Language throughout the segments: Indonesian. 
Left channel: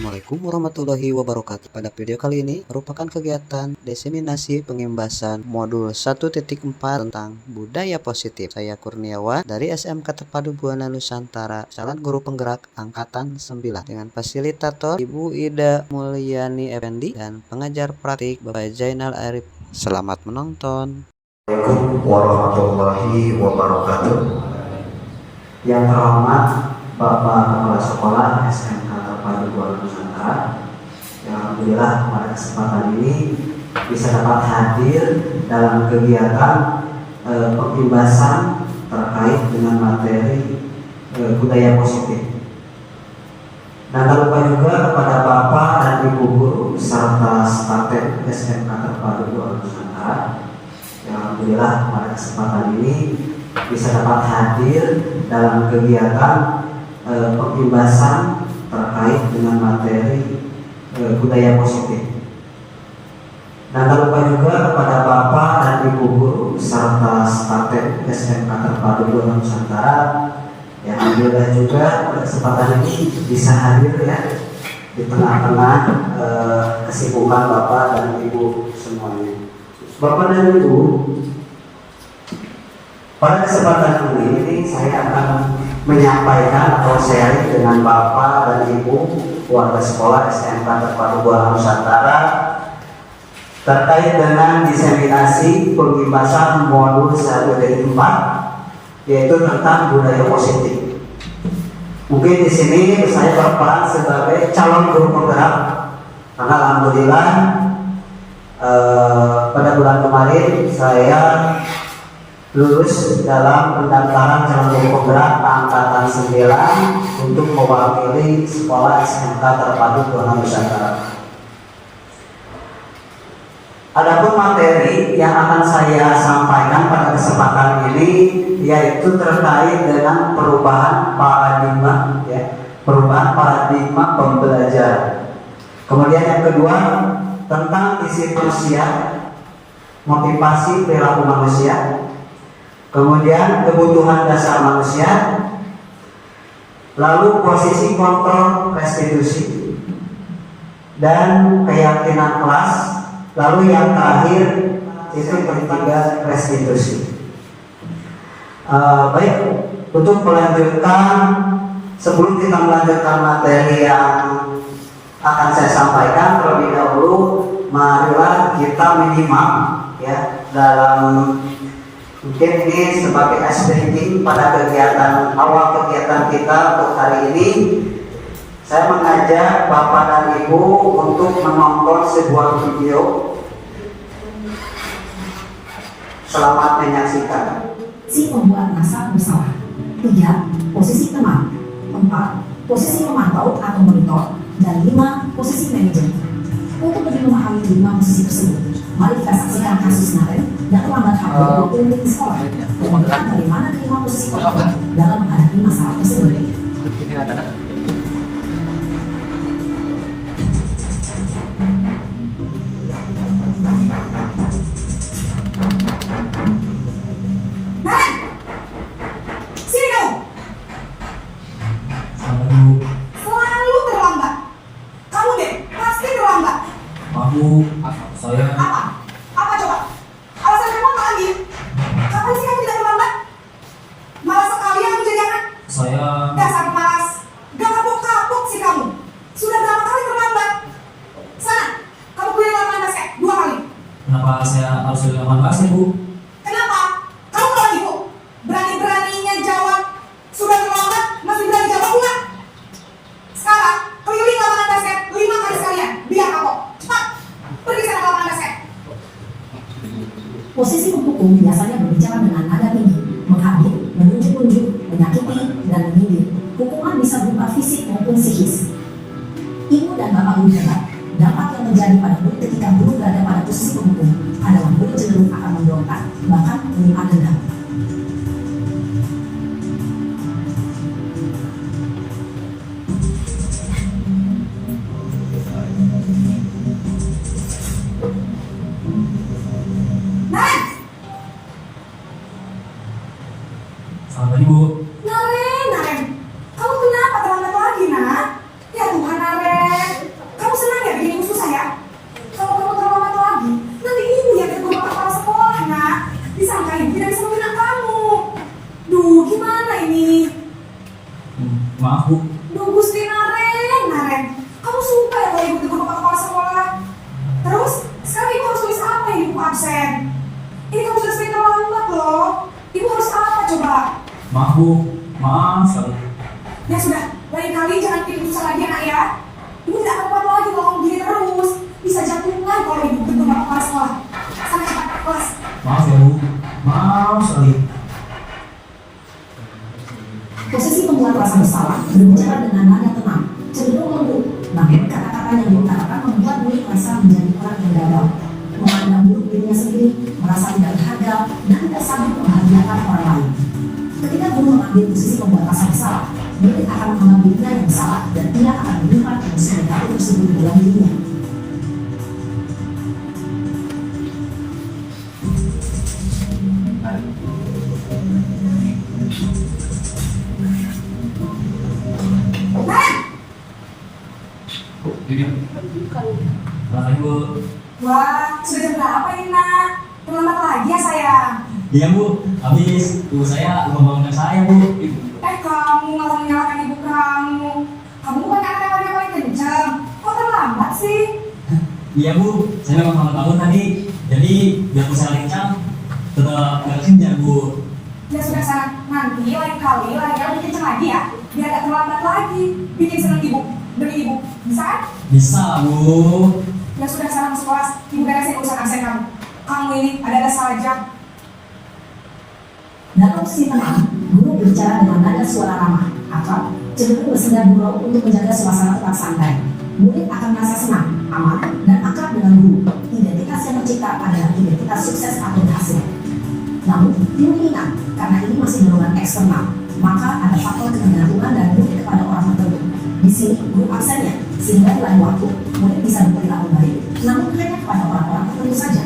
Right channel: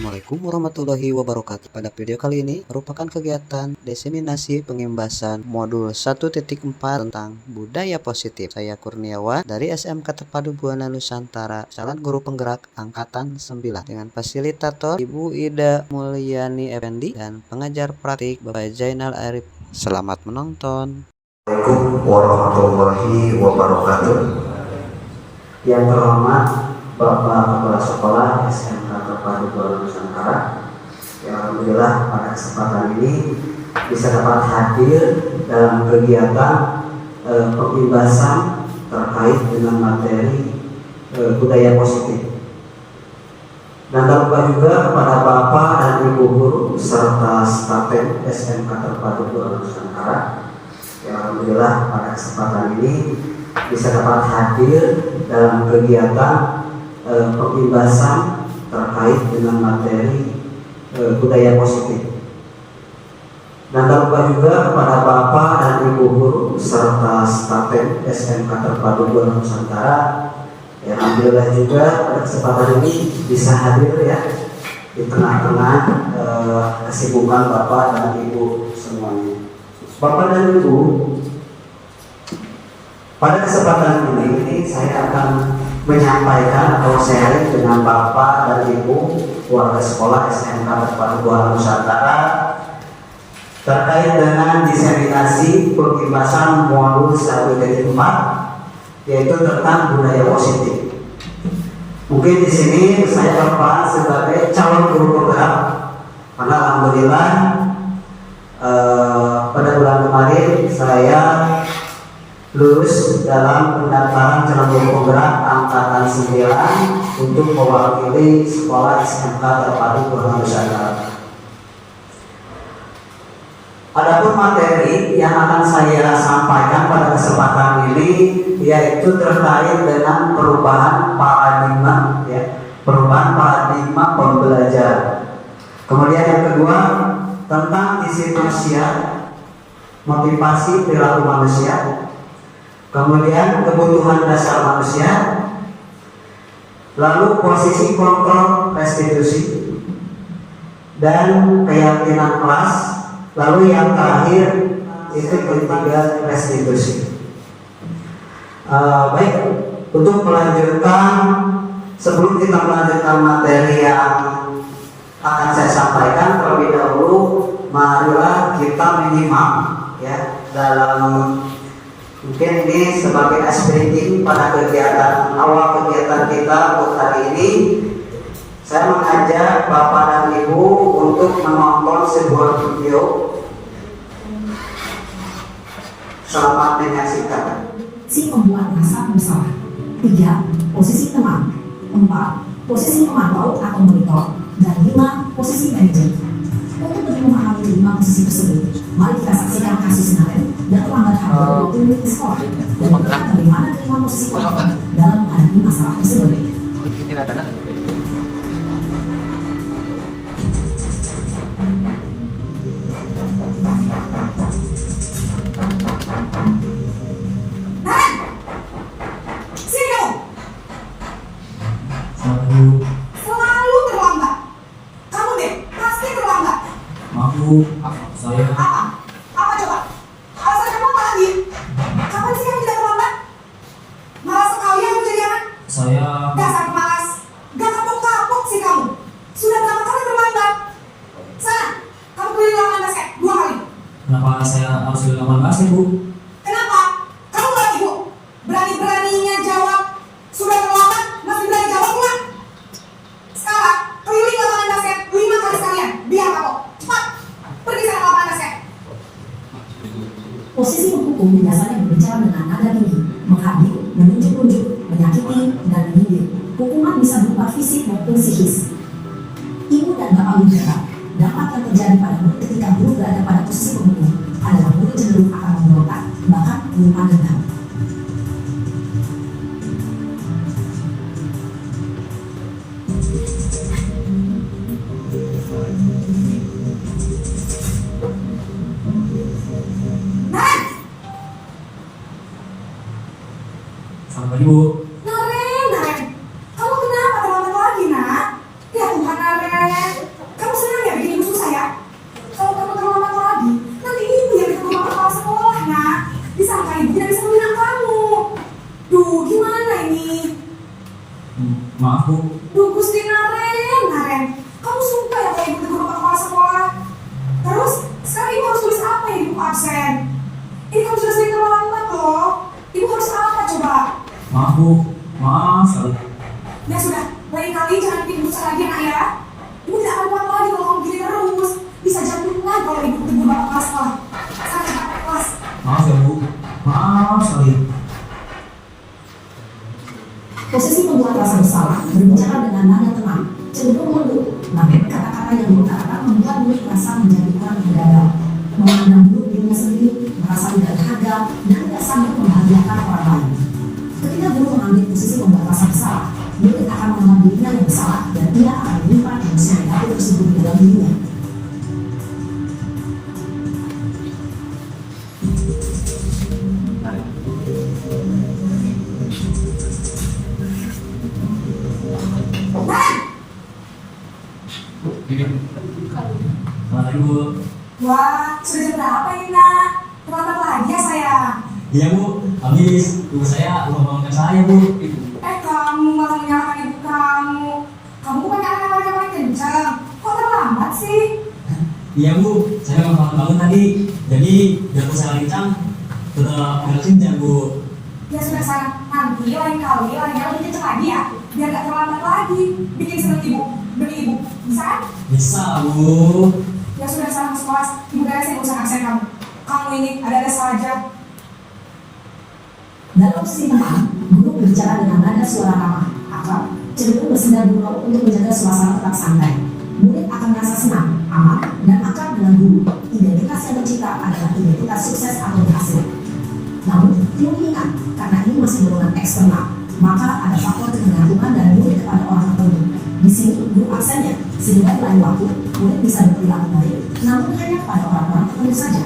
Assalamualaikum warahmatullahi wabarakatuh. Pada video kali ini merupakan kegiatan diseminasi pengimbasan modul 1.4 tentang budaya positif. Saya Kurniawan dari SMK Terpadu Buana Nusantara, calon guru penggerak angkatan 9 dengan fasilitator Ibu Ida Mulyani Effendi dan pengajar praktik Bapak Zainal Arif. Selamat menonton. Assalamualaikum warahmatullahi wabarakatuh. Yang terhormat Bapak Kepala Sekolah SMK Terpadu Buana Nusantara, yang alhamdulillah pada kesempatan ini bisa dapat hadir dalam kegiatan pengimbasan terkait dengan materi budaya positif. Dan tak lupa juga kepada Bapak dan Ibu guru serta staf SMK Terpadu Buana Nusantara, yang alhamdulillah pada kesempatan ini bisa dapat hadir dalam kegiatan pengimbasan terkait dengan materi budaya positif. Dan tak lupa juga kepada Bapak dan Ibu guru serta staf SMK Terpadu Buana Nusantara, yang alhamdulillah juga pada kesempatan ini bisa hadir ya di tengah-tengah kesibukan Bapak dan Ibu semuanya. Bapak dan Ibu, pada kesempatan ini saya akan menyampaikan atau sharing dengan Bapak dan Ibu warga sekolah SMK Terpadu Buana Nusantara terkait dengan diseminasi pengimbasan modul 1.4, yaitu tentang budaya positif. Mungkin di sini saya berperan sebagai calon guru penggerak, karena alhamdulillah pada bulan kemarin saya lulus dalam pendaftaran calon guru penggerak angkatan 9 untuk mewakili sekolah SMK Terpadu Buana Nusantara. Adapun materi yang akan saya sampaikan pada kesempatan ini yaitu terkait dengan perubahan paradigma, perubahan paradigma pembelajaran. Kemudian yang kedua tentang isi manusia, motivasi perilaku manusia. Kemudian kebutuhan dasar manusia, lalu posisi kontrol restitusi, dan keyakinan kelas, lalu yang terakhir itu ketiga restitusi. Baik, untuk melanjutkan, sebelum kita melanjutkan materi yang akan saya sampaikan, terlebih dahulu marilah kita minimal ya dalam mungkin ini sebagai ice breaking pada kegiatan awal kegiatan kita untuk hari ini. Saya mengajak Bapak dan Ibu untuk menonton sebuah video. Selamat menyaksikan. Si pembuat dasar pesawat. 3. Posisi teman. 4. Posisi pemantau atau monitor. Dan 5. Posisi manajer. Untuk lebih memahami 5 posisi tersebut, mari kita saksikan kasus Naren yang telah menghadapi 20 menit di sekolah dan melihat bagaimana 5 posisi tersebut dalam menghadapi masalah tersebut. Saya Apa coba? Alasan kamu apa lagi? Kapan sih kamu tidak terlambat? Malas sekali aku jadi anak. saya Dasar pemalas. Gak kapok-kapok sih kamu. Sudah berapa kali terlambat? Sana, kamu keliling lapangan basket 2 kali. kenapa saya harus di lapangan basket, Bu? Kenapa? Kamu gak lagi, Bu? Berani-beraninya jawab. Sudah terlambat, masih berani jawab pula. Sekarang, keliling lapangan basket 5 kali sekalian. Biar kapok. Cepat, pergi sana ke lapangan basket. Posisi menghukum biasanya berbicara dengan nada tinggi, menghabis, menunjuk-nunjuk, menyakiti, dan menyindir. Hukuman bisa berupa fisik maupun psikis. Ibu dan bapak guru dampak yang terjadi pada murid ketika guru berada pada posisi penghukum adalah murid cenderung akan memberontak, bahkan menyimpan dendam. Selamat pagi, Bu. Naren, kamu kenapa terlambat lagi, nak? Ya Tuhan, Naren. Bu, maaf sekali. Ya sudah, lain kali jangan bikin susah lagi anak ya. Ibu tidak akan kuat lagi kalau kamu begini terus. Bisa jantungan kalau ibu tegur bapak kepala sekolah. Sana cepat ke kelas. Maaf ya Bu, maaf sekali. Posisi pembuat rasa bersalah berbicara dengan nada tenang, cenderung lembut, namun kata-kata yang diutarakan membuat murid merasa menjadi orang yang gagal, memandang buruk dirinya sendiri, merasa tidak berharga, dan tidak sanggup membahagiakan orang lain. Ketika guru mengambil posisi pembuat rasa bersalah, murid akan menganggap dirinya yang bersalah dan tidak akan menyimpan emosi negatif tersebut di dalam dirinya. Selamat Bu. Wah, sudah jam berapa ini nak? Terlambat lagi ya saya. Iya Bu, habis ibu saya ngomongin saya Bu. Kamu malah menyalahkan ibu kamu. Kamu bukan anak yang paling kencang. Kok terlambat sih? Iya Bu, saya memang bangun tadi. Jadi biar saya lincang, tetap beresin ya Bu. Ya sudah sana, nanti lain kali larinya lebih kencang lagi ya. Biar gak terlambat lagi. Bikin seneng ibu, beli ibu. Bisa kan? Bisa Bu. Ya sudah sana masuk kelas. Ibu beresin urusan absen kamu. Kamu ini ada-ada saja. Dalam posisi tenang, guru berbicara dengan nada suara ramah, akrab, cenderung bersenda gurau untuk menjaga suasana tetap santai. Murid akan merasa senang, aman, dan akrab dengan guru. Identitas yang tercipta adalah identitas sukses atau berhasil. Namun, perlu diingat, karena ini masih golongan eksternal, maka ada faktor ketergantungan dari murid kepada orang tertentu. Di sini, guru absennya, sehingga di lain waktu, murid bisa berperilaku baik, namun hanya kepada orang-orang tertentu saja.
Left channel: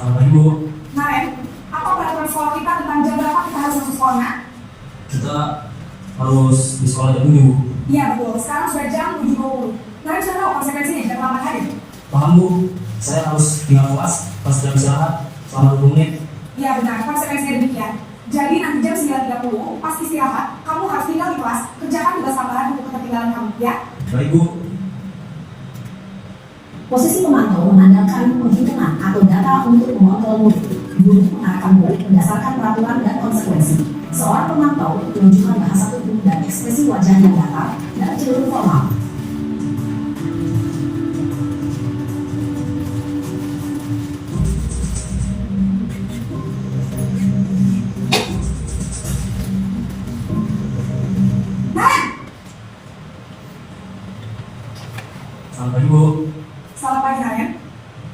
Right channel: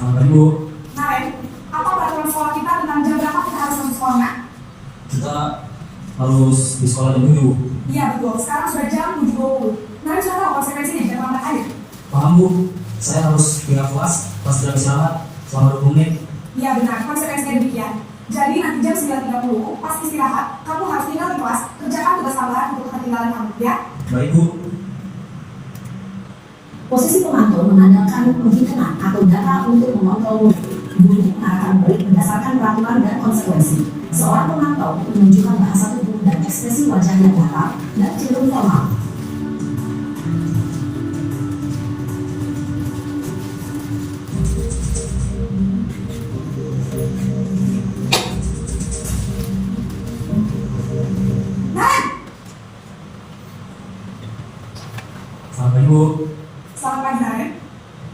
Selamat pagi Bu. Naren, apa peraturan sekolah kita tentang jam berapa kita harus masuk sekolah nak? Kita harus di sekolah jam 7 Bu. Iya betul, sekarang sudah jam 7.20. Naren sudah tahu konsekuensinya, jangan terlambat aja. Paham Bu, saya harus tinggal kelas pas jam istirahat selama 20 menit. Iya benar, konsekuensinya demikian. Jadi nanti jam 9.30, pas istirahat, kamu harus tinggal di kelas, kerjakan tugas tambahan untuk ketertinggalan kamu, ya? Baik Bu. Posisi pemantau mengandalkan penghitungan atau data untuk mengontrol murid. Guru mengarahkan murid berdasarkan peraturan dan konsekuensi. Seorang pemantau menunjukkan bahasa tubuh dan ekspresi wajah yang datar dan cenderung formal. Selamat pagi Bu. Selamat pagi Naren.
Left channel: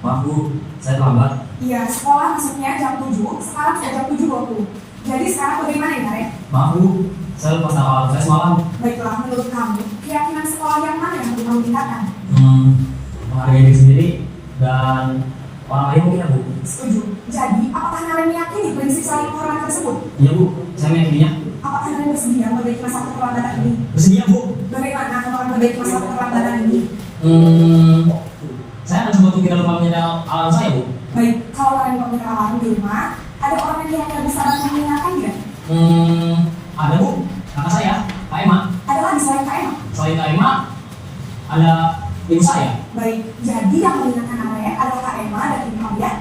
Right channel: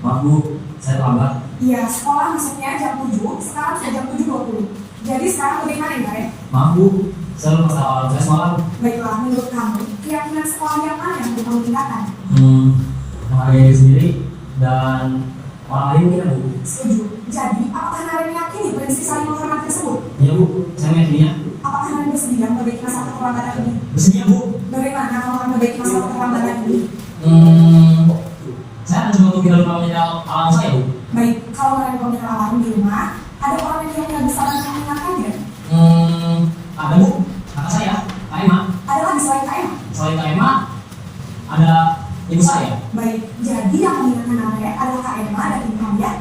Maaf Bu, saya terlambat. Iya, sekolah masuknya jam 7, sekarang sudah jam 7.20. Jadi sekarang bagaimana ya Naren? Maaf Bu, saya lupa tawaran saya semalam. Baiklah, menurut kamu, keyakinan sekolah yang mana yang perlu kamu tingkatkan? Menghargai diri sendiri dan orang lain mungkin ya Bu. Setuju. Jadi, apakah Naren meyakini prinsip saling menghormati tersebut? Iya Bu, saya meyakininya. Apakah Naren bersedia memperbaiki masalah keterlambatan ini? Bersedia Bu. Bagaimana kamu akan memperbaiki masalah keterlambatan ini? Saya akan coba untuk tidak lupa menyediakan alarm saya Bu. Baik, kalau Naren memiliki alarm di rumah, ada orang yang tidak bisa bantu mengingatkannya? Ada Bu, kakak saya, Kak Emma. Ada lagi selain Kak Emma? Selain Kak Emma, ada ibu saya. Baik, jadi yang mengingatkan Naren adalah Kak Emma dan Ibu kamu ya?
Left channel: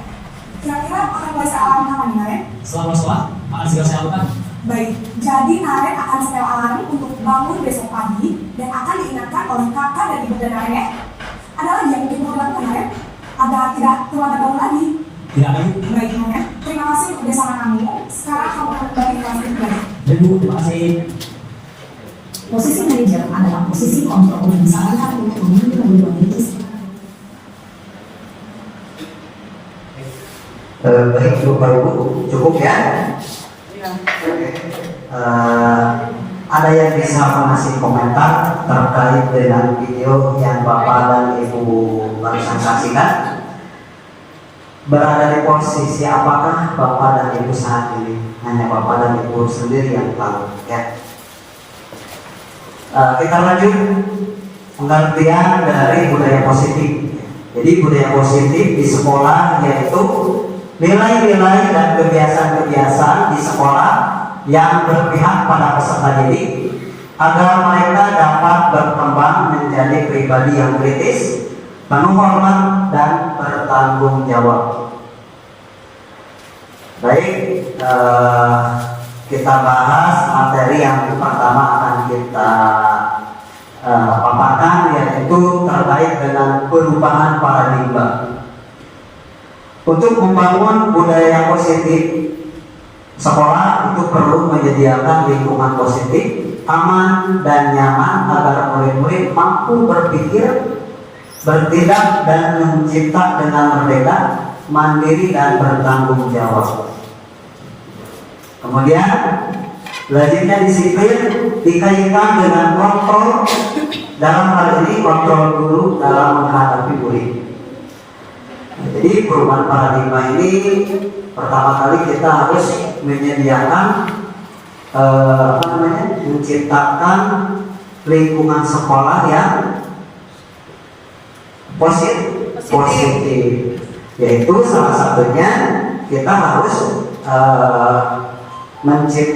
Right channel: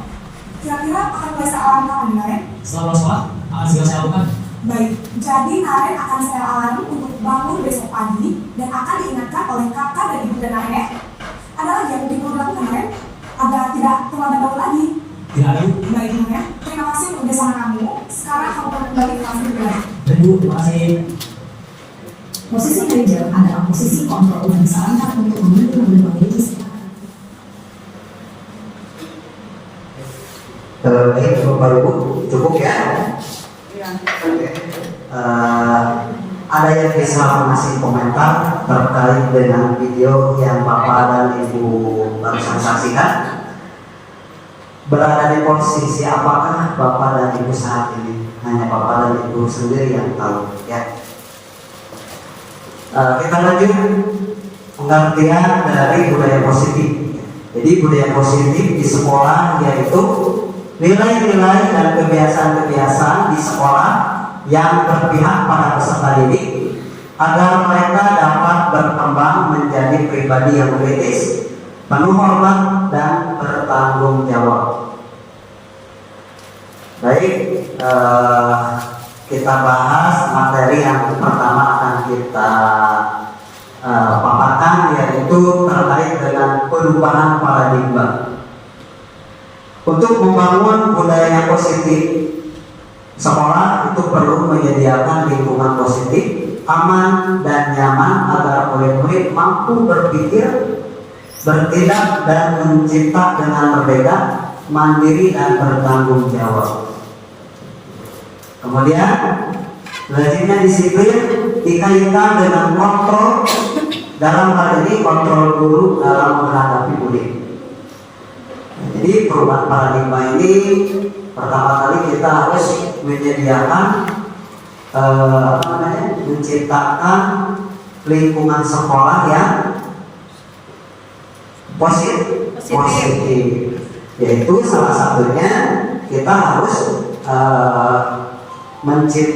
Kira-kira akan mulai alarm kapan nih Naren? Setelah pulang sekolah, akan segera saya lakukan. Baik, jadi Naren akan setel alarm untuk bangun besok pagi dan akan diingatkan oleh kakak dan ibu dan Naren ya? Ada lagi yang mungkin perlu dilakukan Naren? Agar tidak terlambat bangun lagi? Tidak ada Bu. Baik Naren, terima kasih untuk kerjasama kamu. Sekarang kamu akan kembali ke kelas pribadi. Baik Bu, terima kasih. Posisi manajer adalah posisi kontrol yang disarankan untuk memimpin dan memiliki Baik, Bapak Ibu, cukup ya? Oke. Ada yang bisa mengasih komentar terkait dengan video yang Bapak dan Ibu barusan saksikan? Berada di posisi apakah Bapak dan Ibu saat ini? Hanya Bapak dan Ibu sendiri yang tahu ya. Kita lanjut pengertian dari budaya positif. Jadi budaya positif di sekolah yaitu nilai-nilai dan kebiasaan-kebiasaan di sekolah yang berpihak pada peserta didik agar mereka dapat berkembang menjadi pribadi yang kritis, penuh hormat dan bertanggung jawab. Baik, kita bahas materi yang pertama akan kita paparkan, yaitu terkait dengan perubahan paradigma. Untuk membangun budaya yang positif, sekolah itu perlu menyediakan lingkungan positif, aman dan nyaman agar murid-murid mampu berpikir, bertindak dan mencipta dengan merdeka, mandiri dan bertanggung jawab. Kemudian, lazimnya disiplin dikaitkan dengan kontrol, dalam hal ini kontrol guru dalam menghadapi murid. Jadi perubahan paradigma ini pertama kali kita harus menyediakan menciptakan lingkungan sekolah yang positif. Yaitu salah satunya kita harus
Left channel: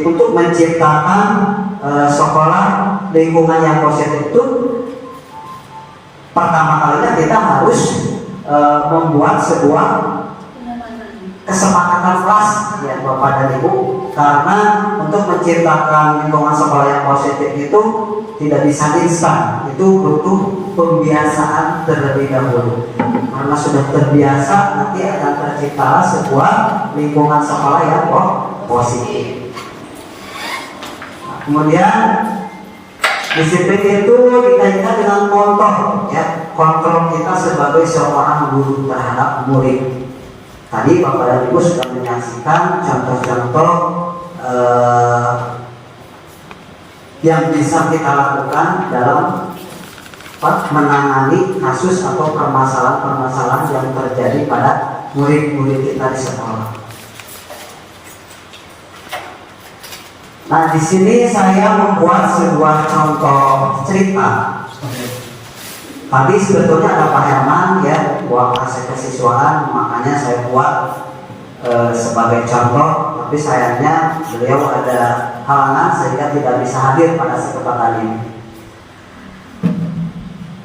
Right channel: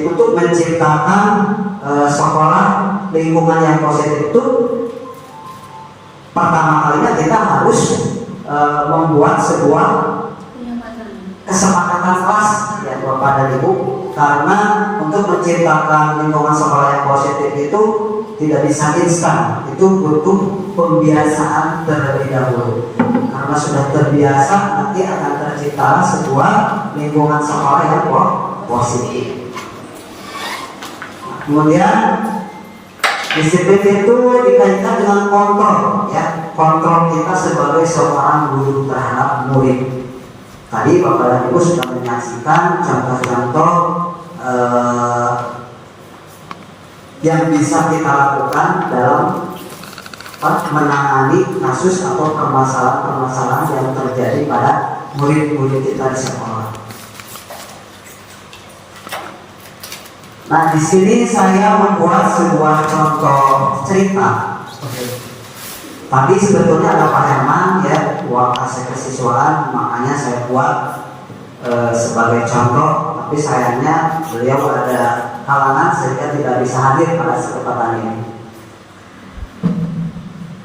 untuk menciptakan sekolah lingkungan yang positif itu pertama kalinya kita harus membuat sebuah kesepakatan kelas ya Bapak dan Ibu, karena untuk menciptakan lingkungan sekolah yang positif itu tidak bisa instan, itu butuh pembiasaan terlebih dahulu. Karena sudah terbiasa nanti akan tercipta sebuah lingkungan sekolah yang positif. Kemudian disiplin itu dikaitkan dengan kontrol, ya, kontrol kita sebagai seorang guru terhadap murid. Tadi Bapak dan Ibu sudah menyaksikan contoh-contoh yang bisa kita lakukan dalam menangani kasus atau permasalahan-permasalahan yang terjadi pada murid-murid kita di sekolah. Nah, di sini saya membuat sebuah contoh cerita. Tadi sebetulnya ada Pak Herman ya, buat aset kesiswaan, makanya saya buat sebagai contoh. Tapi sayangnya beliau ada halangan sehingga tidak bisa hadir pada kesempatan ini.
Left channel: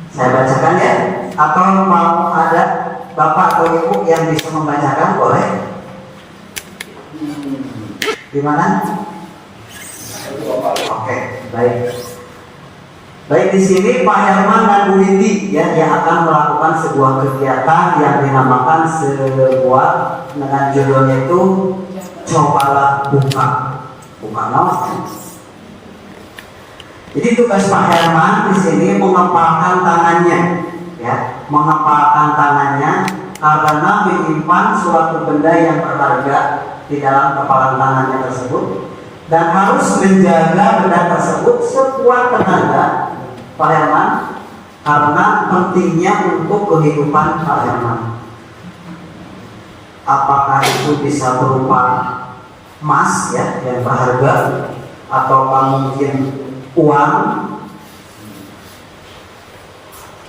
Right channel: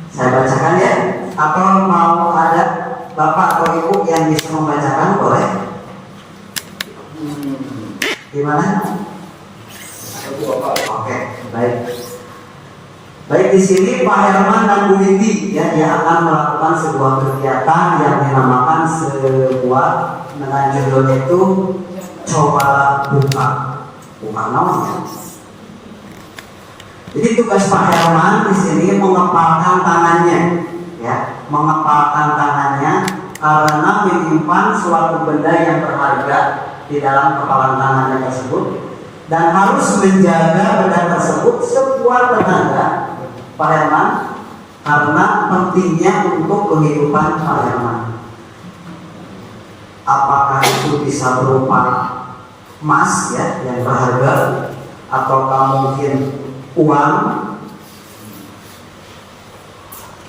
Saya bacakan ya, atau mau ada Bapak atau Ibu yang bisa membacakan, boleh? Gimana? Oke, baik. Baik, di sini Pak Herman dan Bu Windy ya, yang akan melakukan sebuah kegiatan yang dinamakan sebuah dengan judulnya itu cobalah buka namanya. Jadi tugas Pak Herman di sini mengepalkan tangannya, ya, mengepalkan tangannya karena menyimpan suatu benda yang berharga di dalam kepalan tangannya tersebut. Dan harus menjaga benda tersebut sekuat tenaga Pak Herman, karena pentingnya untuk kehidupan Pak Herman. Apakah itu bisa berupa emas ya yang berharga, ataukah mungkin uang.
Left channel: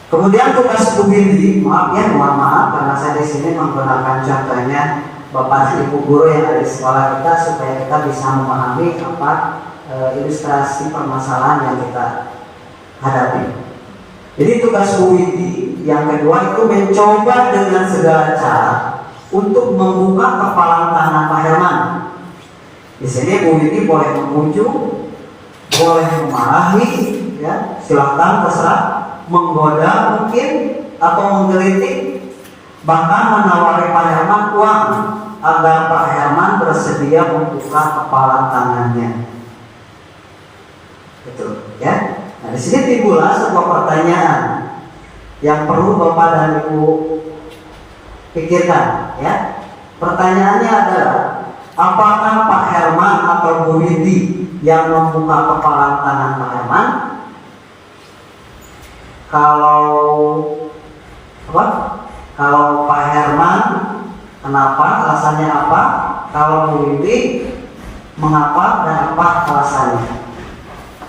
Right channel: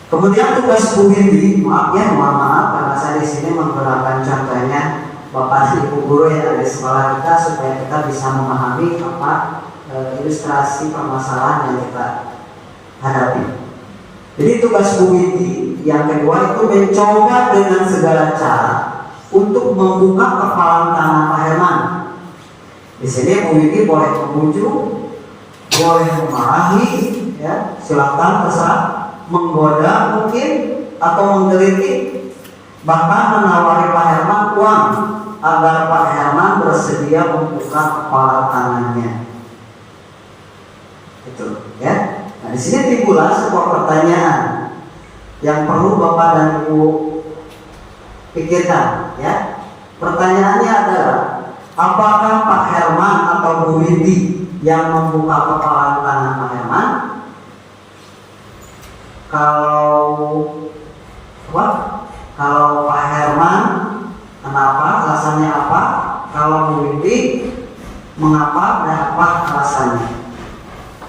Kemudian tugas Bu Windy, mohon maaf karena saya di sini menggunakan contohnya Bapak dan Ibu guru yang ada di sekolah kita supaya kita bisa memahami apa ilustrasi permasalahan yang kita hadapi. Jadi tugas Bu Windy yang kedua itu mencoba dengan segala cara untuk membuka kepalan tangan Pak Herman. Di sini Bu Windy boleh mengunjuk, boleh memarahi, ya, silakan terserah, menggoda mungkin atau menggelitik, bahkan menawari Pak Herman uang agar Pak Herman bersedia membuka kepala tangannya. Betul, ya. Nah, di sini timbullah sebuah pertanyaan yang perlu Bapak dan Ibu pikirkan, ya. Pertanyaannya adalah, apakah Pak Herman atau Bu Windy yang membuka kepala tangan Pak Herman? Kalau Pak Herman, kenapa? Alasannya apa? Kalau Bu Windy, mengapa dan apa alasannya?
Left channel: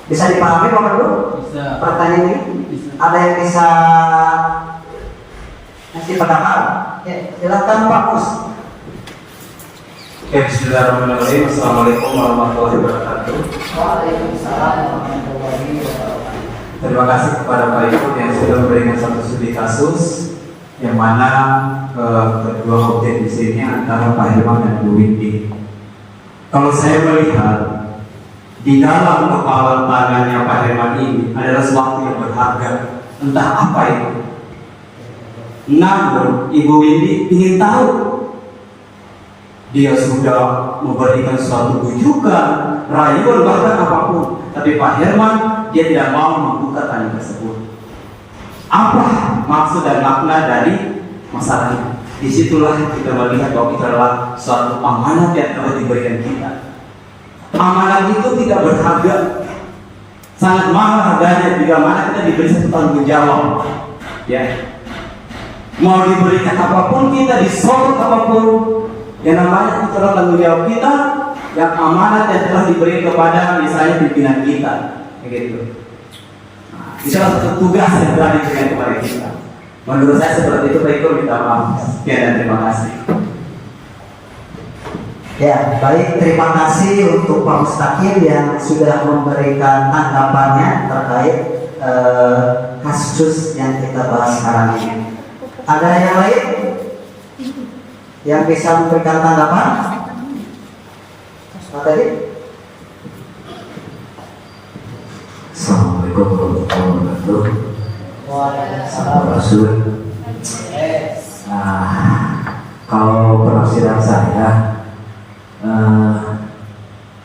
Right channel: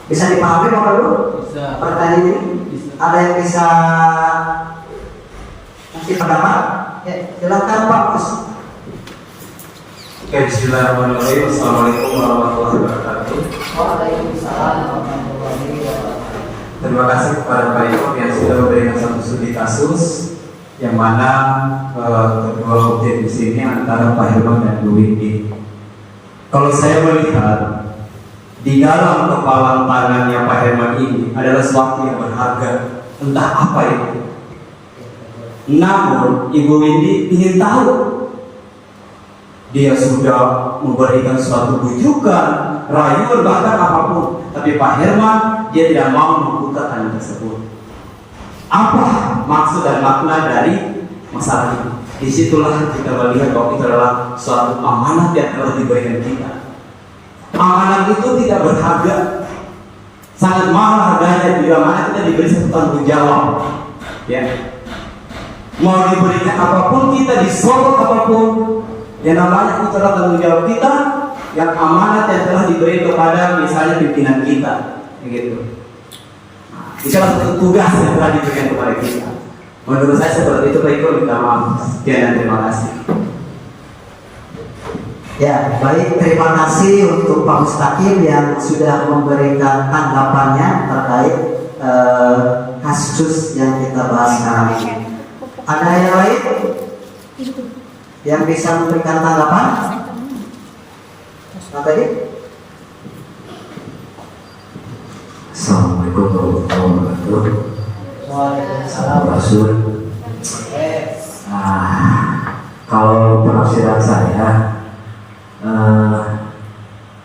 Bisa dipahami Bapak Ibu? Bisa. Pertanyaan ini? Bisa. Ada yang bisa ngasih pendapat? Ya, silakan Pak Mus. Oke, bismillahirrahmanirrahim. Assalamualaikum warahmatullahi wabarakatuh. Waalaikumsalam warahmatullahi wabarakatuh. Terima kasih kepada Pak Ibu yang sudah memberikan satu studi kasus yang mana kedua objek di sini antara Pak Herman dan Bu Windy. Kalau saya melihat di dalam kepala tangannya Pak Herman ini adalah sesuatu yang berharga, entah apa itu. Namun Ibu Windy ingin tahu. Dia sudah memberikan suatu bujukan, rayuan, bahkan apapun. Tapi Pak Herman, dia tidak mau membuka tanya tersebut. Apa maksud dan makna dari masalah ini? Disitulah kita melihat bahwa itu adalah suatu amanat yang telah diberikan kita. Amanat itu tidak berharga, sangat mahal harganya bila mana kita diberi satu tanggung jawab. Ya, mau diberikan apapun, kita disorot apapun, yang namanya itu adalah tanggung jawab kita, yang amanat yang telah diberi kepada misalnya pimpinan kita, gitu. Itu adalah satu tugas yang telah diberikan kepada kita. Menurut saya seperti itu. Pak Iko, minta maaf. Sekian dan terima kasih. Ya, baik, terima kasih untuk Pak Mustaqim yang sudah memberikan tanggapannya terkait kasus yang kita bahas sekarang ini. Ada yang lain yang bisa memberikan tanggapan? Apa tadi? Assalamualaikum warahmatullahi wabarakatuh. Waalaikumsalam. Rasul. Kalau penafsiran saya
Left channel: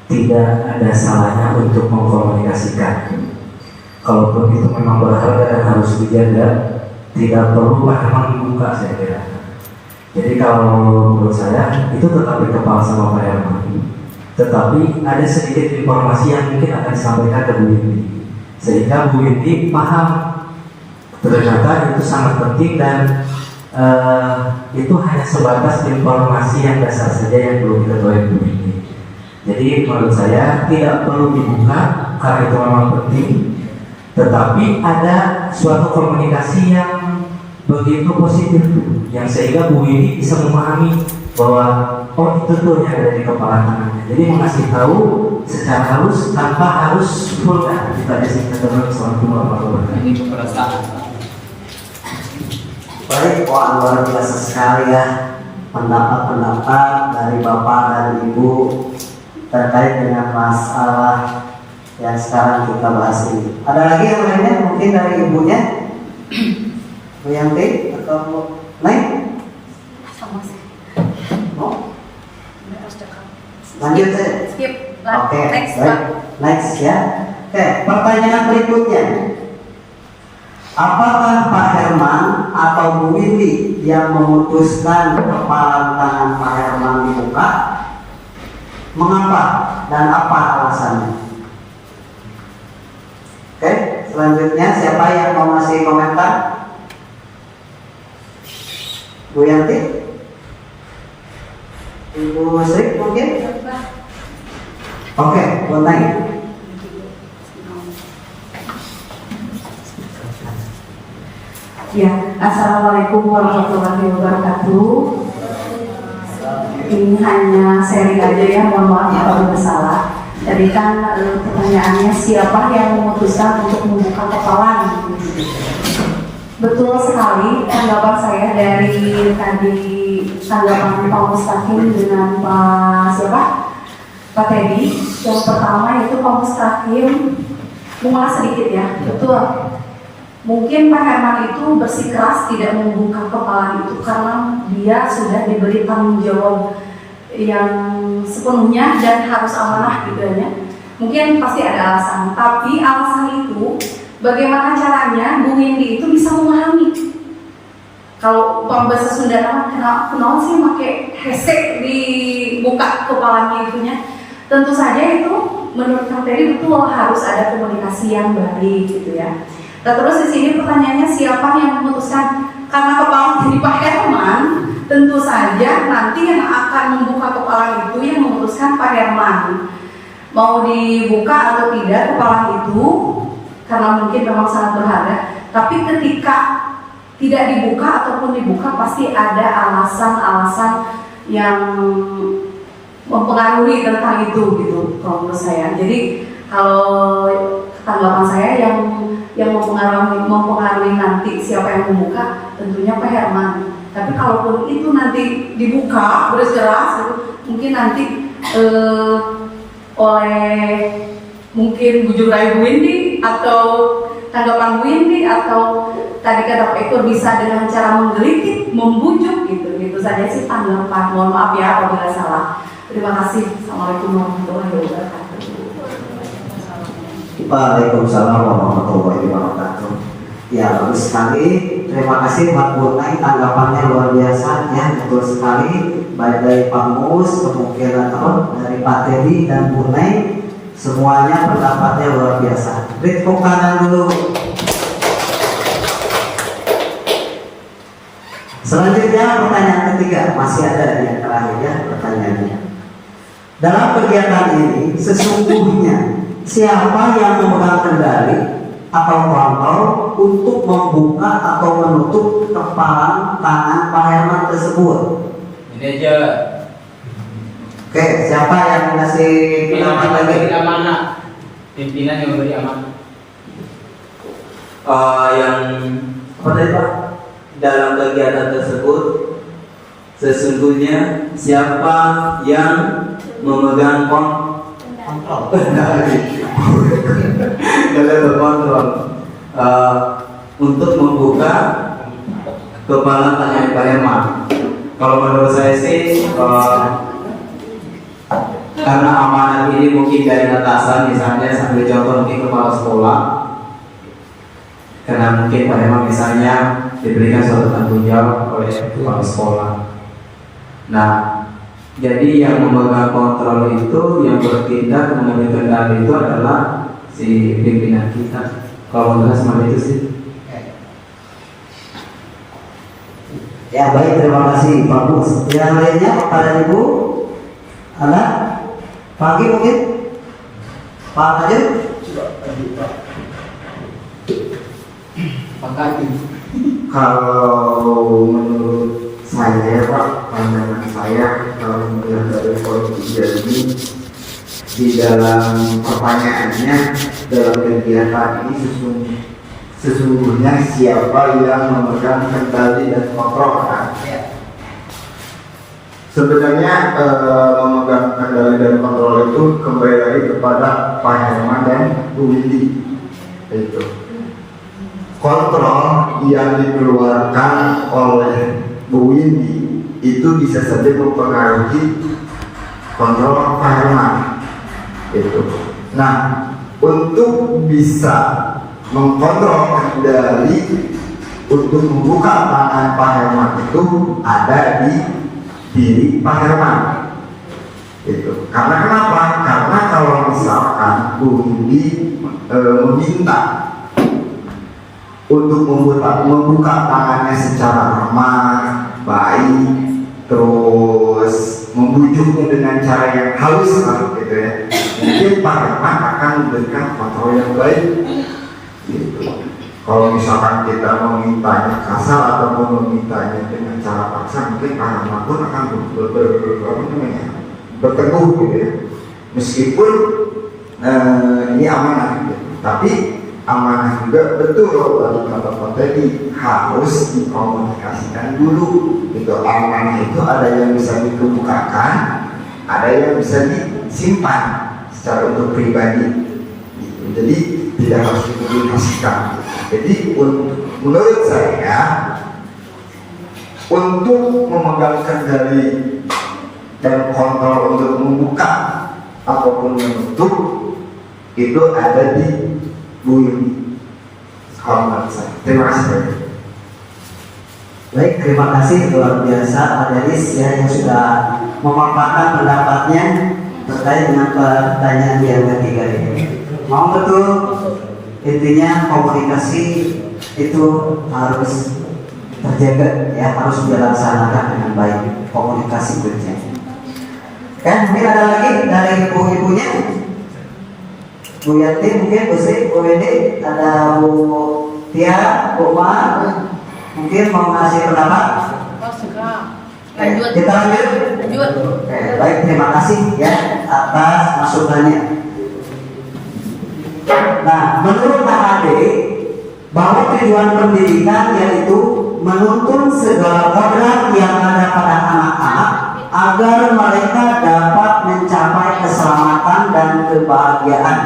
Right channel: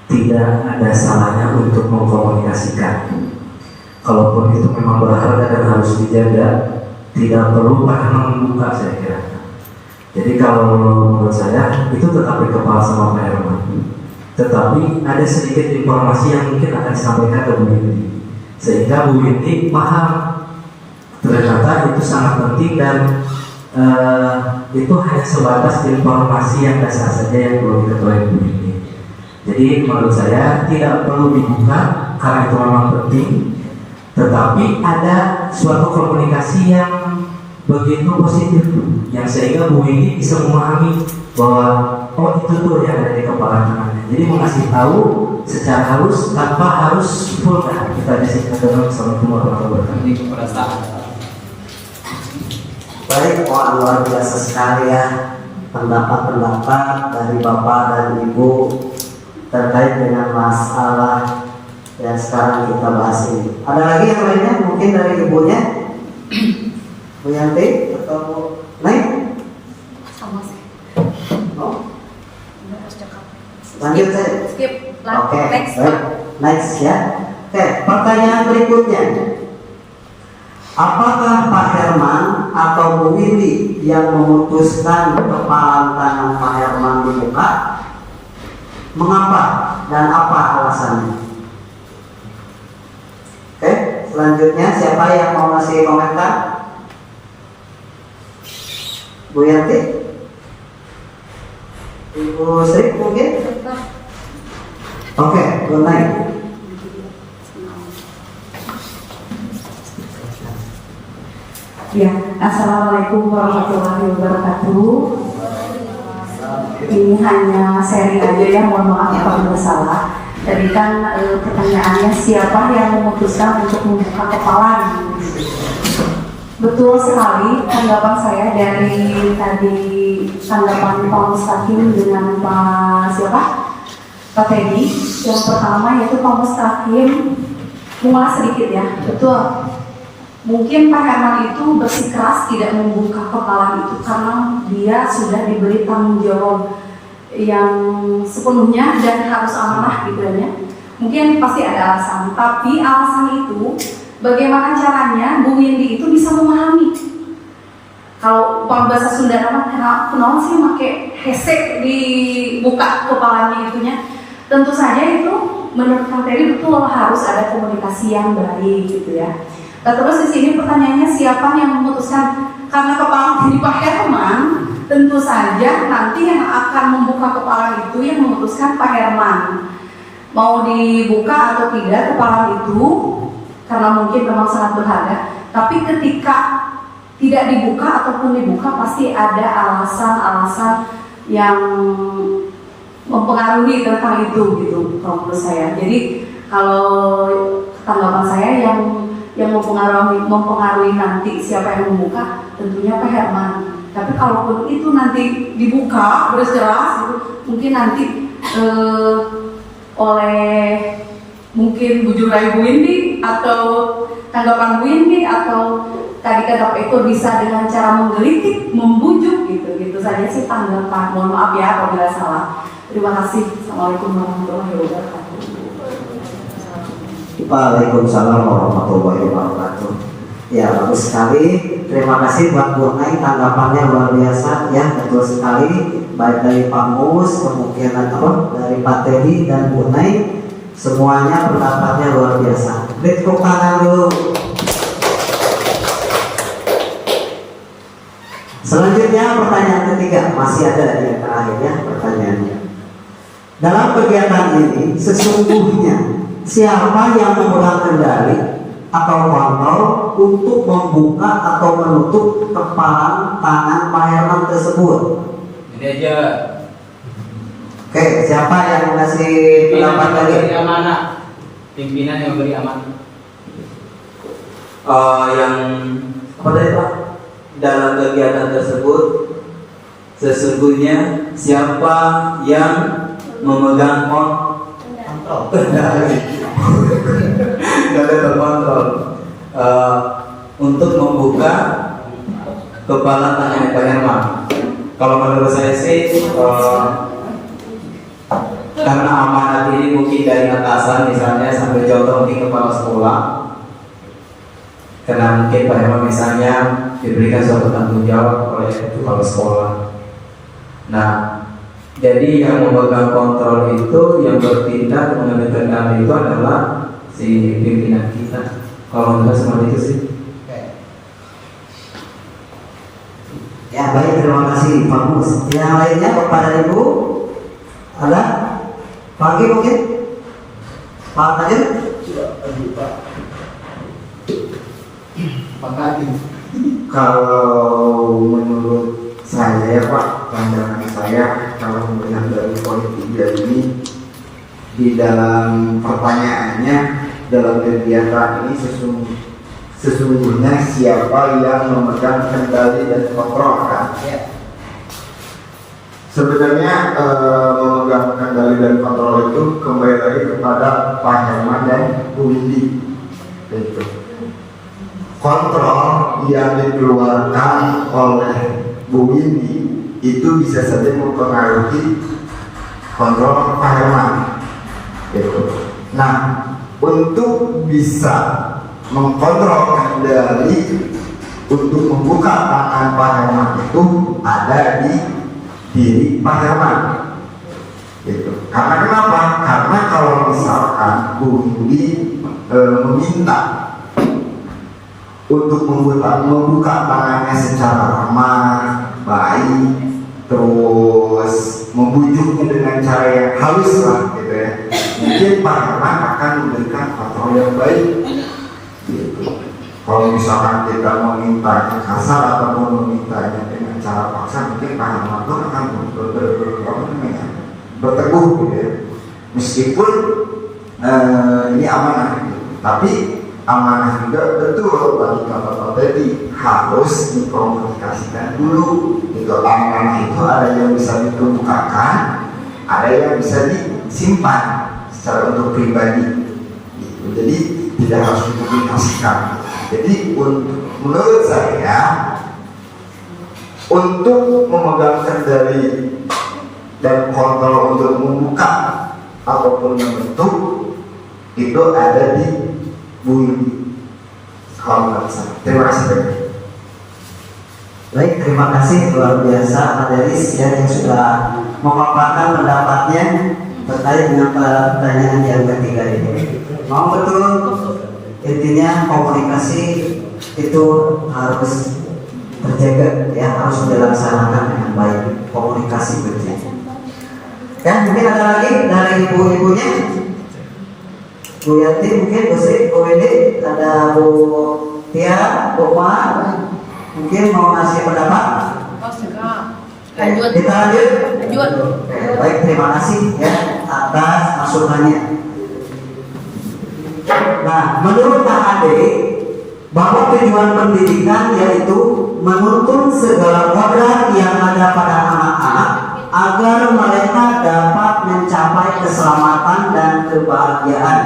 tidak ada salahnya untuk mengkomunikasikan. Kalaupun itu memang berharga dan harus dijaga, tidak perlu bahkan membuka, saya kira. Jadi kalau menurut saya itu tetap di kepala sama Pak Herman. Tetapi ada sedikit informasi yang mungkin akan disampaikan ke Bu Windy, sehingga Bu Windy paham ternyata itu sangat penting dan itu hanya sebatas informasi yang dasar saja yang perlu diketahui Bu Windy. Jadi menurut saya tidak perlu dibuka karena itu memang penting, tetapi ada suatu komunikasi yang begitu positif yang sehingga Bu Windy bisa memahami bahwa oh itu tuh yang ada di kepala tangannya. Jadi mengasih tahu secara halus tanpa harus full kan. Kita disini ketemu sama Ini keperasaan. Baik, luar biasa sekali ya pendapat-pendapat dari Bapak dan Ibu terkait dengan masalah yang sekarang kita bahas ini. Ada lagi yang lainnya mungkin dari ibunya? Bu Yanti atau lain? Sama sih. No? Lanjut saja. Skip. Oke, Next. baik. Next ya. Oke, pertanyaan berikutnya. Apakah Pak Herman atau Bu Windy yang memutuskan kepala tangan Pak Herman dibuka? Mengapa dan apa alasannya? Oke, selanjutnya siapa yang mau ngasih komentar? Bu Yanti? Ibu Sri mungkin? Oke, Bu Nai. Ya, assalamualaikum warahmatullahi wabarakatuh. Ini hanya sharing aja ya, mohon maaf kalau ada salah. Tadi kan pertanyaannya siapa yang memutuskan untuk membuka kepala? Betul sekali tanggapan saya dari tadi tanggapan Pak Mustaqim dengan Pak siapa? Pak Teddy. Yang pertama yaitu Pak Mustaqim mengulas sedikit ya. Betul. Mungkin Pak Herman itu bersikeras tidak membuka kepala itu karena dia sudah diberi tanggung jawab yang sepenuhnya dan harus amanah gitu ya. Mungkin pasti ada alasan, tapi alasan itu bagaimana caranya Bu Windy itu bisa memahami. Kalau bahasa Sunda kenapa sih pakai hesek dibuka kepalanya itunya? Tentu saja itu menurut Kang Terry betul harus ada komunikasi yang baik gitu ya. Nah, terus di sini pertanyaannya siapa yang memutuskan? Karena kepala di Pak Herman, tentu saja nanti yang akan membuka kepala itu yang memutuskan Pak Herman. Mau dibuka atau tidak kepala itu, karena mungkin memang sangat berharga. Tapi ketika tidak dibuka ataupun dibuka pasti ada alasan-alasan yang mempengaruhi tentang itu gitu kalau menurut saya. Jadi kalau tanggapan saya yang mempengaruhi nanti siapa yang membuka tentunya Pak Herman. Tapi kalaupun itu nanti dibuka beres-keras gitu, mungkin nanti oleh mungkin bujuk rayu Bu Windy atau tanggapan Bu Windy atau tadi kata Pak Eko bisa dengan cara menggelitik, membujuk gitu saja sih tanggapan. Mohon maaf ya apabila salah. Terima kasih. Assalamualaikum warahmatullahi wabarakatuh. Waalaikumsalam warahmatullahi wabarakatuh. Ya, bagus sekali. Terima kasih buat Bu Nai, tanggapannya luar biasa ya, betul sekali. Baik dari Pak Mus, kemungkinan dari Pak Teddy dan Bu Nai, semuanya pendapatnya luar biasa. Beri tepuk tangan dulu. Selanjutnya pertanyaan ketiga, masih ada yang terakhir ya pertanyaannya. Dalam kegiatan ini sesungguhnya siapa yang memegang kendali atau kontrol untuk membuka atau menutup kepalan tangan Pak Herman tersebut? Ini aja. Oke, siapa yang ngasih pendapat lagi? Amanah. Pimpinan yang memberi amanah. Yang apa tadi Pak? Dalam kegiatan tersebut sesungguhnya siapa yang memegang kontrol untuk membuka kepala tangan Pak Herman. Kalau menurut saya sih karena amanat ini mungkin dari atasan, misalnya sambil contoh mungkin kepala sekolah, karena mungkin Pak Herman misalnya diberikan suatu tanggung jawab oleh kepala sekolah. Nah, jadi yang memegang kontrol itu, yang bertindak mengambil kendali itu adalah si pimpinan kita. Kalau menurut saya seperti itu sih. Ya baik, terima kasih Pak Mus. Yang lainnya kepada Ibu ada Pagi mungkin Pak aja. Kalau menurut saya Pak, pandangan saya kalau melihat dari poin 3 ini, di dalam pertanyaannya dalam kegiatan ini sesungguhnya siapa yang memegang kendali dan kontrol kan? Sebenarnya memegang kendali dan kontrol itu kembali lagi kepada Pak Herman dan Bu Windy. Itu kontrol yang dikeluarkan oleh Bu Windy itu bisa saja mempengaruhi kontrol Pak Herman. Gitu. Nah, untuk bisa mengkontrol kendali untuk membuka tangan Pak Herman itu ada di diri Pak Herman. Gitu. Karena kenapa? Karena kalau misalkan Bu Windy meminta untuk membuka tangannya secara ramah, baik, terus membujuknya dengan cara yang halus lah, gitu ya. Mungkin Pak Herman akan memberikan kontrol yang baik. Gitu. Kalau misalkan kita memintanya kasar atau memintanya dengan cara paksa, mungkin Pak Herman pun akan berteguh, gitu ya. Meskipun ini amanah, gitu. Tapi amanah juga betul bagi Bapak tadi harus dikomunikasikan dulu. Gitu. Amanah itu ada yang bisa dikemukakan, ada yang bisa disimpan secara untuk pribadi. Gitu. Jadi tidak harus dipublikasikan. Jadi menurut saya untuk memegang kendali dan kontrol untuk membuka ataupun menutup itu ada di Bu Windy. Terima kasih. Baik, terima kasih luar biasa Pak Deris ya, yang sudah memaparkan pendapatnya terkait dengan pertanyaan yang ketiga ini. Mau betul, intinya komunikasi itu harus terjaga ya, harus dilaksanakan dengan baik komunikasi berjalan. Ya, mungkin ada lagi dari ibu-ibunya. Bu Yanti mungkin, Bu Sri, Bu Windy, ada Bu Tia, Bu Ma, mungkin mau ngasih pendapat. Kita lanjut. Oke, baik, terima kasih ya atas masukannya. Nah, menurut KHD bahwa tujuan pendidikan yaitu menuntun segala kodrat yang ada pada anak-anak agar mereka dapat mencapai keselamatan dan kebahagiaan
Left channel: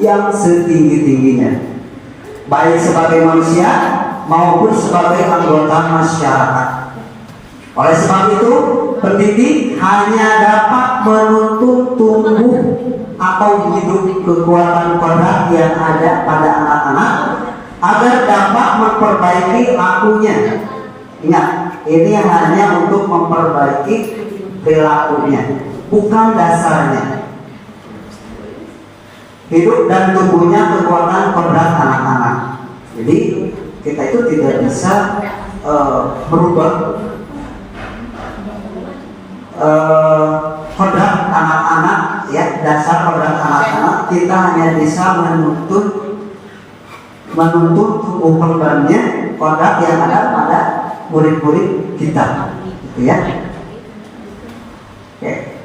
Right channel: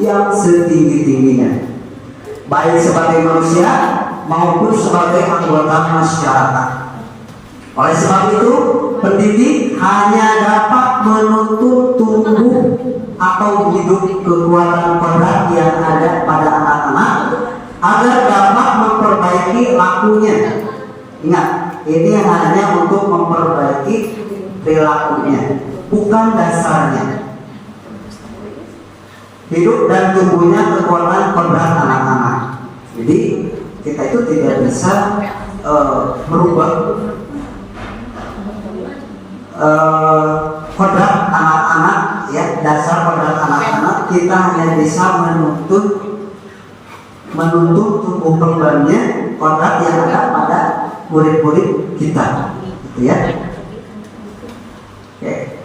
yang setinggi-tingginya, baik sebagai manusia maupun sebagai anggota masyarakat. Oleh sebab itu, pendidik hanya dapat menuntun tumbuh atau hidup kekuatan kodrat yang ada pada anak-anak agar dapat memperbaiki lakunya. Ingat, ini hanya untuk memperbaiki perilakunya, bukan dasarnya. Hidup dan tumbuhnya kekuatan kodrat anak-anak. Jadi kita itu tidak bisa merubah kodrat anak-anak, ya, dasar kodrat anak-anak. Kita hanya bisa menuntut tumbuh kembangnya kodrat yang ada pada murid-murid kita, gitu ya. Oke.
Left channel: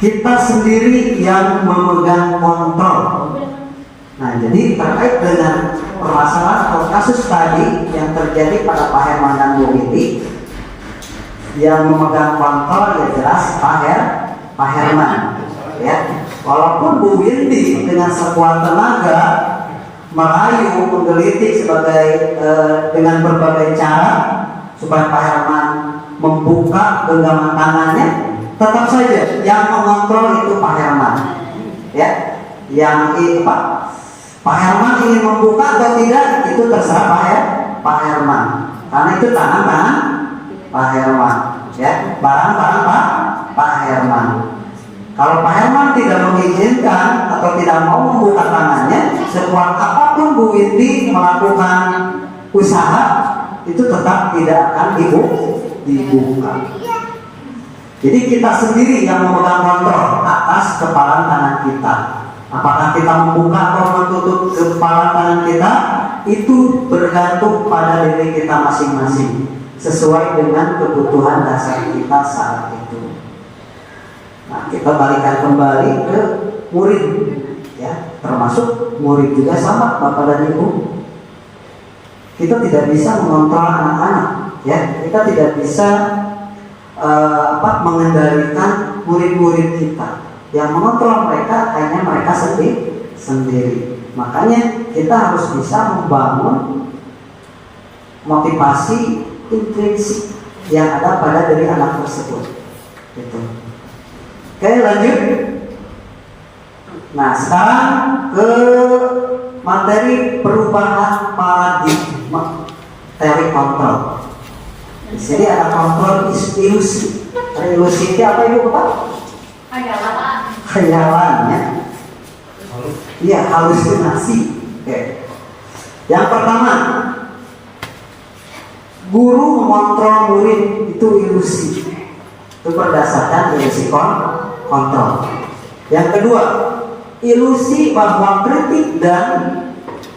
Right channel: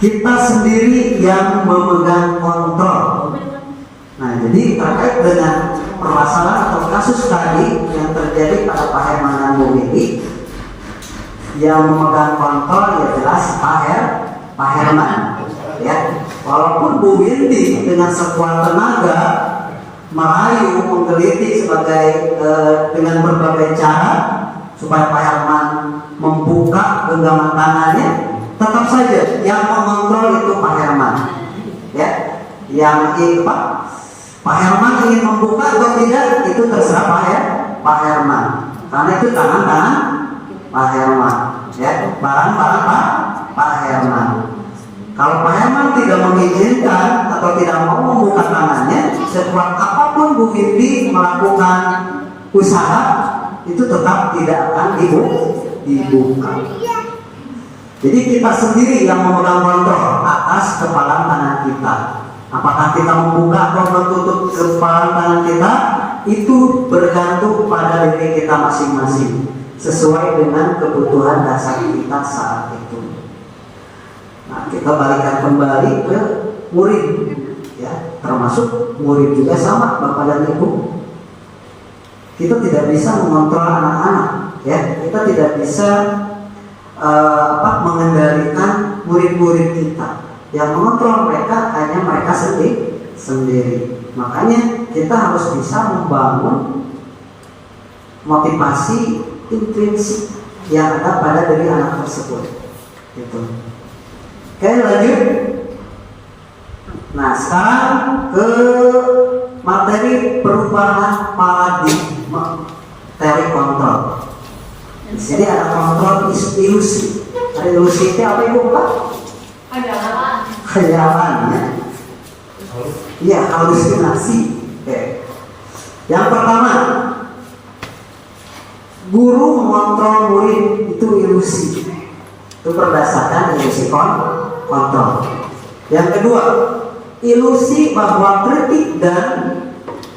Kita sendiri yang memegang kontrol. Nah, jadi terkait dengan permasalahan atau kasus tadi yang terjadi pada Pak Herman dan Bu Windy, yang memegang kontrol ya jelas Pak Herman, ya. Walaupun Bu Windy dengan sekuat tenaga merayu, menggelitik dengan berbagai cara supaya Pak Herman membuka genggaman tangannya, tetap saja yang mengontrol itu Pak Herman, ya. Pak Herman ingin membuka atau tidak itu terserah Pak Herman, karena itu tangan Pak Herman, ya, barang Pak Herman. Kalau Pak Herman tidak mengizinkan atau tidak mau membuka tangannya, sekuat apapun Bu Windy melakukan usaha, itu tetap tidak akan dibuka. Jadi kita sendiri yang memegang kontrol atas kepalan tangan kita. Apakah kita membuka atau menutup kepalan tangan kita, itu bergantung pada diri kita masing-masing, sesuai dengan kebutuhan dasar kita saat itu. Nah, kita balikan kembali ke murid, ya, termasuk murid juga sama, Bapak dan Ibu. Kita tidak bisa mengontrol anak-anak, ya. Kita tidak bisa mengendalikan murid-murid kita. Yang mengontrol mereka hanya mereka sendiri. Makanya kita harus bisa membangun motivasi intrinsik yang ada pada diri anak tersebut. Gitu. Oke, lanjut. Nah, sekarang ke materi perubahan paradigma teori kontrol. Di sini ada kontrol ilusi. Ilusi itu apa, Ibu Bapak? Khayalan, ya. Iya, halusinasi. Oke. Yang pertama, guru mengontrol murid itu ilusi. Itu berdasarkan ilusi kontrol. Yang kedua, ilusi bahwa kritik dan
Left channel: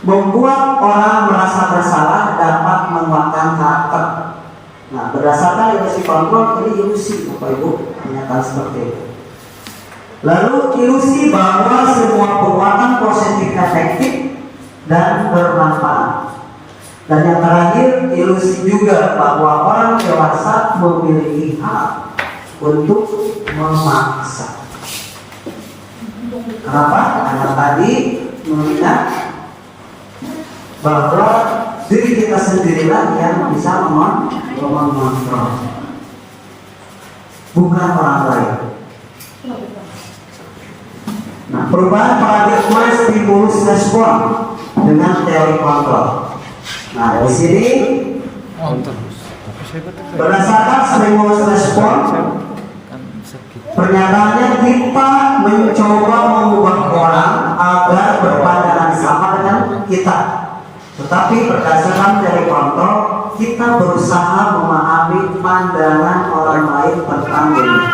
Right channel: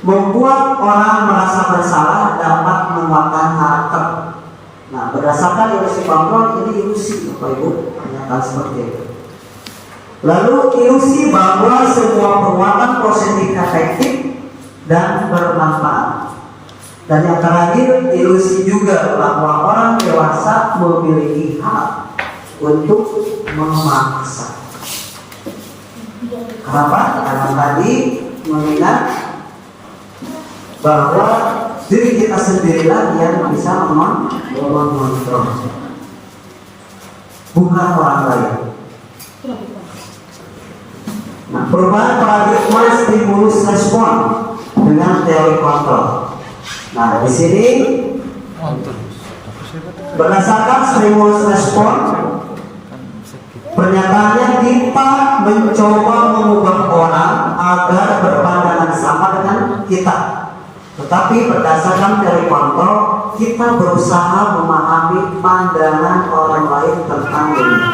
membuat orang merasa bersalah dapat menguatkan karakter. Nah, berdasarkan ilusi kontrol, ini ilusi, Bapak Ibu, pernyataan seperti itu. Lalu ilusi bahwa semua perbuatan positif efektif dan bermanfaat. Dan yang terakhir, ilusi juga bahwa orang dewasa memiliki hak untuk memaksa. Kenapa? Karena tadi mengingat bahwa diri kita sendirilah yang bisa mengontrol, bukan orang lain. Nah, perubahan paradigma stimulus respon dengan teori kontrol. Nah, di sini berdasarkan stimulus respon, pernyataannya kita mencoba mengubah orang agar berpandangan sama dengan kita. Tetapi berdasarkan teori kontrol, kita berusaha memahami pandangan orang lain tentang dunia.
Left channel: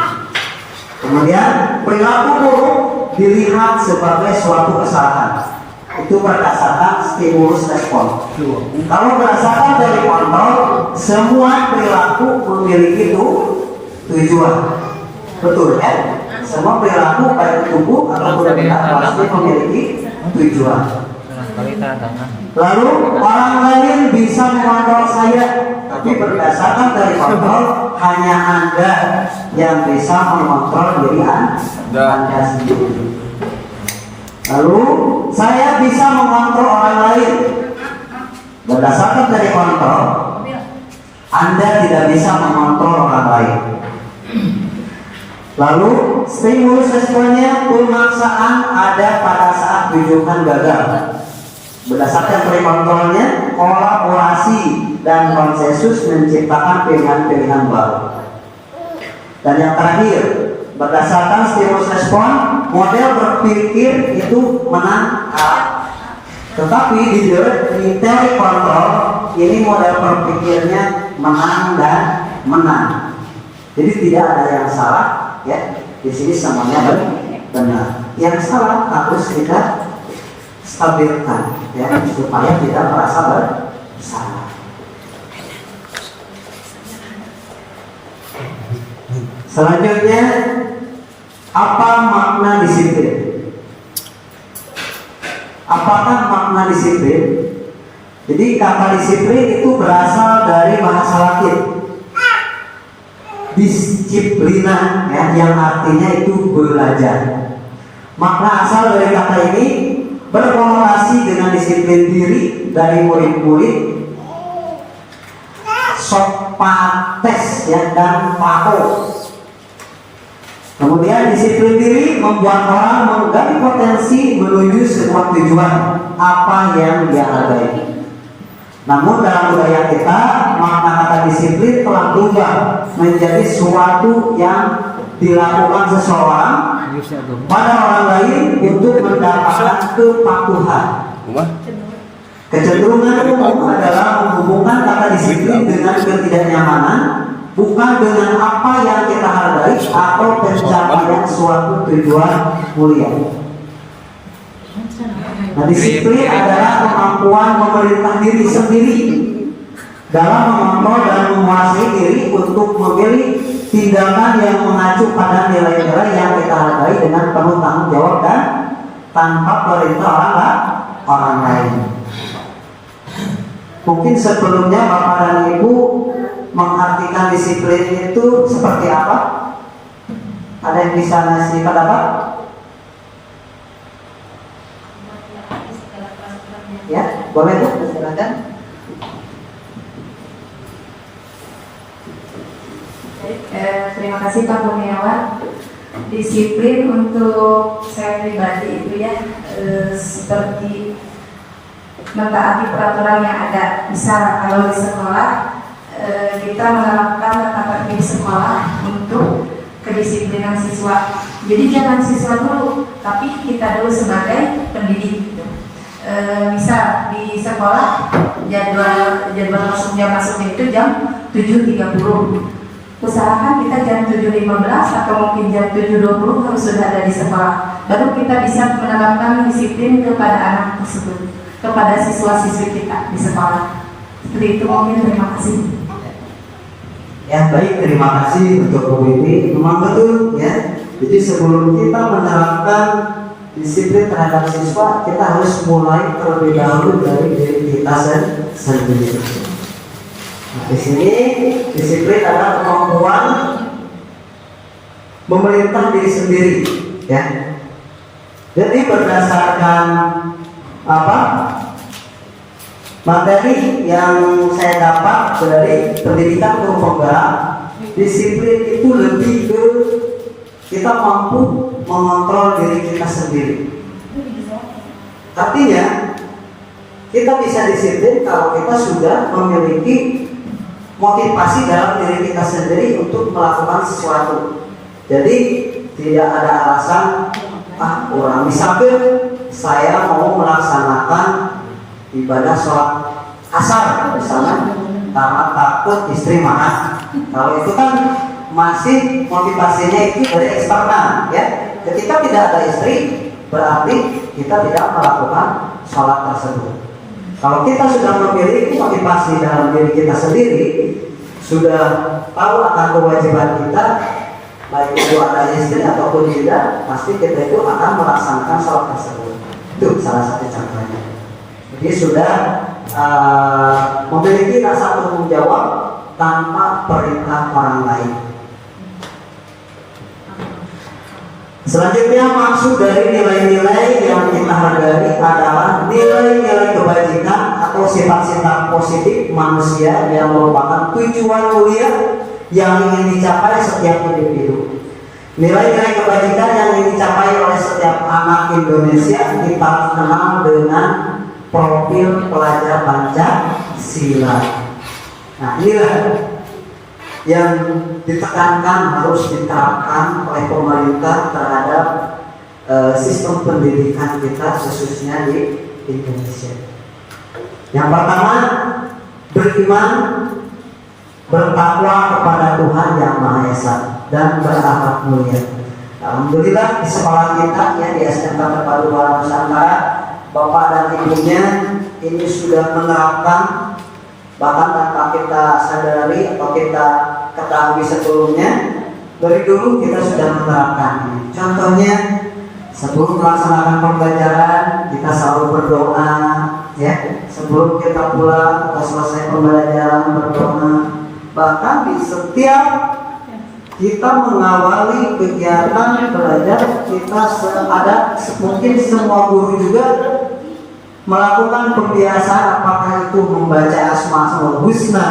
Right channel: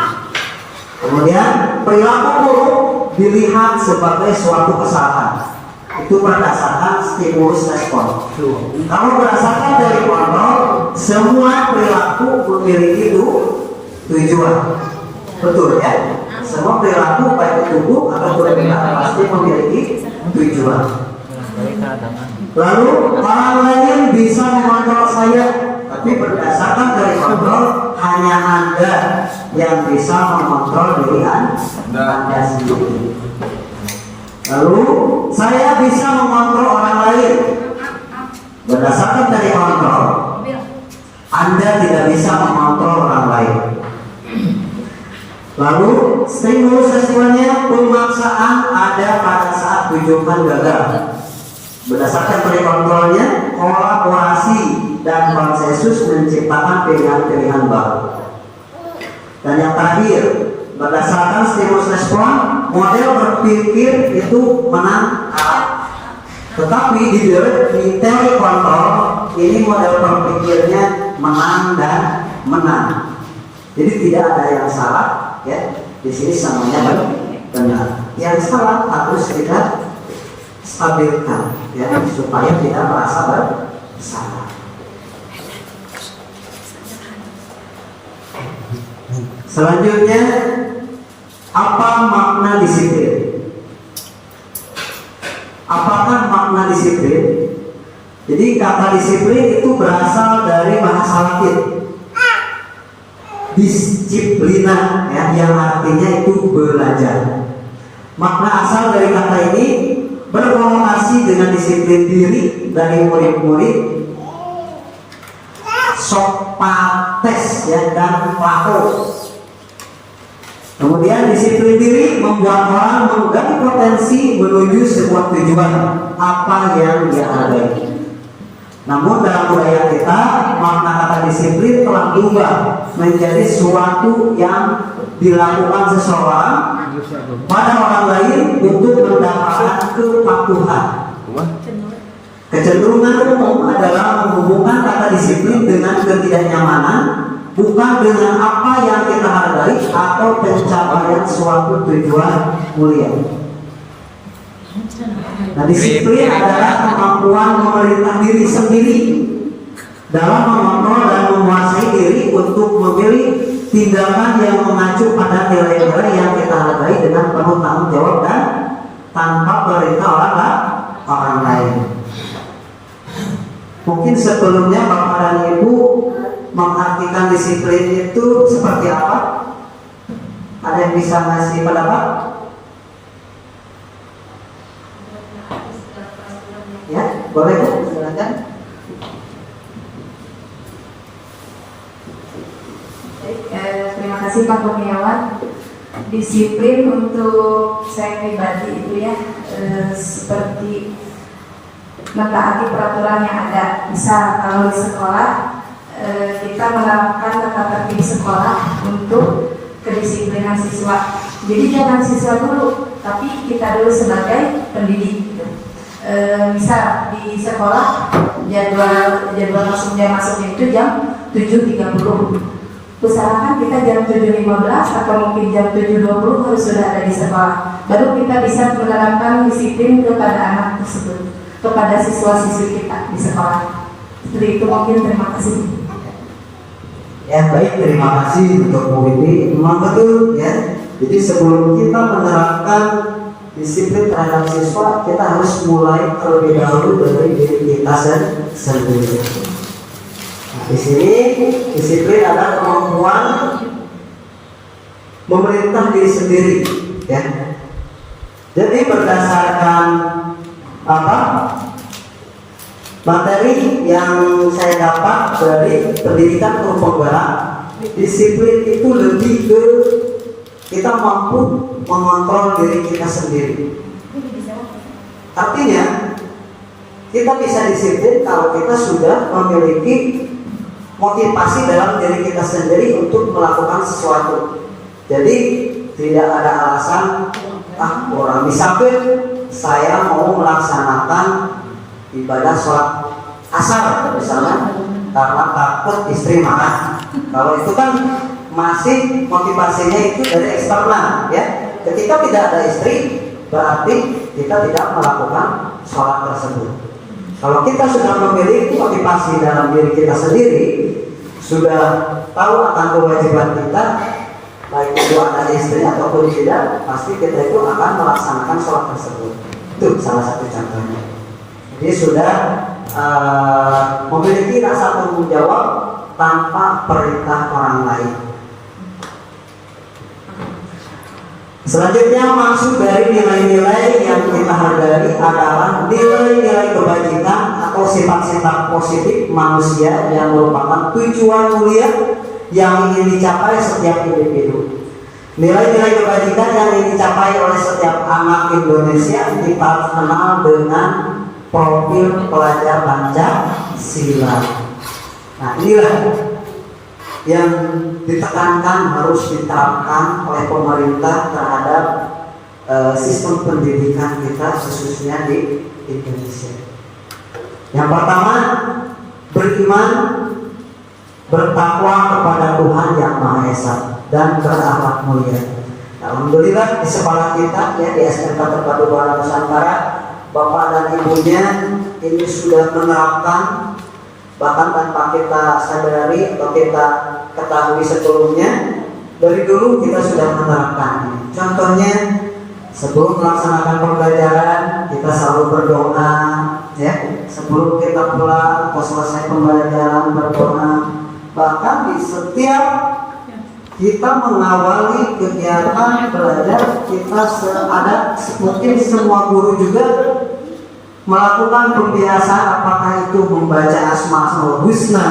Kemudian perilaku buruk dilihat sebagai suatu kesalahan. Itu berdasarkan stimulus respon. Kalau berdasarkan teori kontrol, semua perilaku memiliki tujuan. Betul ya? Semua perilaku baik tubuh atau perilaku pasti memiliki tujuan. Lalu orang lain bisa mengontrol saya, tapi berdasarkan dari kontrol hanya Anda yang bisa mengontrol diri Anda sendiri. Lalu saya bisa mengontrol orang lain. Berdasarkan dari kontrol, Anda tidak bisa mengontrol orang lain. Lalu stimulus responnya pemaksaan ada pada saat rujukan gagal. Berdasarkan dari kontrolnya, kolaborasi dan konsensus menciptakan pilihan-pilihan baru. Dan yang terakhir, berdasarkan stimulus respon, model berpikir itu menang kalah. Tetapi di teori kontrol ini model berpikirnya menang dan menang. Jadi tidak ada yang salah, ya. Di sini semuanya benar. Yang salah harus kita stabilkan, ya, supaya tidak merasa bersalah. Selanjutnya, apa makna disiplin? Apakah makna disiplin? Jadi kata disiplin itu berasal dari bahasa Latin disiplina, ya, yang artinya itu belajar. Makna asal dari kata ini berkonotasi dengan disiplin diri dari murid-murid, Sokrates, ya, dan Plato. Kemudian disiplin diri membuat orang menggali potensi menuju sebuah tujuan apa yang dia hargai. Namun dalam budaya kita, makna kata disiplin telah berubah menjadi suatu yang dilakukan seseorang pada orang lain untuk mendapatkan kepatuhan. Kecenderungan umum adalah menghubungkan kata disiplin dengan ketidaknyamanan, bukan dengan apa yang kita hargai atau pencapaian suatu tujuan mulia. Nah, disiplin adalah kemampuan memerintah diri sendiri dalam mengontrol dan menguasai diri untuk memilih tindakan yang mengacu pada nilai-nilai yang kita hargai dengan penuh tanggung jawab dan tanpa perintah orang lain. Mungkin sebelumnya Bapak dan Ibu mengartikan disiplin itu seperti apa? Ada yang bisa ngasih pendapat? Ya, boleh Bu, silakan. Terima kasih Pak Kurniawan. Disiplin untuk saya pribadi itu ya seperti mentaati peraturan yang ada. Misal kalau di sekolah kita menerapkan tata tertib sekolah untuk kedisiplinan siswa. Jadi jangan siswa dulu, tapi kita dulu sebagai pendidik. Misal di sekolah jadwal masuknya itu jam 7.30. Usahakan kita jam 7.15 atau mungkin jam 7.20 harus sudah ada di sekolah. Baru kita bisa menerapkan disiplin kepada anak tersebut, kepada siswa-siswi kita di sekolah. Seperti itu mungkin. Terima kasih. Ya, baik, terima kasih untuk Bu Widi. Memang betul, ya. Jadi sebelum kita menerapkan disiplin terhadap siswa, kita harus mulai terlebih dahulu dari diri kita sendiri. Nah, di sini disiplin adalah kemampuan memerintah diri sendiri, ya. Jadi berdasarkan materi yang saya dapat dari pendidikan guru penggerak, disiplin itu lebih ke kita mampu mengontrol diri kita sendiri. Artinya kita bisa disiplin kalau kita sudah memiliki motivasi dalam diri kita sendiri untuk melakukan sesuatu. Jadi tidak ada alasan orang, misalkan saya mau melaksanakan ibadah sholat asar misalnya karena takut istri marah. Kalau itu kan masih motivasinya itu dari eksternal, ya. Ketika tidak ada istri, berarti kita tidak melakukan sholat tersebut. Kalau kita sudah memiliki motivasi dalam diri kita sendiri, sudah tahu akan kewajiban kita, baik itu ada istri ataupun tidak, pasti kita itu akan melaksanakan sholat tersebut. Itu salah satu contohnya. Jadi sudah memiliki rasa tanggung jawab tanpa perintah orang lain. Selanjutnya, maksud dari nilai-nilai yang kita hargai adalah nilai-nilai kebajikan atau sifat-sifat positif manusia yang merupakan tujuan mulia yang ingin dicapai setiap individu. Nilai-nilai kebajikan yang ingin dicapai oleh setiap anak Indonesia kita kenal dengan profil pelajar Pancasila. Nah, inilah yang ditekankan harus diterapkan oleh pemerintah terhadap sistem pendidikan kita khususnya di Indonesia. Yang pertama, beriman, bertakwa kepada Tuhan Yang Maha Esa dan berakhlak mulia. Alhamdulillah di sekolah kita ya di SMK Terpadu Buana Nusantara, Bapak dan Ibunya ini sudah menerapkan, bahkan tanpa kita sadari atau kita ketahui sebelumnya, dari dulu kita sudah menerapkan ini. Contohnya, sebelum melaksanakan pembelajaran kita selalu berdoa, ya. Sebelum kita pulang atau selesai pembelajaran berdoa. Bahkan di setiap kita mengawali kegiatan belajar, kita ada mungkin semua guru juga melakukan pembiasaan, apakah itu membaca Asmaul Husna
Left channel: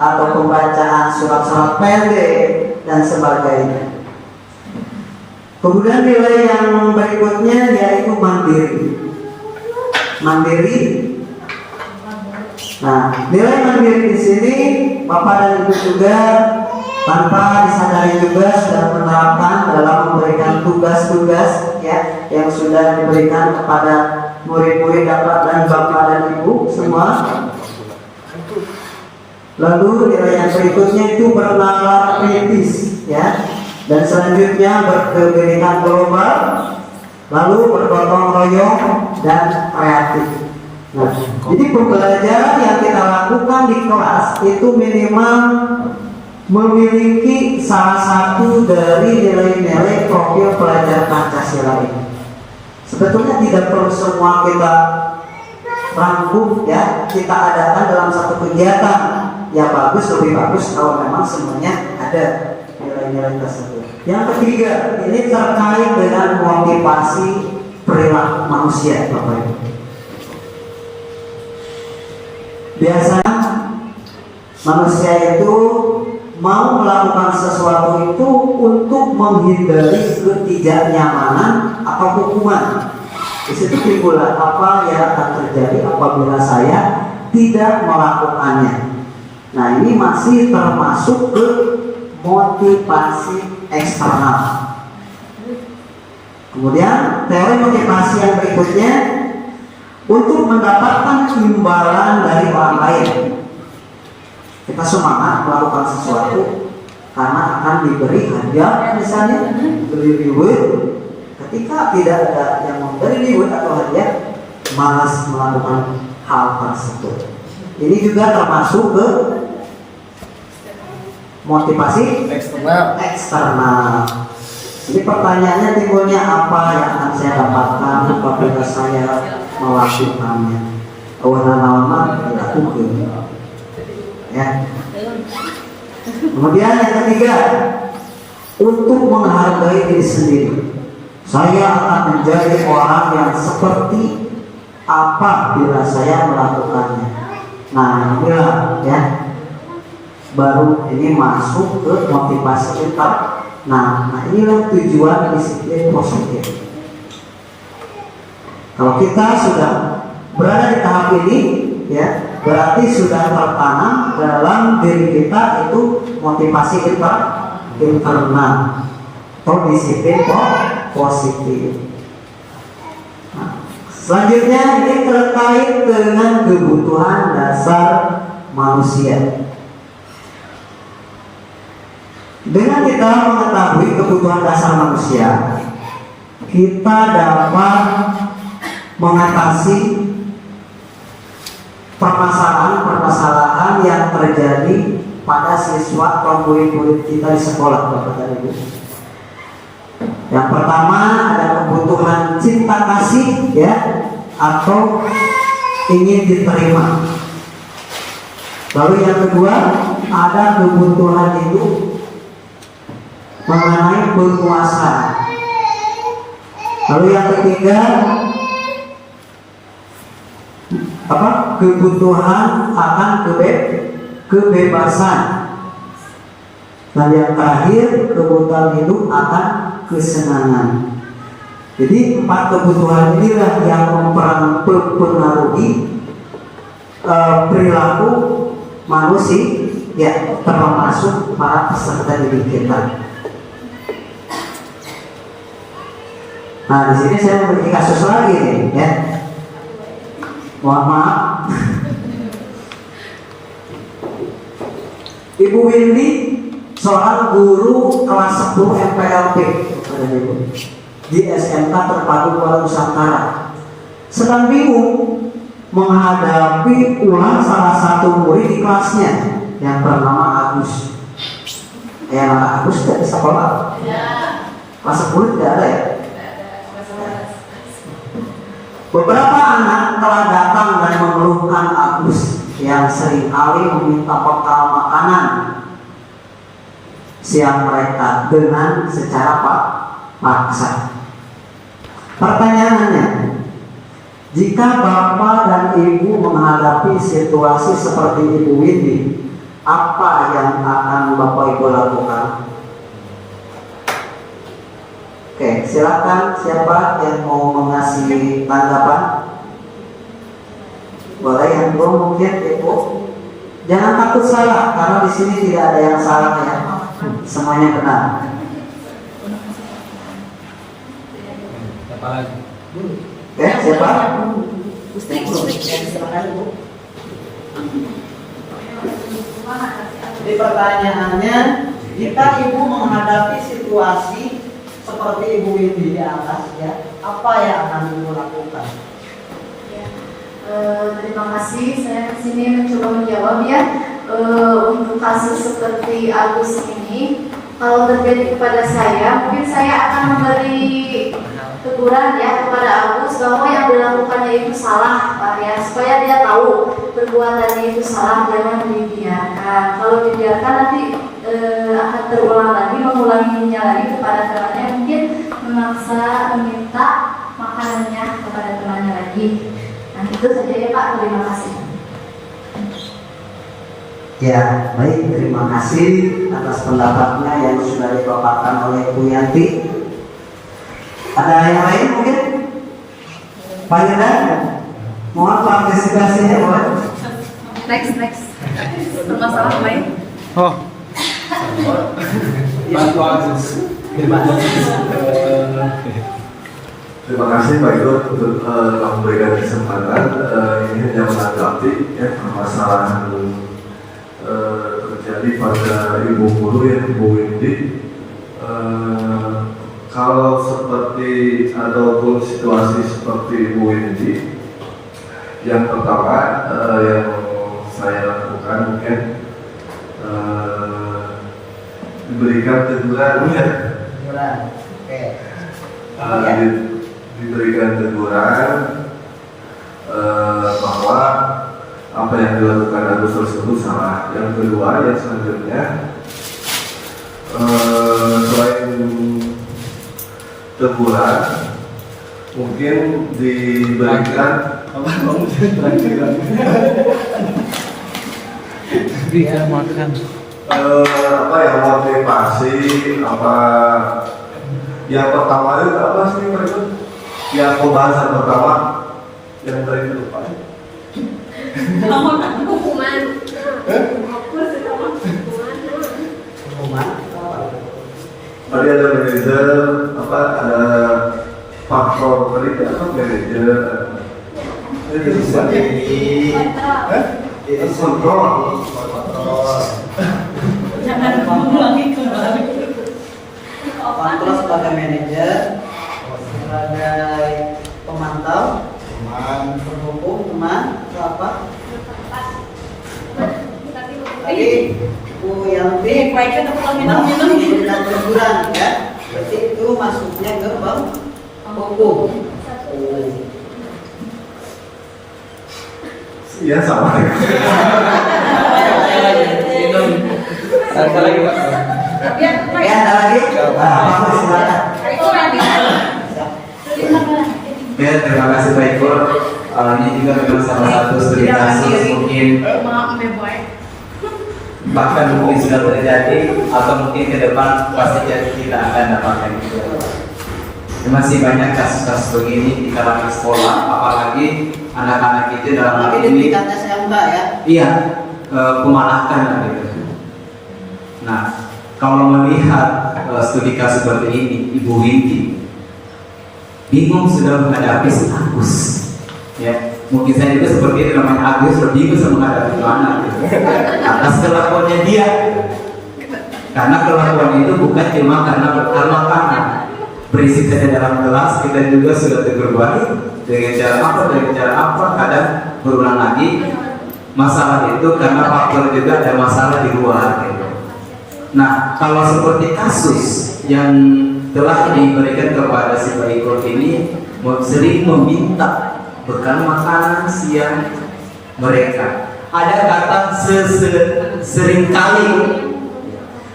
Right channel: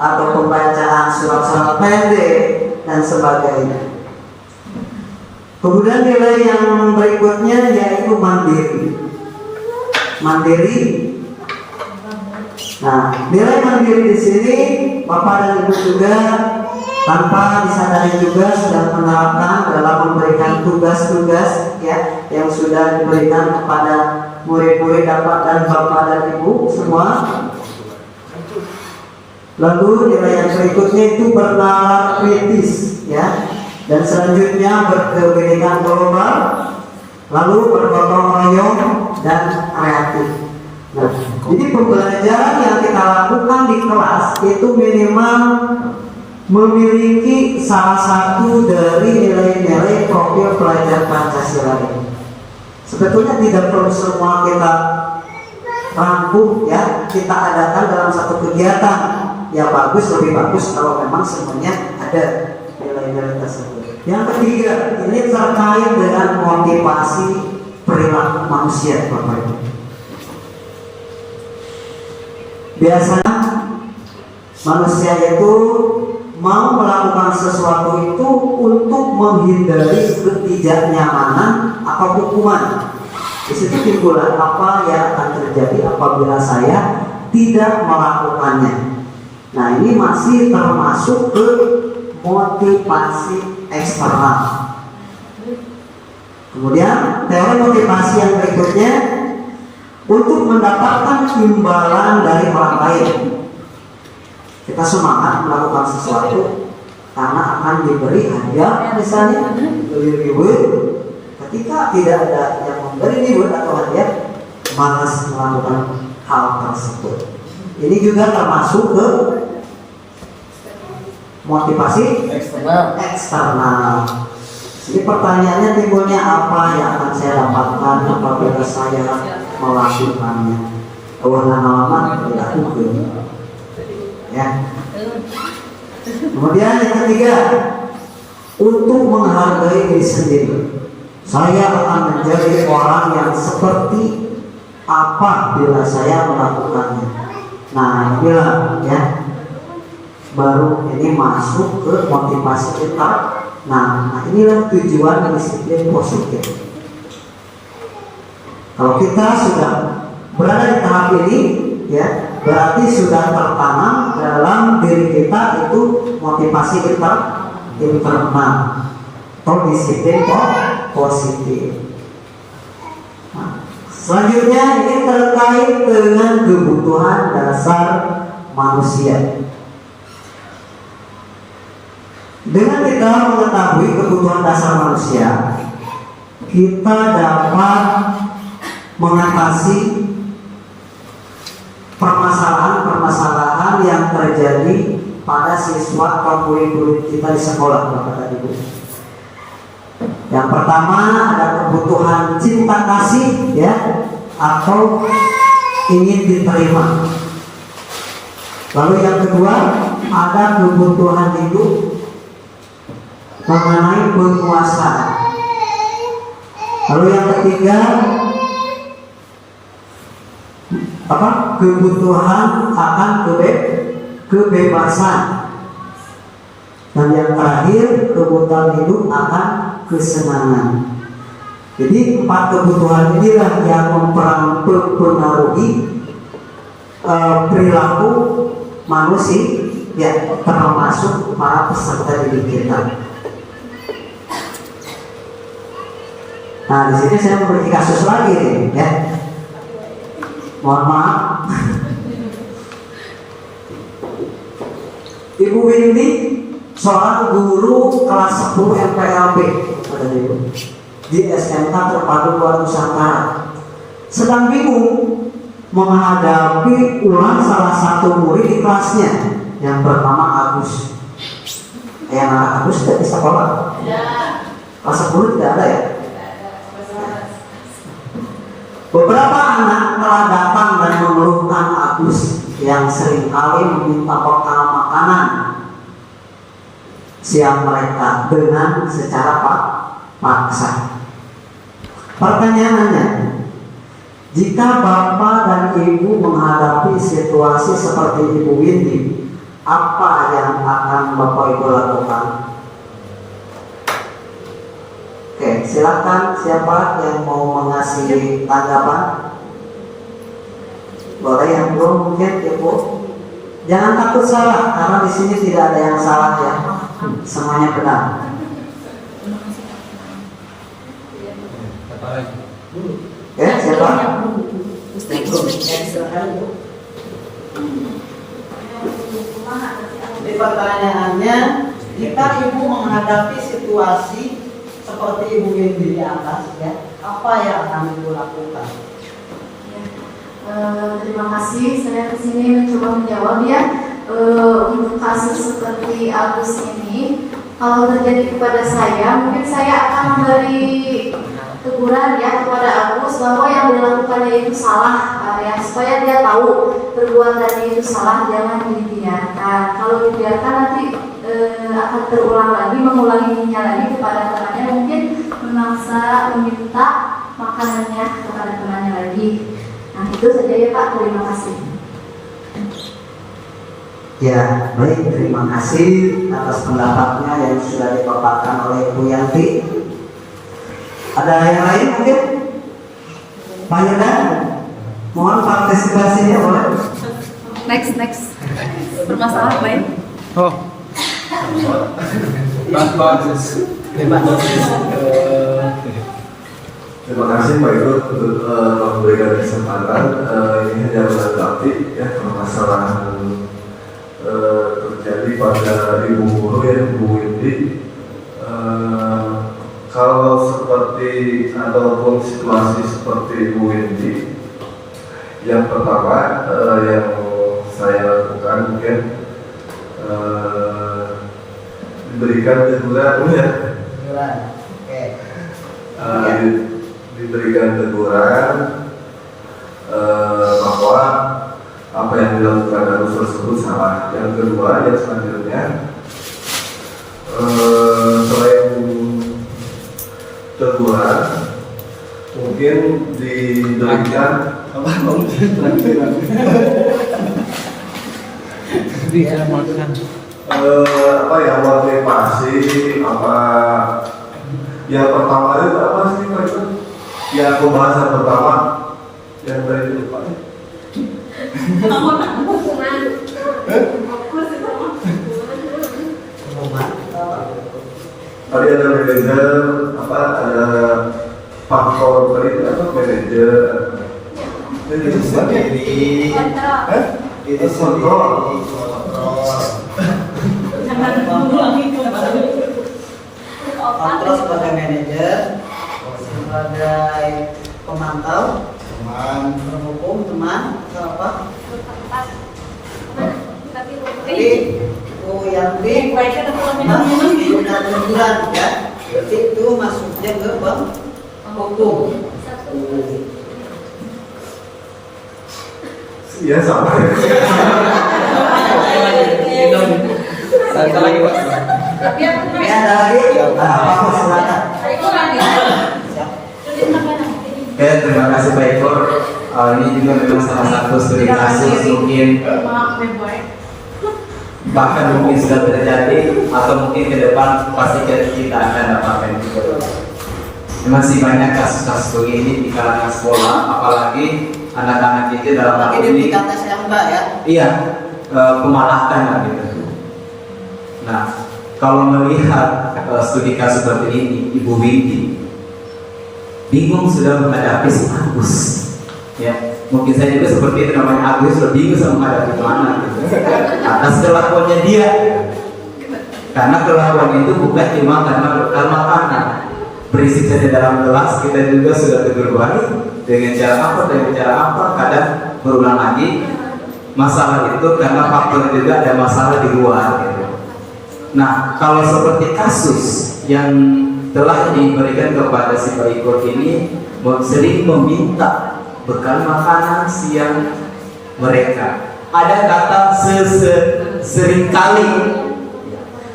atau pembacaan surat-surat pendek dan sebagainya. Kemudian nilai yang berikutnya yaitu mandiri. Nah, nilai mandiri di sini Bapak dan Ibu juga tanpa disadari juga sudah menerapkan dalam memberikan tugas-tugas ya yang sudah diberikan kepada murid-murid dan Bapak dan Ibu semua. Lalu nilai yang berikutnya itu bernalar kritis ya, dan selanjutnya berkebinekaan global, lalu bergotong royong dan kreatif. Nah, jadi pembelajaran yang kita lakukan di kelas itu minimal memiliki salah satu dari nilai-nilai profil pelajar Pancasila ini. Sebetulnya tidak perlu semua kita rangkum ya, kita adakan dalam satu kegiatan. Ya bagus, lebih bagus kalau memang semuanya ada nilai-nilai tersebut. Yang ketiga, ini terkait dengan motivasi perilaku manusia, Bapak Ibu. Biasanya manusia itu mau melakukan sesuatu itu untuk menghindari ketidaknyamanan atau hukuman. Di situ timbul apa yang akan terjadi apabila saya tidak melakukannya. Nah, ini masih termasuk ke motivasi eksternal. Kemudian teori motivasi yang berikutnya untuk mendapatkan imbalan dari orang lain. Kita semangat melakukan sesuatu karena akan diberi hadiah, misalnya beri reward. Ketika tidak ada yang memberi reward atau hadiah, malas melakukan hal tersebut. Ini juga termasuk ke motivasi eksternal. Jadi pertanyaannya timbulnya, apa yang akan saya dapatkan apabila saya melakukannya? Warna-warna dilakukan. Ya. Kemudian yang ketiga, untuk menghargai diri sendiri. Saya akan menjadi orang yang seperti apa bila saya melakukannya. Nah, inilah ya, baru ini masuk ke motivasi kita. Nah inilah tujuan disiplin positif. Kalau kita sudah berada di tahap ini, ya berarti sudah tertanam dalam diri kita itu motivasi kita internal atau disiplin positif. Selanjutnya ini terkait dengan kebutuhan dasar manusia. Dengan kita mengetahui kebutuhan dasar manusia, kita dapat mengatasi permasalahan-permasalahan yang terjadi pada siswa atau murid-murid kita di sekolah, Bapak dan Ibu. Yang pertama ada kebutuhan cinta kasih, ya, atau ingin diterima. Lalu yang kedua ada kebutuhan hidup mengenai penguasaan. Lalu yang ketiga kebutuhan akan kebebasan. Dan yang terakhir kebutuhan hidup akan kesenangan. Jadi 4 kebutuhan inilah yang mempengaruhi perilaku manusia, ya, termasuk para peserta didik kita. Nah, di sini saya memiliki kasus lagi nih, ya. Mohon maaf. Ibu Windy seorang guru kelas 10 MPLP di SMK Terpadu Buah Nusantara, sedang bingung menghadapi ulang salah satu murid di kelasnya yang bernama Agus. Yang Agus tidak bisa sekolah. Kelas 10 tidak ada, ya. Beberapa anak telah datang dan mengeluhkan Agus yang seringkali meminta bekal makanan siang mereka dengan secara paksa. Pertanyaannya, jika Bapak dan Ibu menghadapi situasi seperti Ibu Windy, apa yang akan Bapak Ibu lakukan? Oke, silakan siapa yang mau mengasih tanggapan? Boleh yang belum mungkin, Ibu. Jangan takut salah, karena di sini tidak ada yang salah, ya. Semuanya benar. Oke, siapa? Silakan, Bu. Jadi pertanyaannya, jika Ibu menghadapi situasi seperti Ibu Windy di atas, ya, apa yang akan Ibu lakukan? Terima kasih. Saya kesini mencoba menjawab, ya. Untuk kasus seperti Agus ini, kalau terjadi kepada saya, mungkin saya akan memberi teguran, ya, kepada Agus bahwa yang dilakukannya itu salah, ya, supaya dia tahu perbuatannya itu salah, jangan dibiarkan. Kalau dibiarkan nanti akan terulang lagi, mengulanginya lagi kepada temannya, mungkin memaksa meminta makanannya kepada temannya lagi. Nah, itu saja, ya, Pak. Terima kasih. Ya, baik, terima kasih atas pendapatnya yang sudah dipaparkan oleh Bu Yanti. Ada yang lain mungkin? Pak Yuda, mohon partisipasinya, boleh? Next. Permasalahan lain. Terima kasih Pak Ibu telah memberikan kesempatan. Ini hanya menanggapi, ya, permasalahan terjadi pada Ibu Guru, ya, Ibu Windy. Kalau seperti ataupun situasi seperti Ibu Windy, yang pertama yang saya lakukan mungkin diberikan teguran, ya. Diberikan teguran bahwa apa yang dilakukan Agus tersebut salah. Yang kedua, yang selanjutnya, selain teguran, mungkin diberikan motivasi, yang pertama itu apa sih Pak itu? Yang pembahasan pertama yang tadi lupa. Hukuman. Tadi ada manajer, ada faktor tadi apa manajer? Ini kontrol. Jangan mengulangi kembali. Kontrol sebagai manajer, sebagai pemantau, pendukung, teman, atau apa? Tadi Bu baiknya udah pulang minum-minum nih. Udah berbulan ya. Berarti itu masuknya ke bank hukum. Iya sama. Ada lagi Pak? Ya ada lagi. Silakan. Ya, terima kasih Pak Ikur. Ini juga memang salah satu studi kasus mungkin bahkan mungkin sudah terjadi atau mungkin ke depan pasti kita akan dapatkan juga. Masih banyak kasus-kasus begini di kalangan sekolah, apalagi anak-anak itu dalam hal ini iya pemalahkan lah gitu. Nah, kalau melihat studi kasus seperti ini, Ibu Winti bingung sudah menghadapi si Agus, ya mungkin saya juga seperti itu, namanya Agus lebih bisa menghadapi mana gitu. Atas kelakuannya dia, karena kelakuan itu bukan cuma karena bekal makanan, berisik saja dalam kelas kita juga sudah tegur balik dengan cara apa, kadang berulang lagi. Masalah itu karena faktor juga ada masalah di luar gitu. Nah, kalau seperti kasus yang telah diberikan kepada si Pak Iko ini sering meminta bekal makanan siang mereka. Ada kata seringkali.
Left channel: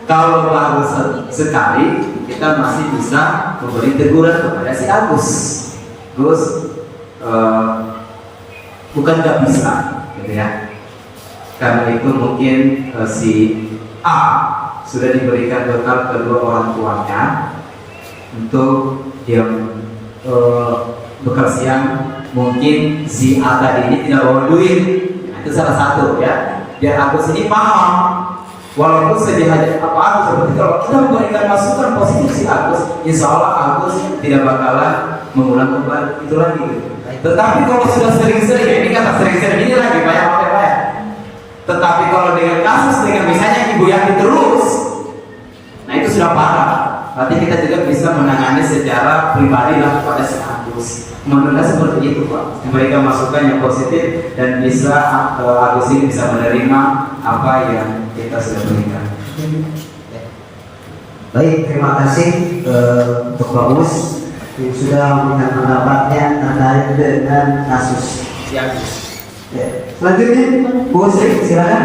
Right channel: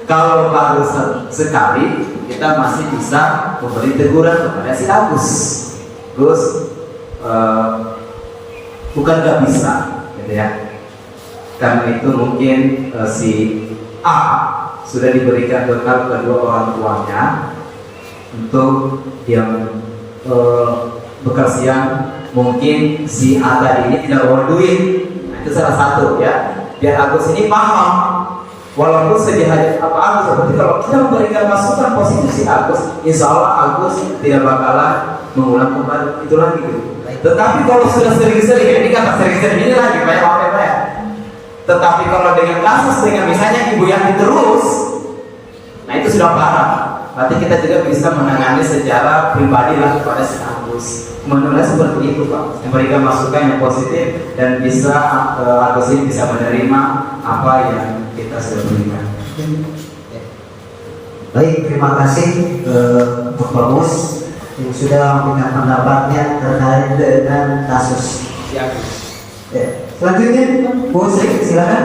Kalau baru sekali kita masih bisa memberi teguran kepada si Agus. Gus, bukan gak bisa, gitu ya. Karena itu mungkin si A sudah diberikan bekal kedua orang tuanya untuk dia bekal siang. Mungkin si A tadi ini tidak bawa duit. Nah, itu salah satu ya. Biar Agus ini paham. Walaupun sejahat apa Agus, seperti kalau kita memberikan masukan positif si Agus, insya Allah Agus tidak bakalan mengulang kembali itu lagi. Tetapi kalau sudah sering-sering, ini kata sering-sering ini lagi banyak. Tetapi kalau dengan kasus dengan misalnya Ibu Yati terus, nah itu sudah parah. Berarti kita juga bisa menangani secara pribadi lah kepada si Agus. Menurut saya seperti itu Pak, memberikan masukan yang positif dan bisa Agus ini bisa menerima apa yang kita sudah berikan. Baik, terima kasih untuk Pak Mus yang sudah memberikan pendapatnya terkait dengan kasus Si Agus. ya. Selanjutnya Bu Sri, silakan.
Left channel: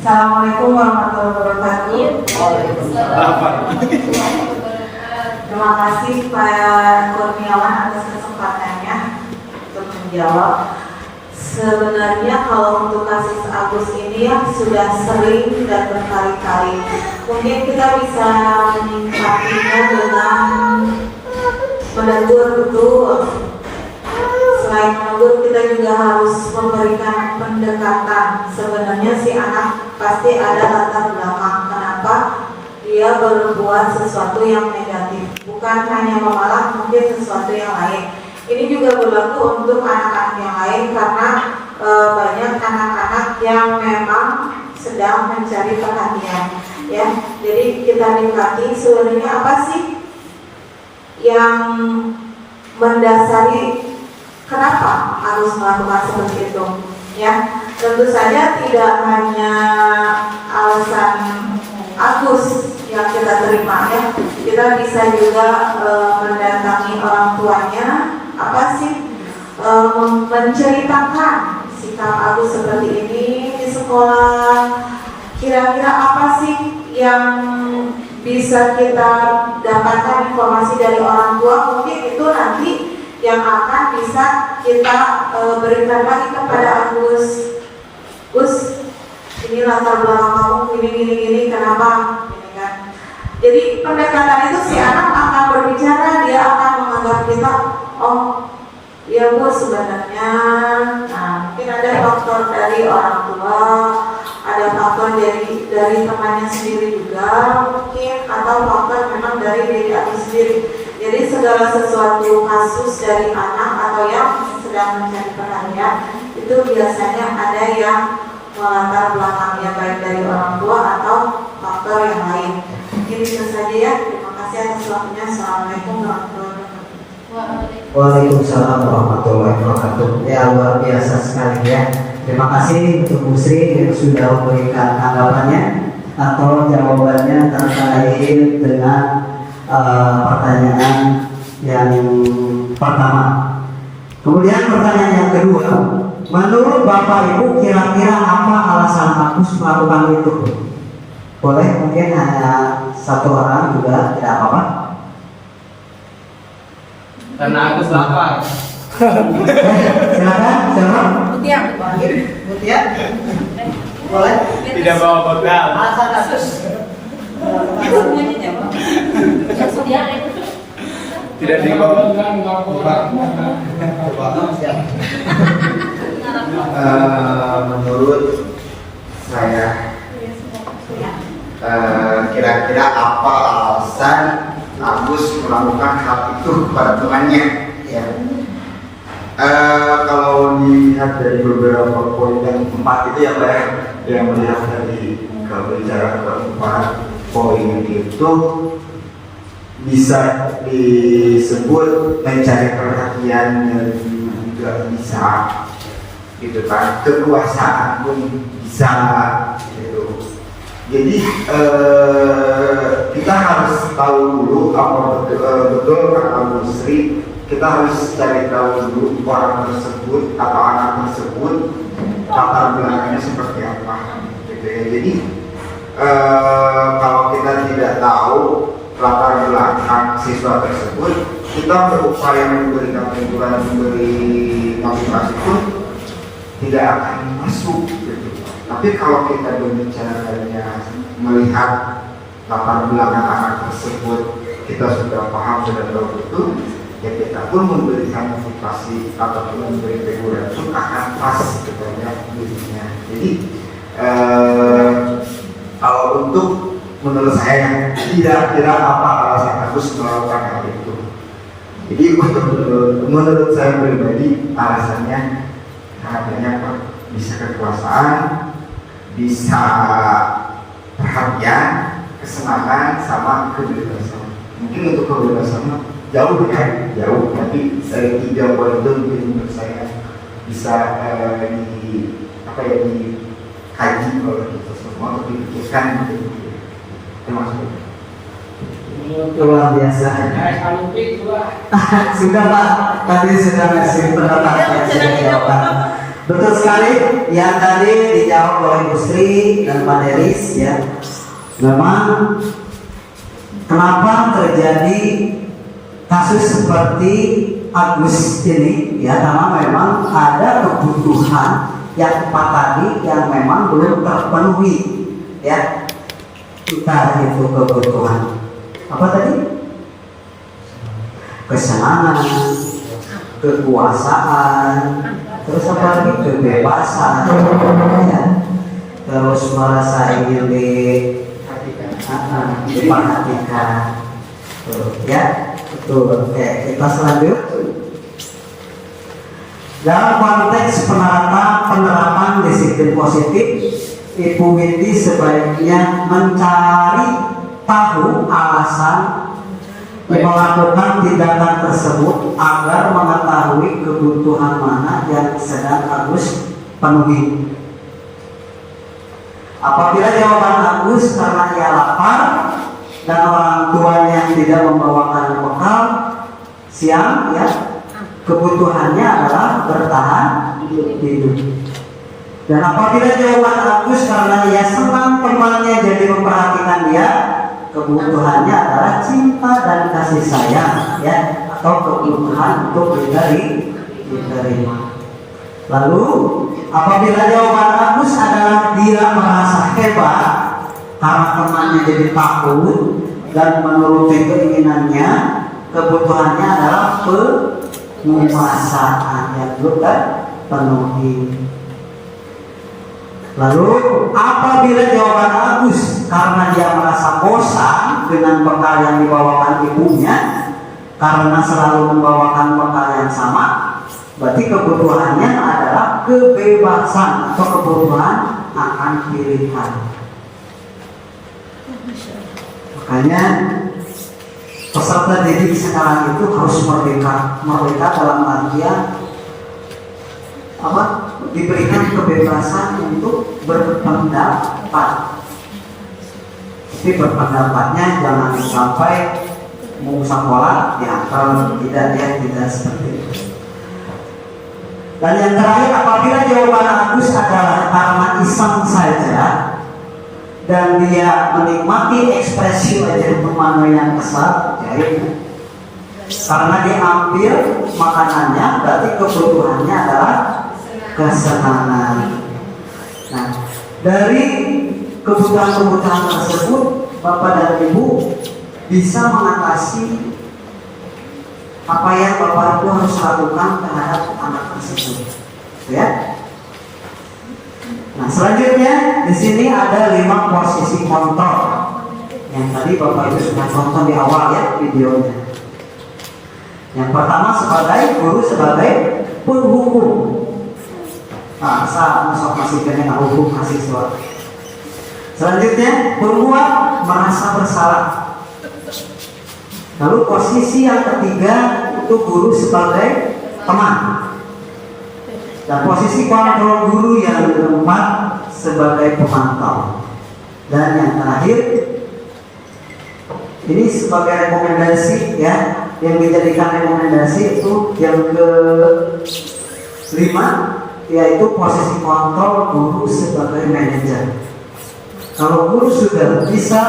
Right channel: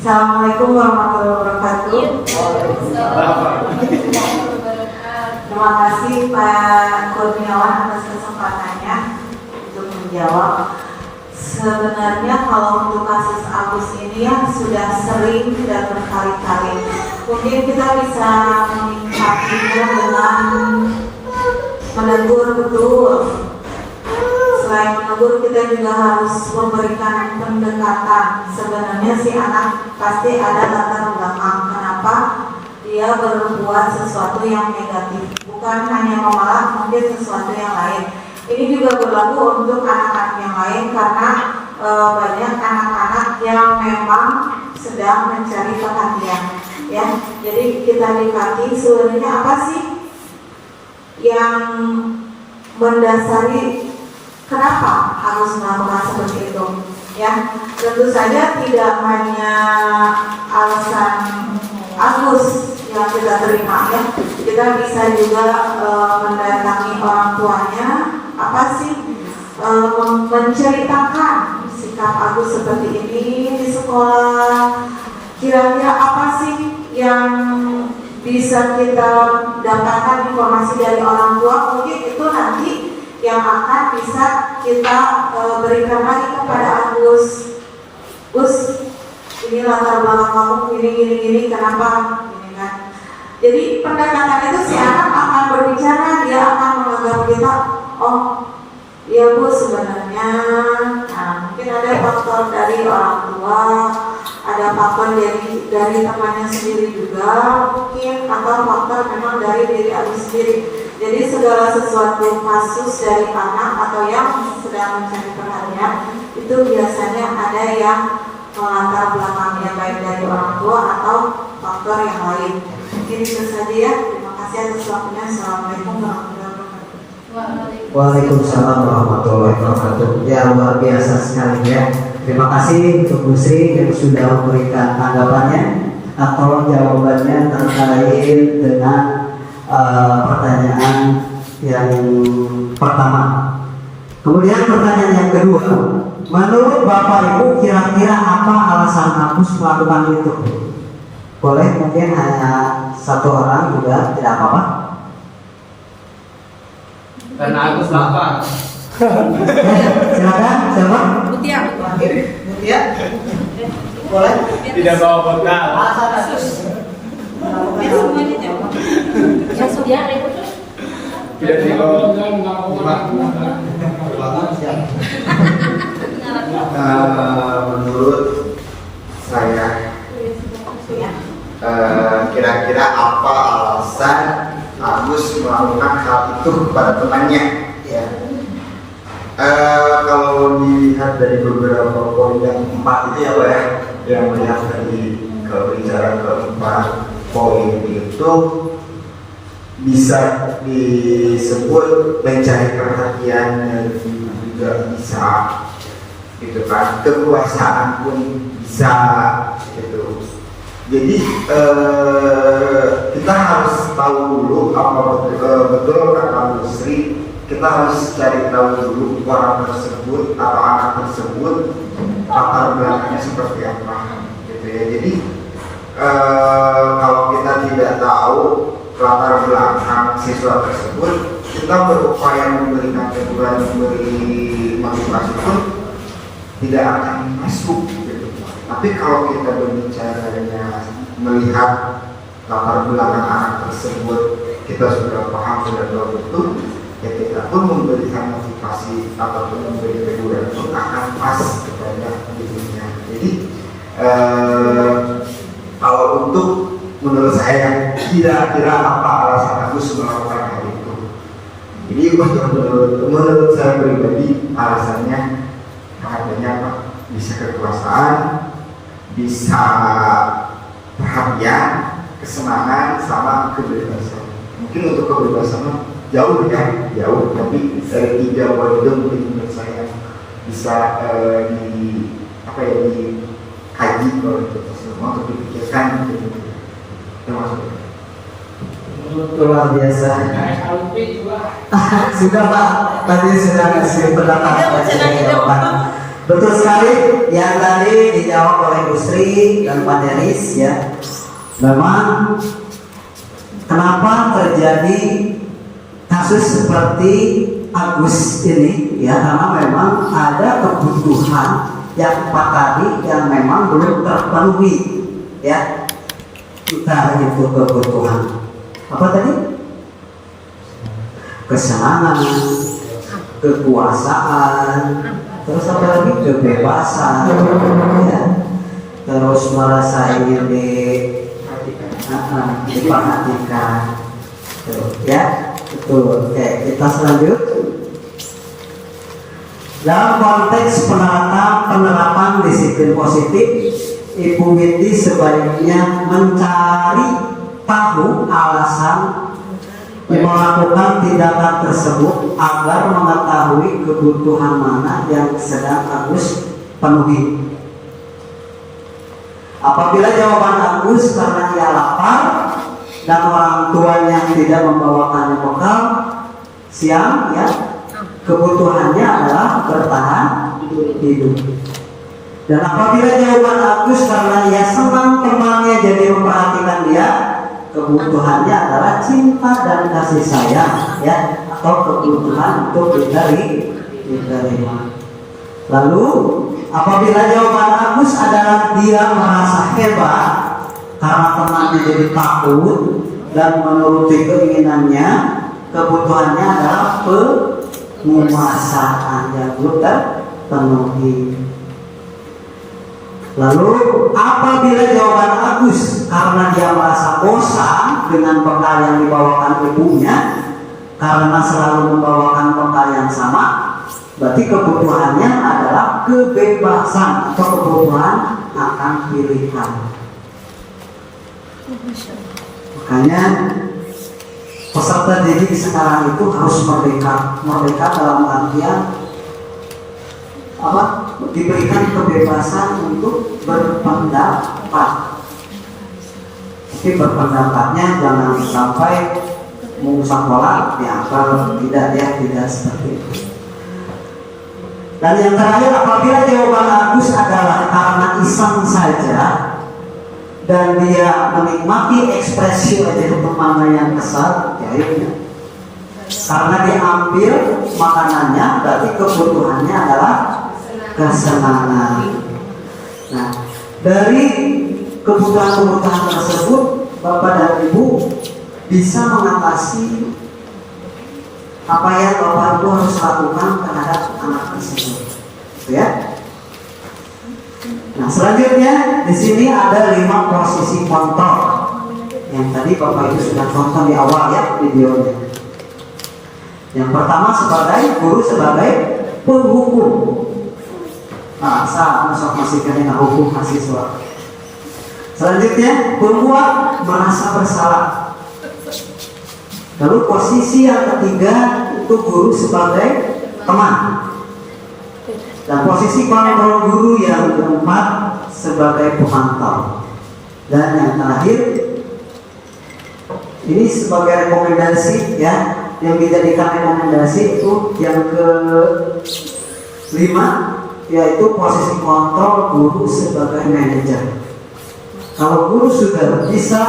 Assalamualaikum warahmatullahi wabarakatuh. Terima kasih Pak Kurniawan atas kesempatannya untuk menjawab. Sebenarnya kalau untuk kasus Agus ini ya sudah sering dan berkali-kali. Mungkin kita bisa menyikapinya dengan menegur betul. Selain menegur, kita juga harus memberikan pendekatan. Sebenarnya si anak pasti ada latar belakang kenapa dia berbuat sesuatu yang negatif, bukan hanya memalah, mungkin sesuatu yang lain. Ini juga berlaku untuk anak-anak yang lain karena banyak anak-anak yang memang sedang mencari perhatian, ya. Jadi kita dekati sebenarnya apa sih yang mendasari kenapa harus melakukan seperti itu, ya. Tentu saja tidak hanya alasan Agus yang kita terima, ya. Kita bisa juga mendatangi orang tuanya, apa sih, menceritakan sikap Agus seperti ini di sekolah. Kira-kira apa sih yang bisa kita dapatkan informasi dari orang tua? Mungkin itu nanti yang akan bisa kita berikan lagi kepada Agus. Gus, ini latar belakang kamu gini, kenapa? Gini kan. Jadi pendekatan itu si anak akan berbicara, dia akan menganggap kita, oh ya Bu sebenarnya, nah mungkin ada faktor dari orang tua, ada faktor dari temannya sendiri juga mungkin, atau faktor memang dari diri Agus sendiri. Jadi segala sesuatu kasus dari anak atau yang sedang mencari perhatian itu biasanya ada yang melatar belakangnya baik dari orang tua atau faktor yang lain. Mungkin itu saja ya. Terima kasih atas waktunya. Assalamualaikum warahmatullahi wabarakatuh. Waalaikumsalam warahmatullahi wabarakatuh. Ya luar biasa sekali ya. Terima kasih untuk Bu Sri yang sudah memberikan tanggapannya atau jawabannya terkait dengan pertanyaan yang pertama. Kemudian pertanyaan yang kedua, menurut Bapak Ibu kira-kira apa alasan Agus melakukan itu? Boleh mungkin hanya satu orang juga, tidak apa-apa. Karena Agus lapar. Silakan, siapa? Mutia. Mutia? Boleh? Tidak bawa bekal. Alasan Agus. Itu semuanya jawab. Yang sedia itu. Tidak dibawakan. Menurut saya kira-kira apa alasan Agus melakukan hal itu kepada temannya ya. Kalau dilihat dari beberapa poin yang 4 itu ya Pak ya, yang melihat dari kebicaraan keempat poin itu bisa disebut mencari perhatian juga bisa gitu kan, kekuasaan pun bisa gitu. Jadi kita harus tahu dulu apa betul kata Bu Sri, kita harus cari tahu dulu orang tersebut atau anak tersebut latar belakangnya seperti apa gitu ya. Jadi kalau kita tidak tahu latar belakang siswa tersebut, kita berupaya memberikan teguran, memberi motivasi pun tidak akan masuk gitu. Tapi kalau kita berbicaranya melihat latar belakang anak tersebut, kita sudah paham, sudah tahu betul, ya kita pun memberikan motivasi ataupun memberi teguran pun akan pas kepada dirinya. Jadi kalau untuk menurut saya kira-kira apa alasan Agus melakukan hal itu? Jadi menurut saya pribadi alasannya adanya Pak, bisa kekuasaan, bisa perhatian, kesenangan, sama kebebasan. Mungkin untuk kebebasan jauh ya, jauh. Tapi dari 3 poin itu mungkin menurut saya bisa dikaji oleh kita semua untuk dipikirkan. Luar biasa. Sudah Pak, tadi sudah ngasih pendapat jawaban. Betul sekali yang tadi dijawab oleh Bu Sri dan Pak Deris ya. Memang kenapa terjadi kasus seperti Agus ini ya, karena memang ada kebutuhan yang 4 tadi yang memang belum terpenuhi ya. Kita itu kebutuhan apa tadi? Kesenangan, kekuasaan, terus apa lagi? Kebebasan ya. Terus merasa ingin diperhatikan ya, betul. Oke, kita selanjut dalam konteks penerapan disiplin positif. Ibu Windy sebaiknya mencari tahu alasan melakukan tindakan tersebut agar mengetahui kebutuhan mana yang sedang Agus penuhi. Apabila jawaban Agus karena ia lapar dan orang tuanya tidak membawakan bekal siang ya, kebutuhannya adalah bertahan hidup. Dan apabila jawaban Agus karena ia senang temannya jadi memperhatikan dia, kebutuhannya adalah cinta dan kasih sayang ya, atau kebutuhan untuk diterima. Lalu apabila jawaban Agus adalah dia merasa hebat karena temannya jadi takut dan menuruti keinginannya, kebutuhannya adalah penguasaan yang belum terpenuhi. Lalu apabila jawaban Agus karena dia merasa bosan dengan bekal yang dibawakan ibunya karena selalu membawakan bekal yang sama, berarti kebutuhannya adalah kebebasan atau kebutuhan akan pilihan. Makanya peserta didik sekarang itu harus merdeka dalam artian apa? diberikan kebebasan untuk berpendapat. Tapi berpendapatnya jangan sampai mau sekolah diantara tidak seperti itu. Dan yang terakhir, apabila jawaban Agus adalah karena iseng saja dan dia menikmati ekspresi wajah temannya yang kesal, ya, karena diambil makanannya, berarti kebutuhannya adalah kesenangan. Nah, dari kebutuhan-kebutuhan tersebut, Bapak dan Ibu bisa mengatasi apa yang Bapak Ibu harus lakukan terhadap anak tersebut, ya. Nah, selanjutnya di sini ada 5 posisi kontrol yang tadi Bapak Ibu sudah tonton di awal ya videonya. Yang pertama sebagai guru, sebagai penghukum. Nah, masih kena hukum mahasiswa. Selanjutnya pembuat merasa bersalah. Lalu posisi yang ketiga itu guru sebagai teman. Dan posisi kontrol guru yang keempat sebagai pemantau. Dan yang terakhir ini sebagai rekomendasi ya, yang dijadikan rekomendasi itu yang ke-5, yaitu posisi kontrol guru sebagai manajer. Kalau guru sudah bisa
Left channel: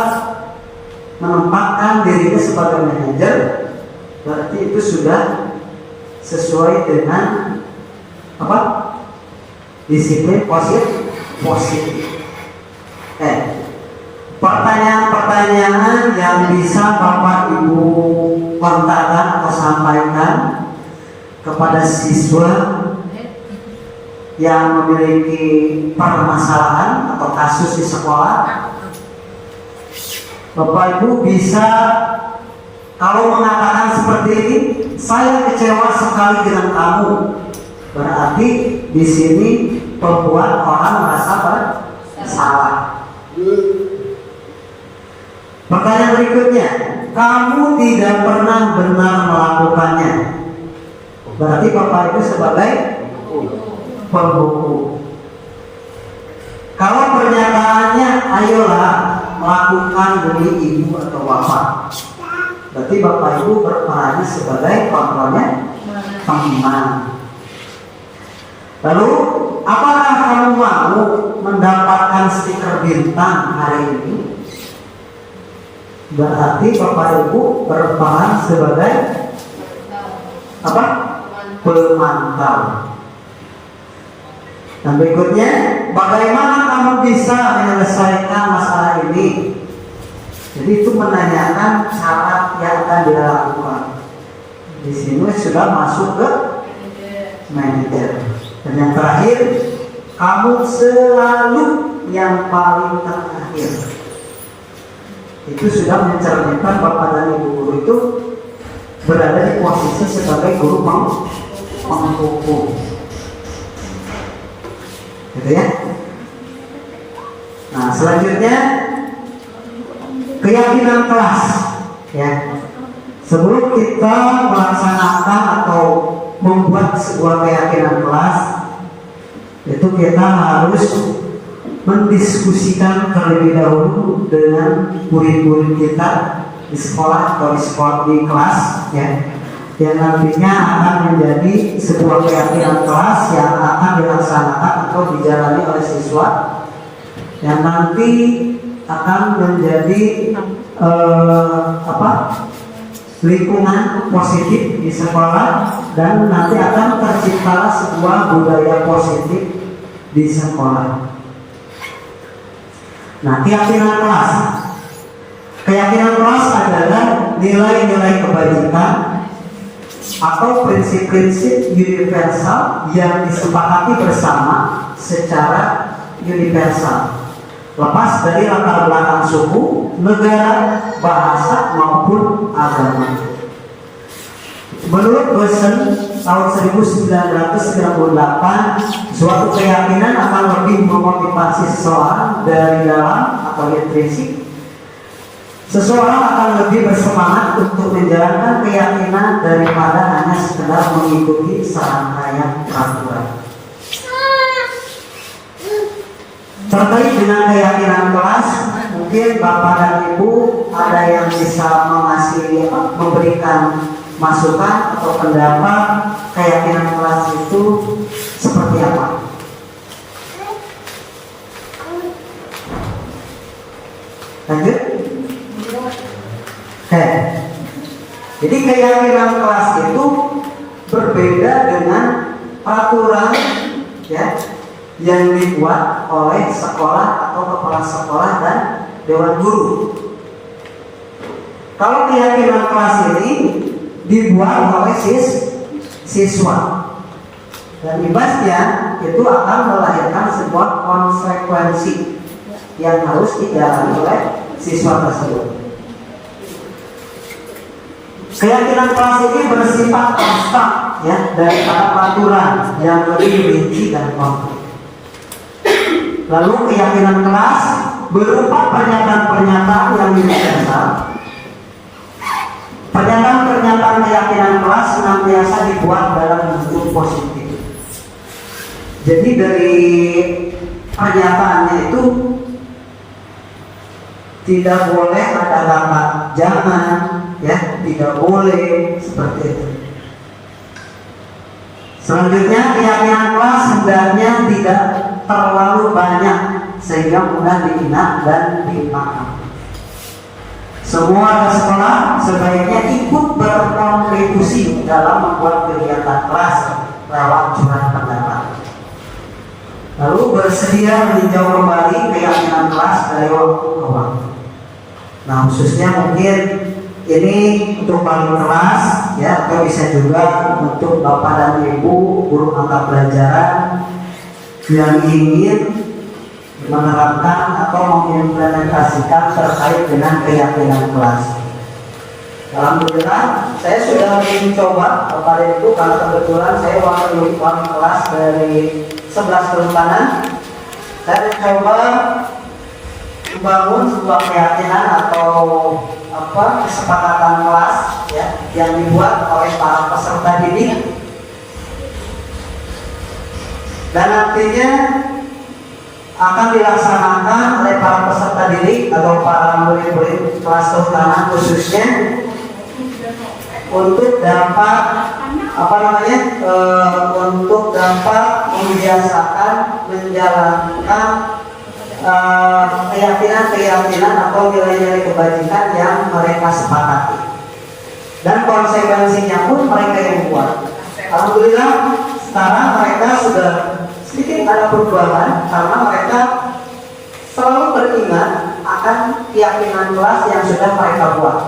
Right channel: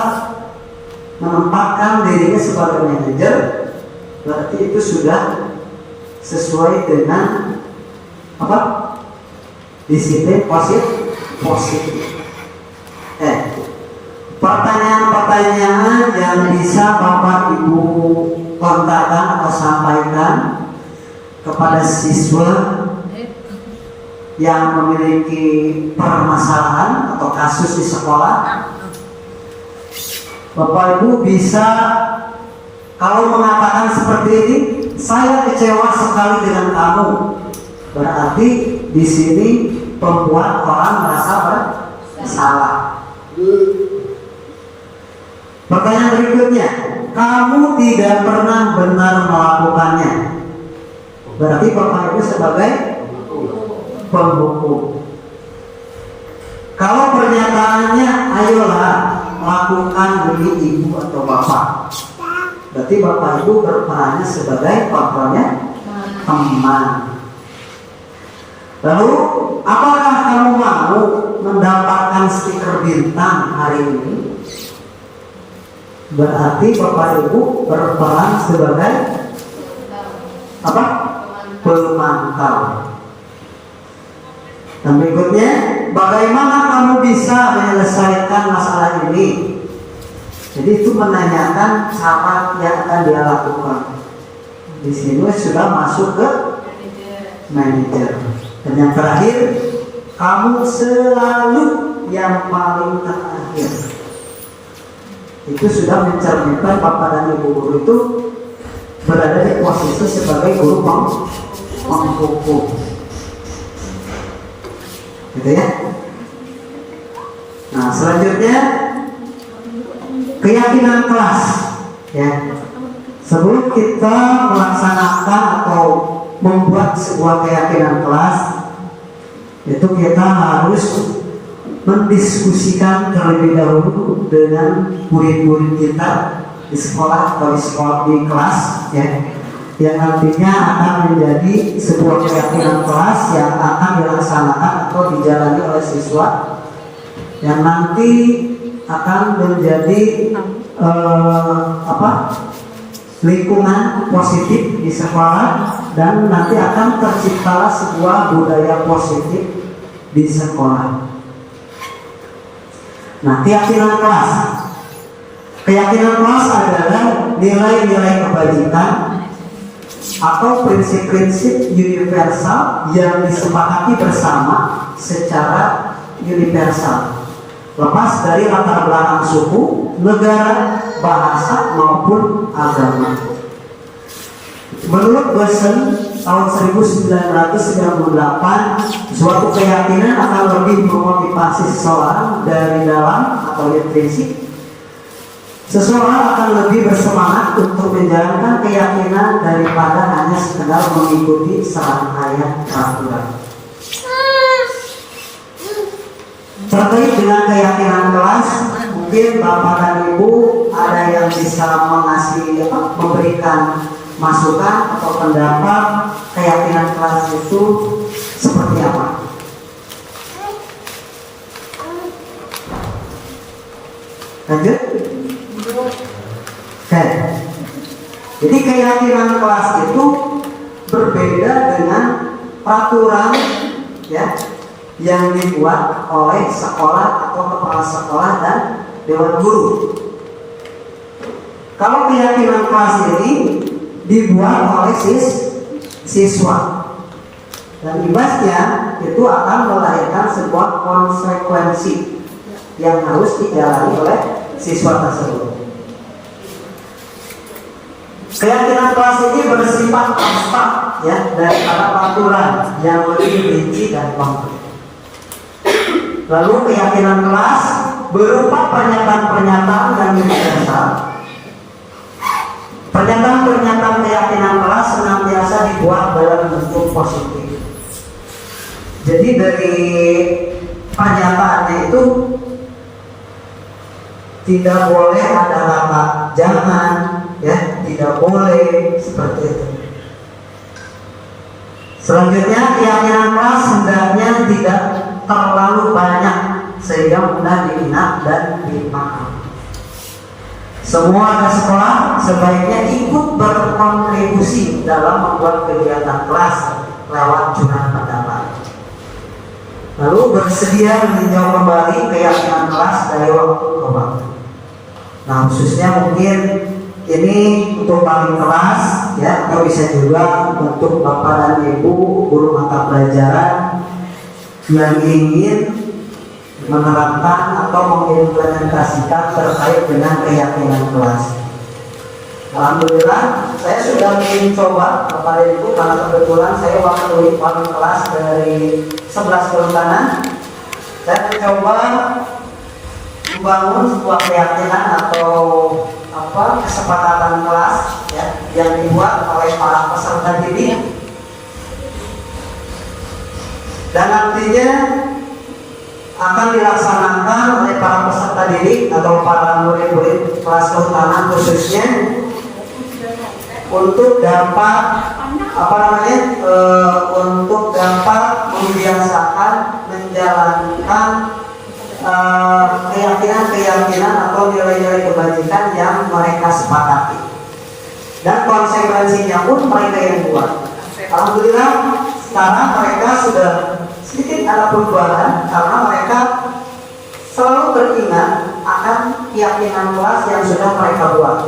menempatkan dirinya sebagai manajer, berarti itu sudah sesuai dengan apa? Disiplin positif. Pertanyaan-pertanyaan yang bisa Bapak Ibu kontakkan atau sampaikan kepada siswa yang memiliki permasalahan atau kasus di sekolah, Bapak Ibu bisa, kalau mengatakan seperti ini, saya kecewa sekali dengan kamu, berarti di sini membuat orang merasa bersalah. Pertanyaan berikutnya, kamu tidak pernah benar melakukannya, berarti Bapak Ibu sebagai penghukum. Kalau pernyataannya, ayolah melakukan demi ibu atau bapak, berarti Bapak Ibu berperannya sebagai kontrolnya teman. Lalu, apakah kamu mau mendapatkan stiker bintang hari ini? Berarti Bapak Ibu berperan sebagai apa? Pemantau. Dan berikutnya, bagaimana kamu bisa menyelesaikan masalah ini? Jadi itu menanyakan cara yang akan dilakukan. Di sini sudah masuk ke manajer. Dan yang terakhir, kamu selalu yang paling terakhir. Itu sudah mencerminkan Bapak dan Ibu guru itu berada di posisi sebagai guru penghukum. Gitu ya. Nah, selanjutnya keyakinan kelas ya. Sebelum kita melaksanakan atau membuat sebuah keyakinan kelas, itu kita harus mendiskusikan terlebih dahulu dengan murid-murid kita di sekolah atau di kelas ya, yang nantinya akan menjadi sebuah keyakinan kelas yang akan dilaksanakan atau dijalani oleh siswa, yang nanti akan menjadi lingkungan positif di sekolah, dan nanti akan tercipta sebuah budaya positif di sekolah. Nah, keyakinan kelas adalah nilai-nilai kebajikan atau prinsip-prinsip universal yang disepakati bersama secara universal, lepas dari latar belakang suku, negara, bahasa maupun agama. Menurut Bosen tahun 1998, suatu keyakinan akan lebih memotivasi seseorang dari dalam atau intrinsik. Seseorang akan lebih bersemangat untuk menjalankan keyakinan daripada hanya sekedar mengikuti serangkaian peraturan. Terkait dengan keyakinan kelas, mungkin Bapak dan Ibu ada yang bisa memberikan masukan atau pendapat keyakinan kelas itu seperti apa? Lanjut? Oke. Jadi keyakinan kelas itu berbeda dengan peraturan ya yang dibuat oleh sekolah atau kepala sekolah dan dewan guru. Kalau keyakinan kelas ini dibuat oleh siswa dan imbasnya itu akan melahirkan sebuah konsekuensi yang harus dijalani oleh siswa tersebut. Keyakinan kelas ini bersifat abstrak ya, dari kata peraturan yang lebih rinci dan konkret. Lalu keyakinan kelas berupa pernyataan-pernyataan yang universal. Pernyataan-pernyataan keyakinan kelas senantiasa dibuat dalam bentuk positif. Jadi dari pernyataannya itu tidak boleh ada kata jangan, ya, tidak boleh seperti itu. Selanjutnya keyakinan kelas hendaknya tidak terlalu banyak sehingga mudah diingat dan dipahami. Semua sekolah sebaiknya ikut berkontribusi dalam membuat kegiatan kelas lewat curhat pendapat. Lalu bersedia meninjau kembali keyakinan kelas dari waktu ke waktu. Nah, khususnya mungkin ini untuk wali kelas ya, atau bisa juga untuk Bapak dan Ibu guru mata pelajaran yang ingin menerapkan atau mengimplementasikan terkait dengan keyakinan kelas. Alhamdulillah, saya sudah mencoba Bapak dan Ibu, karena kebetulan saya wakil wali kelas dari 11 kelurahan. Saya mencoba membangun sebuah keyakinan atau kesepakatan kelas ya, yang dibuat oleh para peserta didik, dan nantinya akan dilaksanakan oleh para peserta didik atau para murid-murid kelas keutamaan khususnya untuk dapat untuk dapat membiasakan menjalankan keyakinan atau nilai-nilai kebajikan yang mereka sepakati, dan konsekuensinya pun mereka yang buat. Alhamdulillah sekarang mereka sudah sedikit ada perubahan karena mereka selalu teringat akan keyakinan kelas yang sudah mereka buat.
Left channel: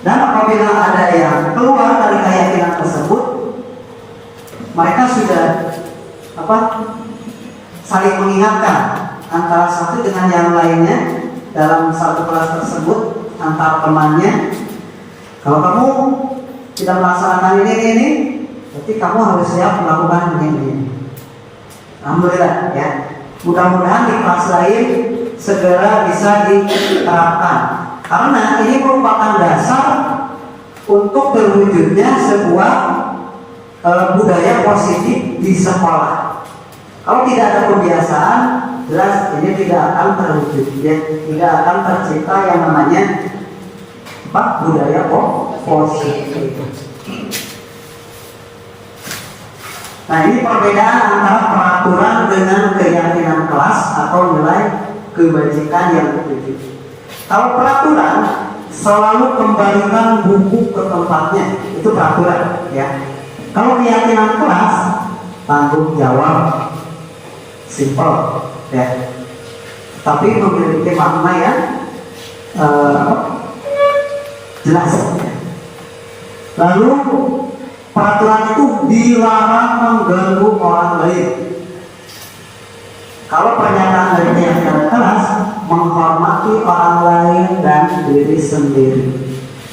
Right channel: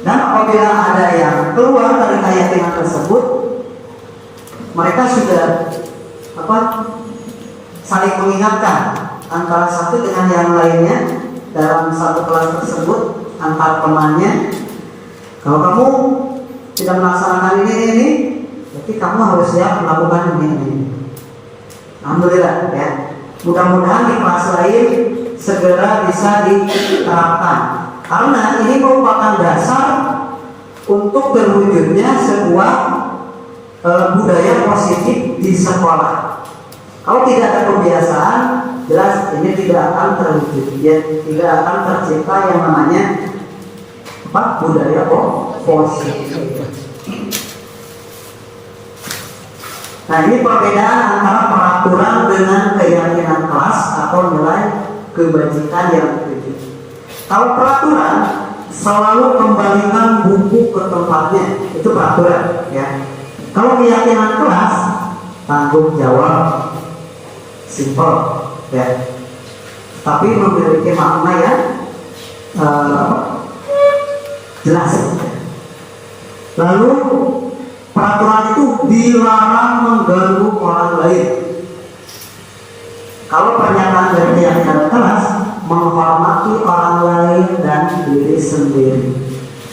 Dan apabila ada yang keluar dari keyakinan tersebut, mereka sudah saling mengingatkan antara satu dengan yang lainnya dalam satu kelas tersebut, antar temannya. Kalau kamu tidak melaksanakan ini, berarti kamu harus siap melakukan ini. Alhamdulillah ya. Mudah-mudahan di kelas lain segera bisa diterapkan, karena ini merupakan dasar untuk terwujudnya sebuah budaya positif di sekolah. Kalau tidak ada kebiasaan, jelas ini tidak akan terwujud, tidak akan tercipta yang namanya budaya positif. Nah, ini perbedaan antara peraturan dengan keyakinan kelas atau nilai kebajikan yang dituju. Kalau peraturan selalu kembalikan buku ke tempatnya, itu peraturan ya. Kalau keyakinan kelas tanggung jawab, simple ya, tapi memiliki makna yang jelas. Lalu peraturan itu dilarang mengganggu orang lain. Kalau pernyataan dari keyakinan kelas menghormati orang lain dan diri sendiri.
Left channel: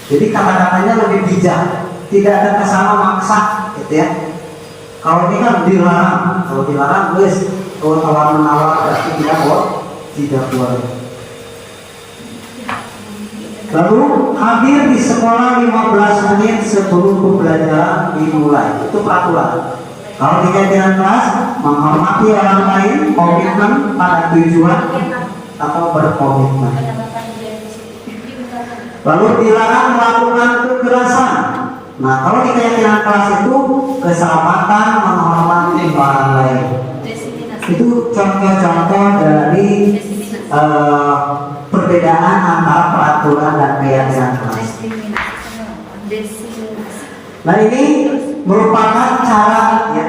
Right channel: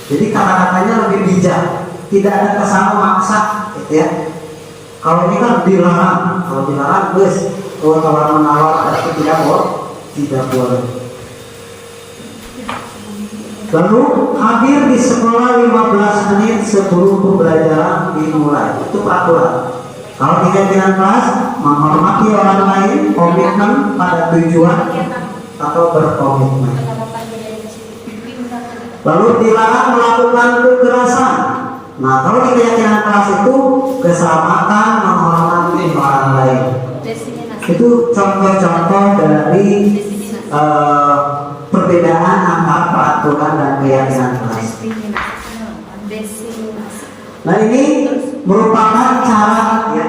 Jadi kata-katanya lebih bijak, tidak ada kesan memaksa, gitu ya. Kalau ini kan dilarang, kalau dilarang guys, kalau tawar menawar berarti tidak boleh. Lalu hadir di sekolah 15 menit sebelum pembelajaran dimulai, itu peraturan. Kalau di keyakinan kelas, menghormati orang lain, komitmen pada tujuan atau berkomitmen. Lalu dilarang melakukan kekerasan. Nah, kalau di keyakinan kelas itu keselamatan, menghormati orang lain. Itu contoh-contoh dari perbedaan antara peraturan dan keyakinan kelas. Nah, ini merupakan cara ya,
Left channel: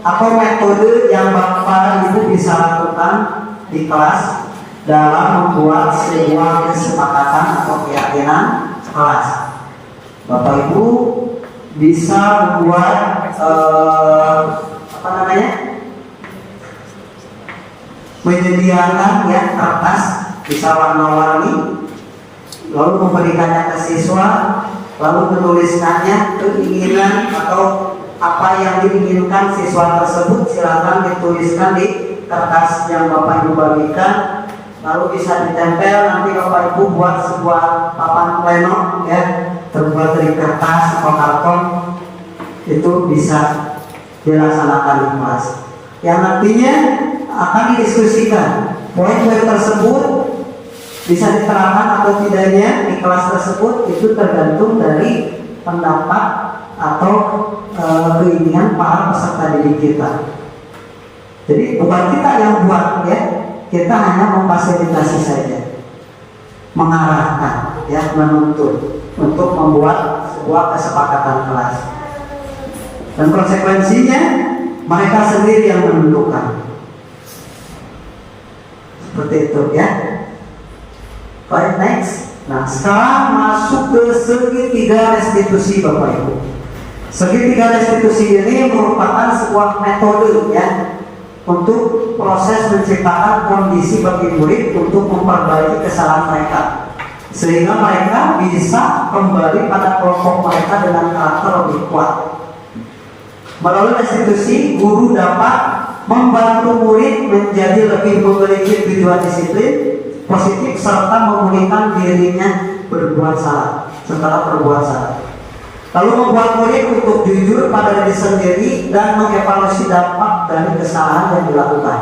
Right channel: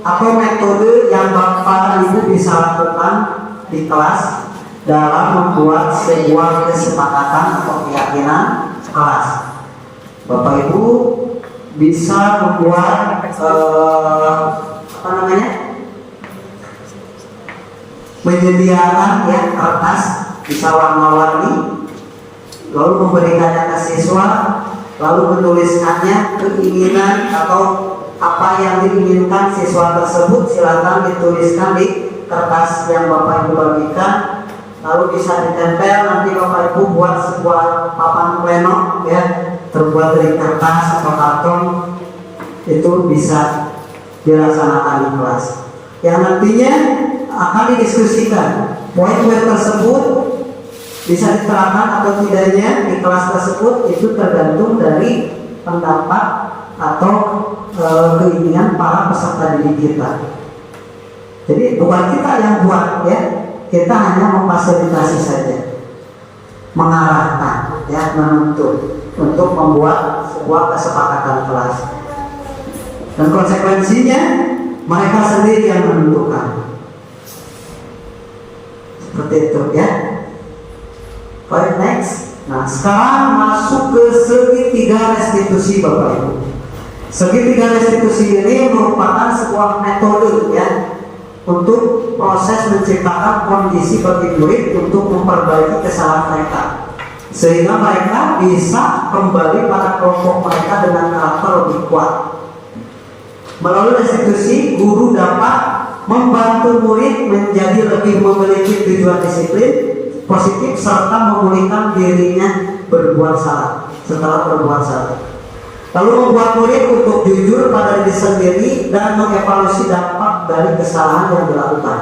atau metode yang Bapak Ibu bisa lakukan di kelas dalam membuat sebuah kesepakatan atau keyakinan kelas. Bapak Ibu bisa membuat menyediakan ya kertas bisa warna-warni, lalu memberikannya ke siswa, lalu menuliskannya keinginan atau apa yang diinginkan siswa tersebut, silakan dituliskan di kertas yang Bapak Ibu bagikan, lalu bisa ditempel. Nanti Bapak Ibu buat sebuah papan pleno ya, terbuat dari kertas atau karton, itu bisa dilaksanakan di kelas yang nantinya akan didiskusikan. Poin-poin tersebut bisa diterapkan atau tidaknya di kelas tersebut itu tergantung dari pendapat atau keinginan para peserta didik kita. Jadi bukan kita yang buat ya, kita hanya memfasilitasi saja, mengarahkan ya, menuntut untuk membuat sebuah kesepakatan kelas. Dan konsekuensinya mereka sendiri yang menentukan. Seperti itu ya. Baik, next. Nah, sekarang masuk ke segitiga restitusi Bapak Ibu. Segitiga restitusi ini merupakan sebuah metode ya untuk proses menciptakan kondisi bagi murid untuk memperbaiki kesalahan mereka, sehingga mereka bisa kembali pada kelompok mereka dengan karakter lebih kuat. Melalui restitusi, guru dapat membantu murid menjadi lebih memiliki tujuan disiplin positif serta memulihkan dirinya berbuat salah setelah berbuat salah. Lalu membuat murid untuk jujur pada diri sendiri dan mengevaluasi dampak dari kesalahan yang dilakukan.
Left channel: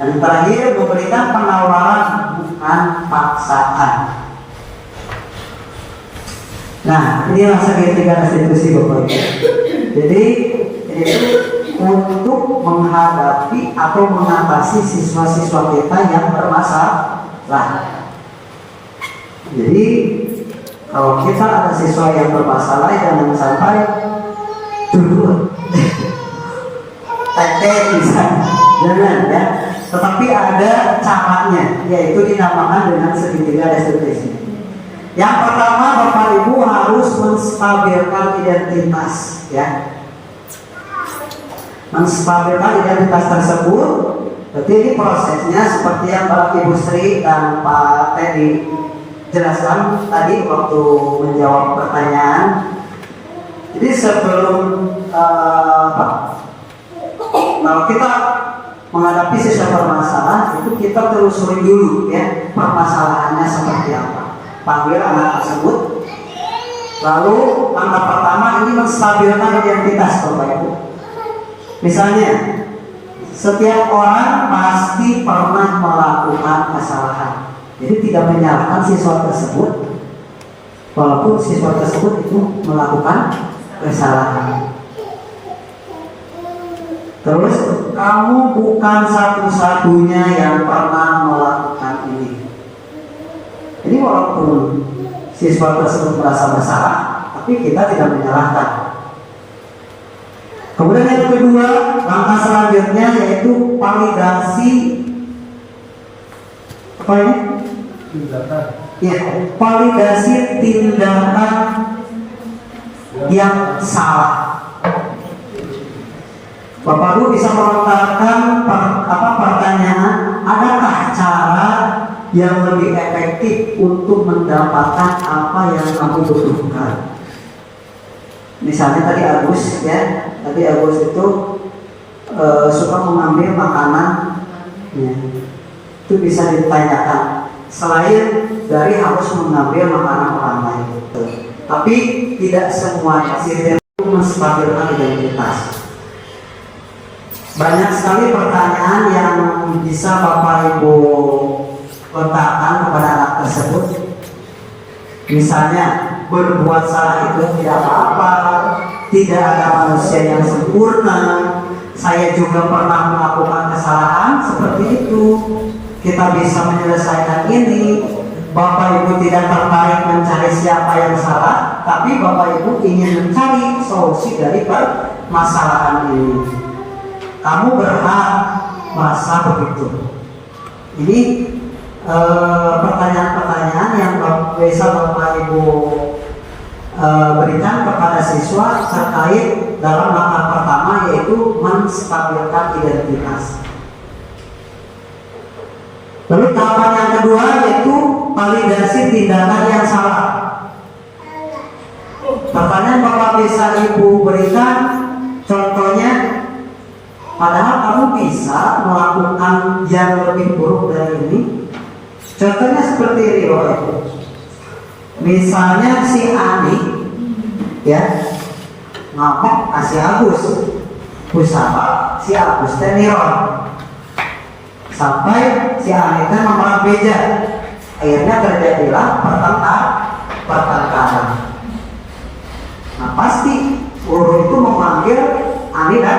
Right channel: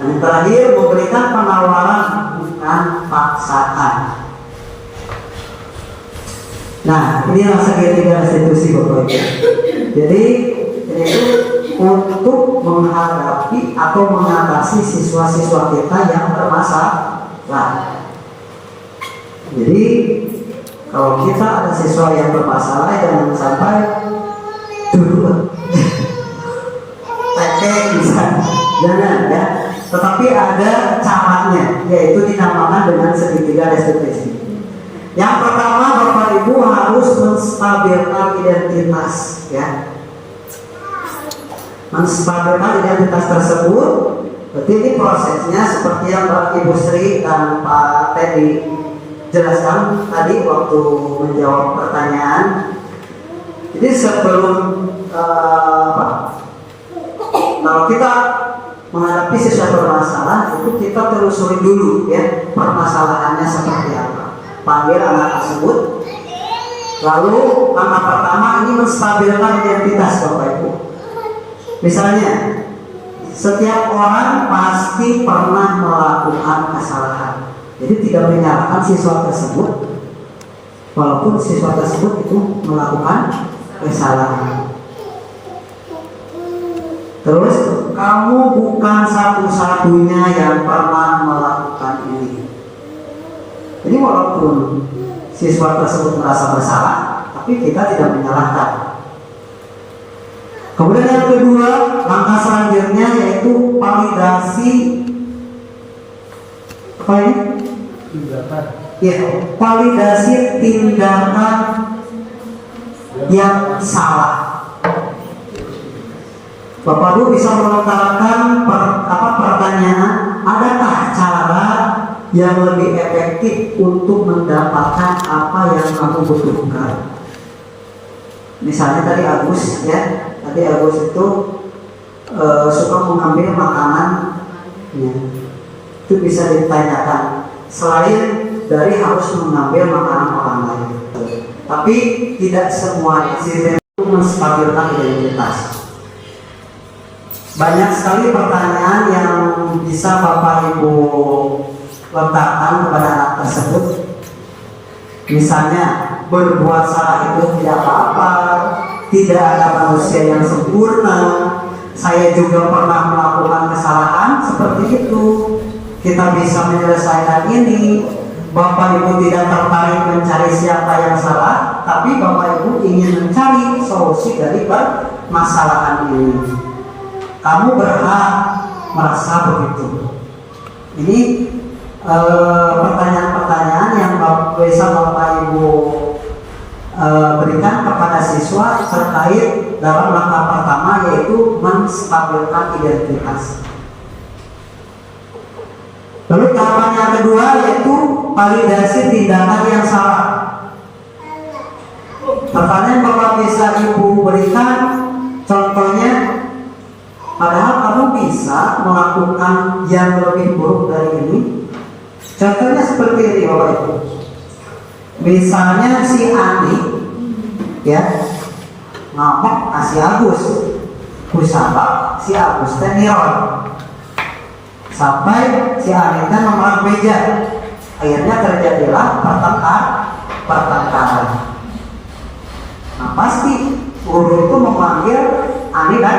Dan yang terakhir, memberikan penawaran bukan paksaan. Nah, inilah segitiga restitusi Bapak Ibu. Jadi itu untuk menghadapi atau mengatasi siswa-siswa kita yang bermasalah. Jadi kalau kita ada siswa yang bermasalah, jangan sampai dulu tete bisa, jangan ya. Tetapi ada caranya, yaitu dinamakan dengan segitiga restitusi. Yang pertama, Bapak Ibu harus menstabilkan identitas ya. Menstabilkan identitas tersebut. Berarti ini prosesnya seperti yang Bapak Ibu Sri dan Pak Teddy jelaskan tadi waktu menjawab pertanyaan. Jadi sebelum kalau kita menghadapi siswa bermasalah, itu kita telusuri dulu ya permasalahannya seperti apa. Panggil anak tersebut. Lalu langkah pertama ini menstabilkan identitas Bapak Ibu. Misalnya, setiap orang pasti pernah melakukan kesalahan. Jadi tidak menyalahkan siswa tersebut, walaupun siswa tersebut itu melakukan kesalahan. Terus, kamu bukan satu-satunya yang pernah melakukan ini. Jadi walaupun siswa tersebut merasa bersalah, tapi kita tidak menyalahkan. Kemudian yang kedua, langkah selanjutnya yaitu validasi apa ini? Tindakan. Ya, validasi tindakan yang salah. Bapak Ibu bisa melontarkan pertanyaan, adakah cara yang lebih efektif untuk mendapatkan apa yang kamu butuhkan? Misalnya tadi Agus ya, tadi Agus itu suka mengambil makanan ya. Itu bisa ditanyakan selain dari harus mengambil makanan orang lain. Tapi tidak semua sistem itu menstabilkan identitas. Banyak sekali pertanyaan yang bisa Bapak Ibu letakkan kepada anak tersebut. Misalnya, berbuat salah itu tidak apa-apa, tidak ada manusia yang sempurna, saya juga pernah melakukan kesalahan seperti itu, kita bisa menyelesaikan ini. Bapak Ibu tidak tertarik mencari siapa yang salah, tapi Bapak Ibu ingin mencari solusi dari permasalahan ini. Kamu berhak merasa begitu. Ini pertanyaan-pertanyaan yang bisa Bapak Ibu berikan kepada siswa terkait dalam langkah pertama, yaitu menstabilkan identitas. Lalu tahapan yang kedua yaitu validasi tindakan yang salah. Pertanyaan Bapak bisa Ibu berikan, contohnya, padahal kamu bisa melakukan yang lebih buruk dari ini. Contohnya seperti ini Bapak Ibu. Misalnya si Ani ya ngomong si Agus, usaha si Agus tenirol sampai si Ani memerang beja, akhirnya terjadilah pertengkaran. Nah pasti guru itu memanggil Ani dan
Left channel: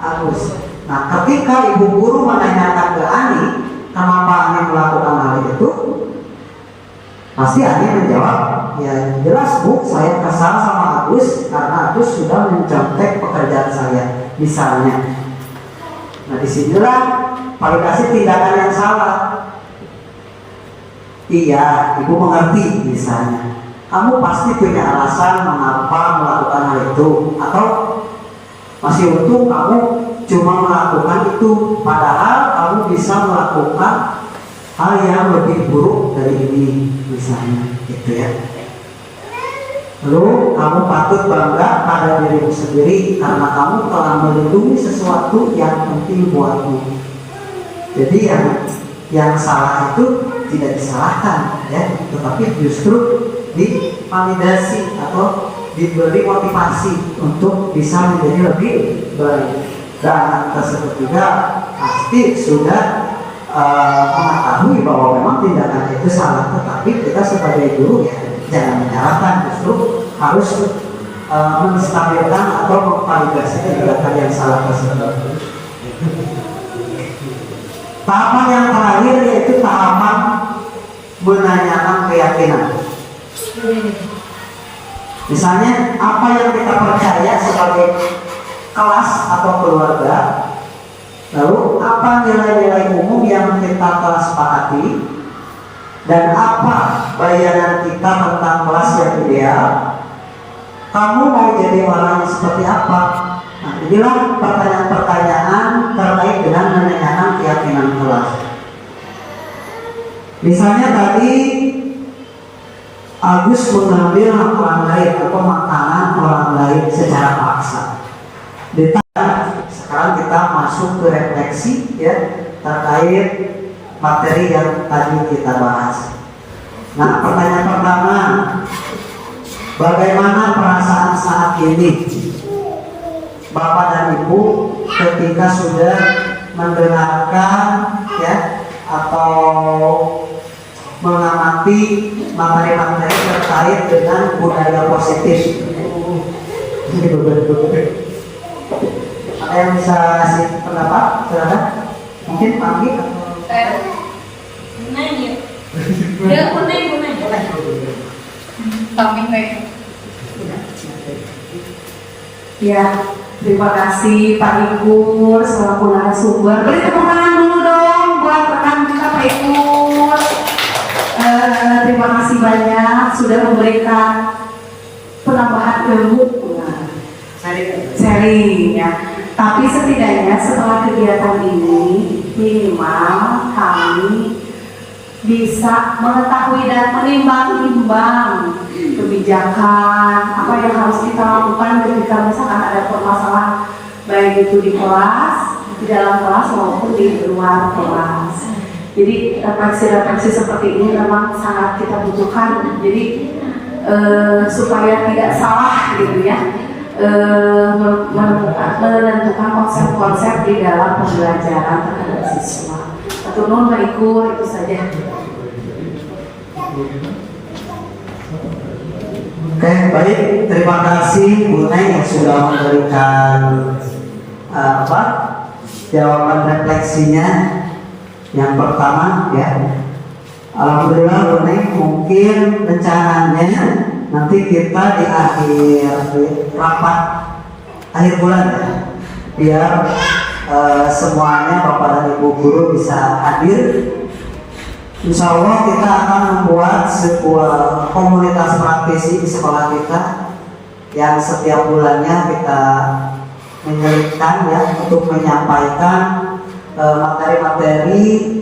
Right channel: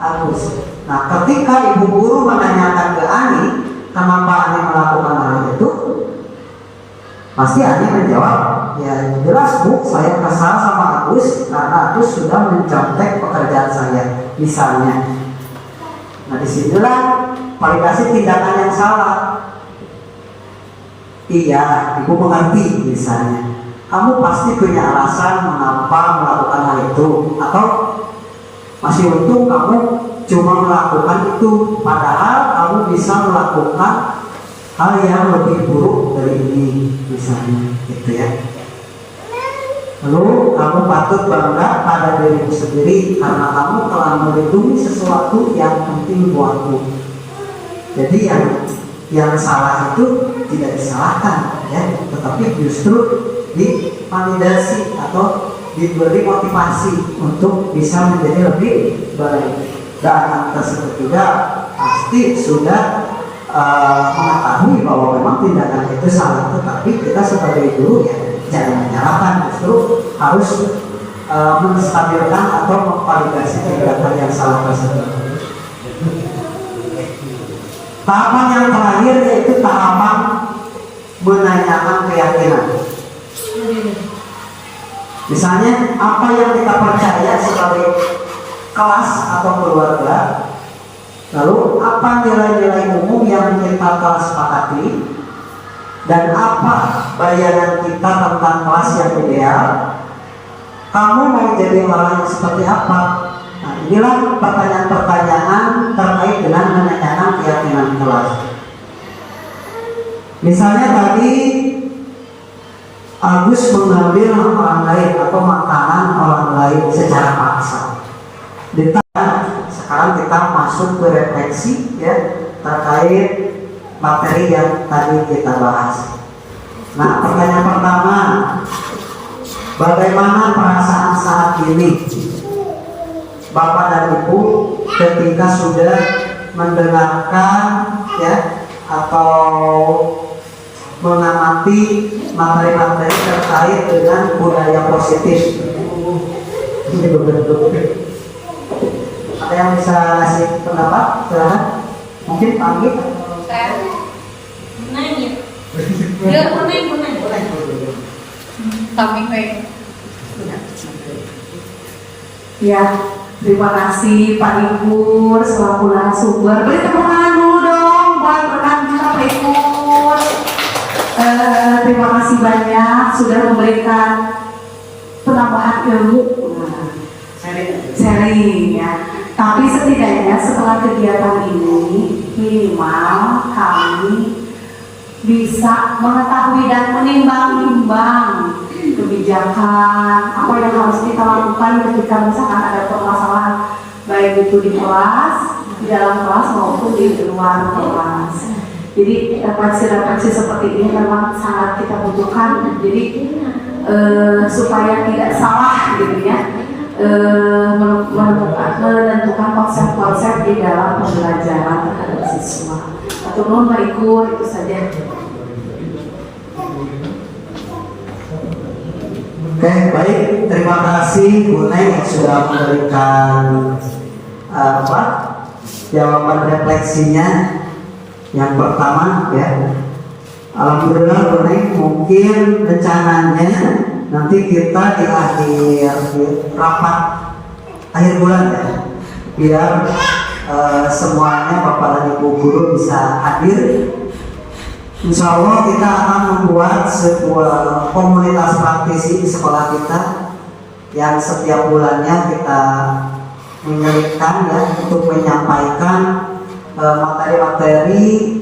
Agus. Nah ketika ibu guru menanyakan ke Ani kenapa Ani melakukan hal itu, pasti Ani menjawab, ya jelas Bu, saya kesal sama Agus karena Agus sudah mencontek pekerjaan saya, misalnya. Nah disinilah validasi tindakan yang salah. Iya, Ibu mengerti misalnya. Kamu pasti punya alasan mengapa melakukan hal itu, atau masih untung kamu cuma melakukan itu, padahal kamu bisa melakukan hal yang lebih buruk dari ini, misalnya, gitu ya. Lalu kamu patut bangga pada dirimu sendiri karena kamu telah melindungi sesuatu yang penting buatmu. Jadi yang salah itu tidak disalahkan, ya, tetapi justru divalidasi atau diberi motivasi untuk bisa menjadi lebih baik. Dan tersebut juga pasti sudah mengetahui bahwa memang tindakan itu salah, tetapi kita sebagai guru ya jangan menyalahkan, justru harus menstabilkan atau memvalidasi tindakan yang salah tersebut. Tahapan yang terakhir yaitu tahapan menanyakan keyakinan. Misalnya apa yang kita percaya sebagai kelas atau keluarga, lalu apa nilai-nilai umum yang kita telah sepakati, dan apa bayangan kita tentang kelas yang ideal. Kamu mau jadi orang yang seperti apa? Nah, inilah pertanyaan-pertanyaan terkait dengan menanyakan keyakinan kelas. Misalnya tadi Agus mengambil hak orang lain atau makanan orang lain secara paksa. Sekarang kita masuk ke refleksi ya terkait materi yang tadi kita bahas. Nah, pertanyaan pertama, bagaimana perasaan saat ini Bapak dan Ibu ketika sudah mendengarkan ya atau mengamati materi-materi terkait dengan budaya positif? Ada yang bisa kasih pendapat? Silakan. Mungkin Panggi. Ya, terima kasih Pak Ikur selaku narasumber. Beri tepuk tangan dulu dong buat rekan kita Pak Ikur. Terima kasih banyak sudah memberikan penambahan ilmu, sharing ya. Tapi setidaknya setelah kegiatan ini minimal kami bisa mengetahui dan menimbang-nimbang kebijakan apa yang harus kita lakukan ketika misalkan ada permasalahan baik itu di kelas, di dalam kelas maupun di luar kelas. Jadi refleksi-refleksi seperti ini memang sangat kita butuhkan. Jadi supaya tidak salah gitu ya. menentukan konsep-konsep di dalam pembelajaran terhadap siswa. Atau mau ikut itu saja. Oke, baik. Terima kasih Bu Neng yang sudah memberikan jawaban refleksinya. Yang pertama ya, alhamdulillah Bu Neng, mungkin rencananya nanti kita di akhir rapat akhir bulan ya, biar semuanya Bapak dan Ibu guru bisa hadir. Insya Allah kita akan membuat sebuah komunitas praktisi di sekolah kita yang setiap bulannya kita menyelipkan ya, untuk menyampaikan materi-materi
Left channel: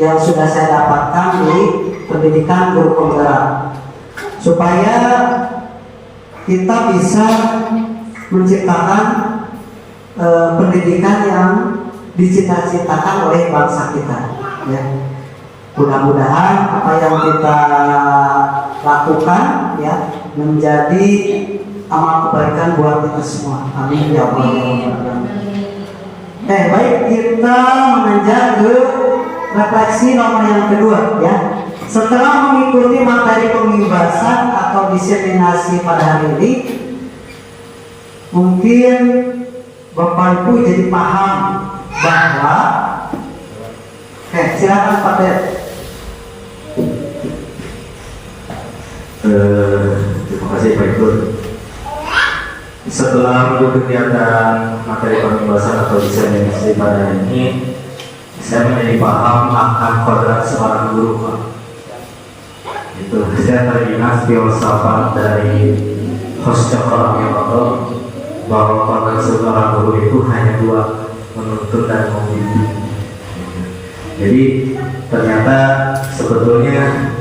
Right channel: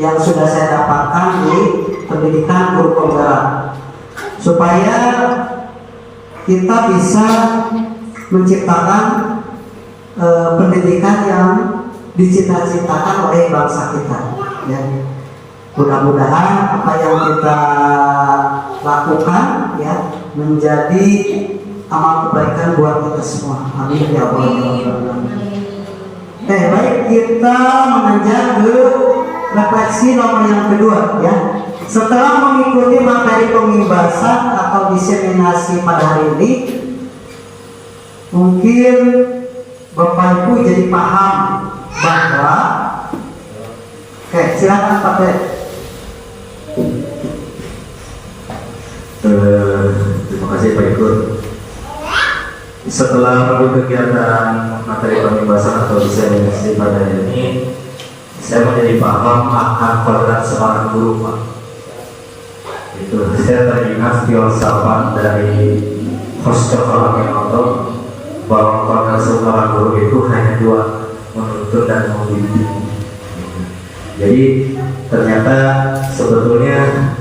yang sudah saya dapatkan di pendidikan guru penggerak, supaya kita bisa menciptakan pendidikan yang dicita-citakan oleh bangsa kita ya. Mudah-mudahan apa yang kita lakukan ya menjadi amal kebaikan buat kita semua. Amin ya Allah. Baik, kita menanjak ke refleksi nomor yang kedua ya. Setelah mengikuti materi pembebasan atau diseminasi pada hari ini, mungkin Bapak Ibu jadi paham bahwa silakan Pak Teh. Terima kasih Pak Ibu. Setelah mengikuti kegiatan materi pembebasan atau diseminasi pada hari ini, saya menjadi paham akan kodrat seorang guru Pak. Itu saya teringat filsafat dari Hoscokol bahwa kodrat seorang guru itu hanya dua, menuntut dan membimbing. Jadi ternyata sebetulnya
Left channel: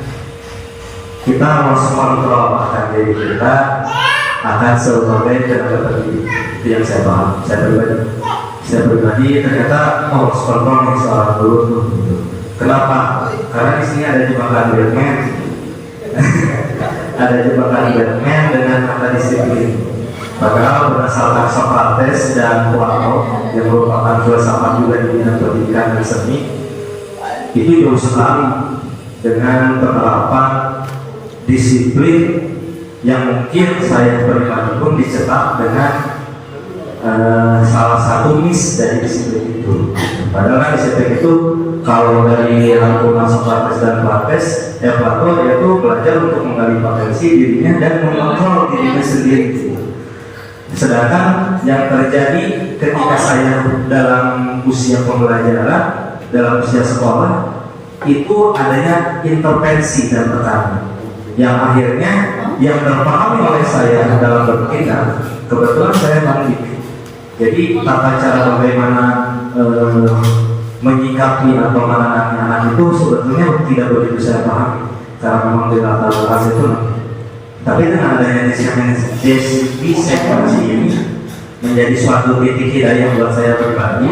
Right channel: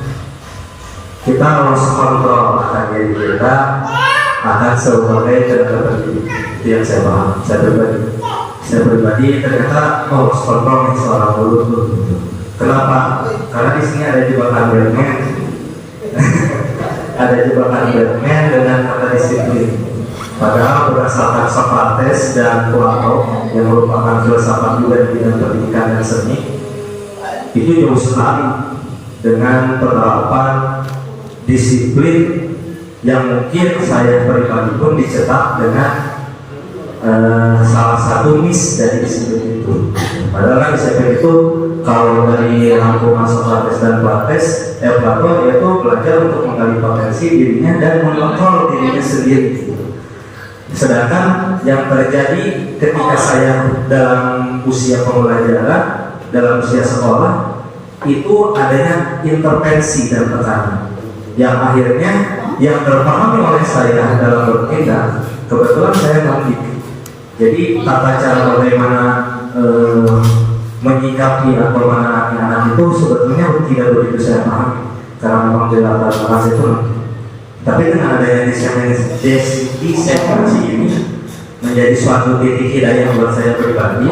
kita harus kontrol akan diri kita akan sebagai tenaga pendidik. Itu yang saya paham. Saya pribadi ternyata harus kontrol nih seorang guru tuh. Kenapa? Karena di sini ada jebakan Batman. Ada jebakan Batman dengan kata disiplin. Padahal berdasarkan Socrates dan Plato yang merupakan filsafat juga di bidang pendidikan dan seni, itu jauh sekali dengan penerapan disiplin yang mungkin saya pribadi pun dicetak dengan salah satu miss dari disiplin itu. Padahal disiplin itu kalau dari rangkuman Socrates dan Plato yaitu belajar untuk menggali potensi dirinya dan mengontrol dirinya sendiri. Sedangkan yang terjadi ketika saya dalam usia pembelajaran, dalam usia sekolah, itu adanya intervensi dan tekanan yang akhirnya yang terpahami oleh saya dalam berpindah. Kebetulan saya pandit, jadi tata cara bagaimana menyikapi atau menangani anak itu sebetulnya tidak begitu saya pahami karena memang di latar belakang itu. Tapi dengan adanya diseminasi ini menjadi suatu titik hidayah yang buat saya pribadi.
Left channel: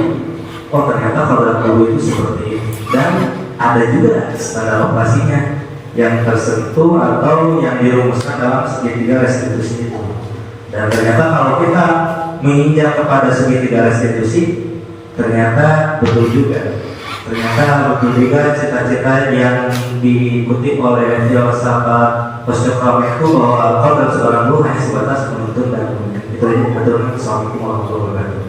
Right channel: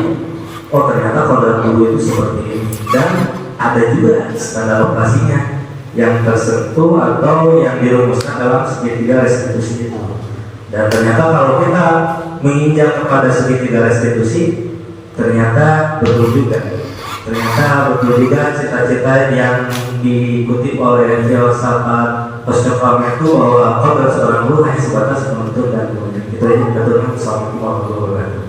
Oh ternyata kodrat guru itu seperti ini, dan ada juga standar operasinya yang tersentuh atau yang dirumuskan dalam segitiga restitusi itu. Dan ternyata kalau kita menginjak kepada segitiga restitusi, ternyata betul juga. Ternyata betul juga cita-cita yang diikuti oleh filsafat Hoscokol itu bahwa kodrat seorang guru hanya sebatas menuntut dan membimbing. Itu aja. Betul. Assalamualaikum warahmatullahi wabarakatuh.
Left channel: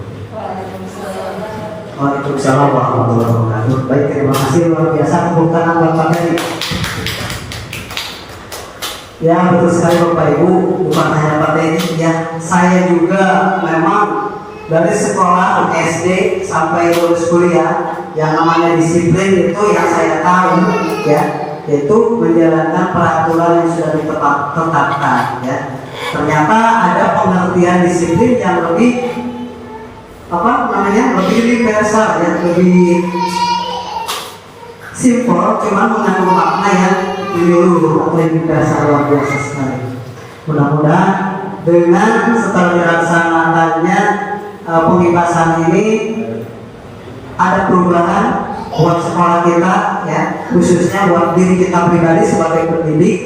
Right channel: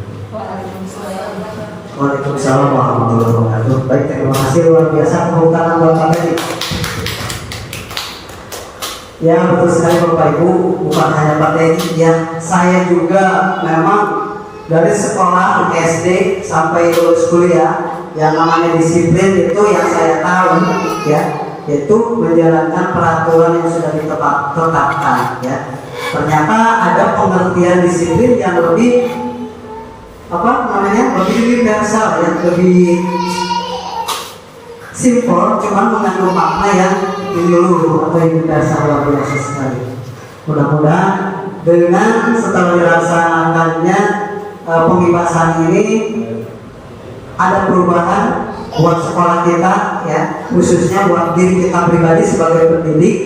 Waalaikumsalam warahmatullahi wabarakatuh. Baik, terima kasih luar biasa kehutanan Bapak tadi. Ya betul sekali Bapak Ibu, bukan hanya Pak Teddy ya, saya juga memang dari sekolah SD sampai lulus kuliah yang namanya disiplin itu yang saya tahu ya, yaitu menjalankan peraturan yang sudah ditetapkan ya. Ternyata ada pengertian disiplin yang lebih lebih universal ya, lebih simpel, cuman mengandung makna yang menyeluruh atau universal luar biasa sekali. Mudah-mudahan dengan setelah dilaksanakannya pembebasan ini ada perubahan buat sekolah kita ya, khususnya buat diri kita pribadi sebagai pendidik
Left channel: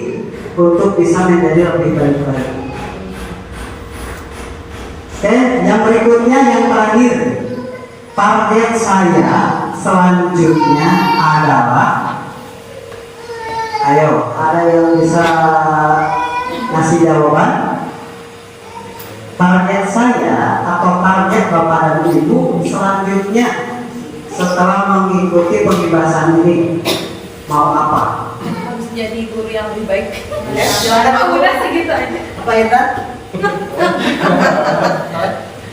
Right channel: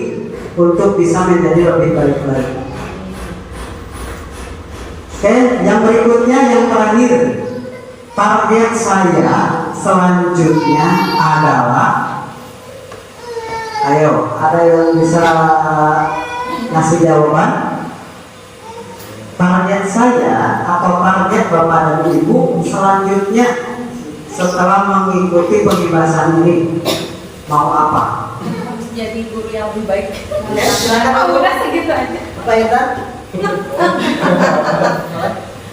untuk bisa menjadi lebih baik lagi. Oke, yang berikutnya yang terakhir. Target saya selanjutnya adalah, ayo, ada yang bisa ngasih jawaban? Target saya atau target Bapak dan Ibu selanjutnya setelah mengikuti pembebasan ini mau apa? Harus jadi guru yang lebih baik. Ya, silakan. Udah segitu aja. Pak Edan?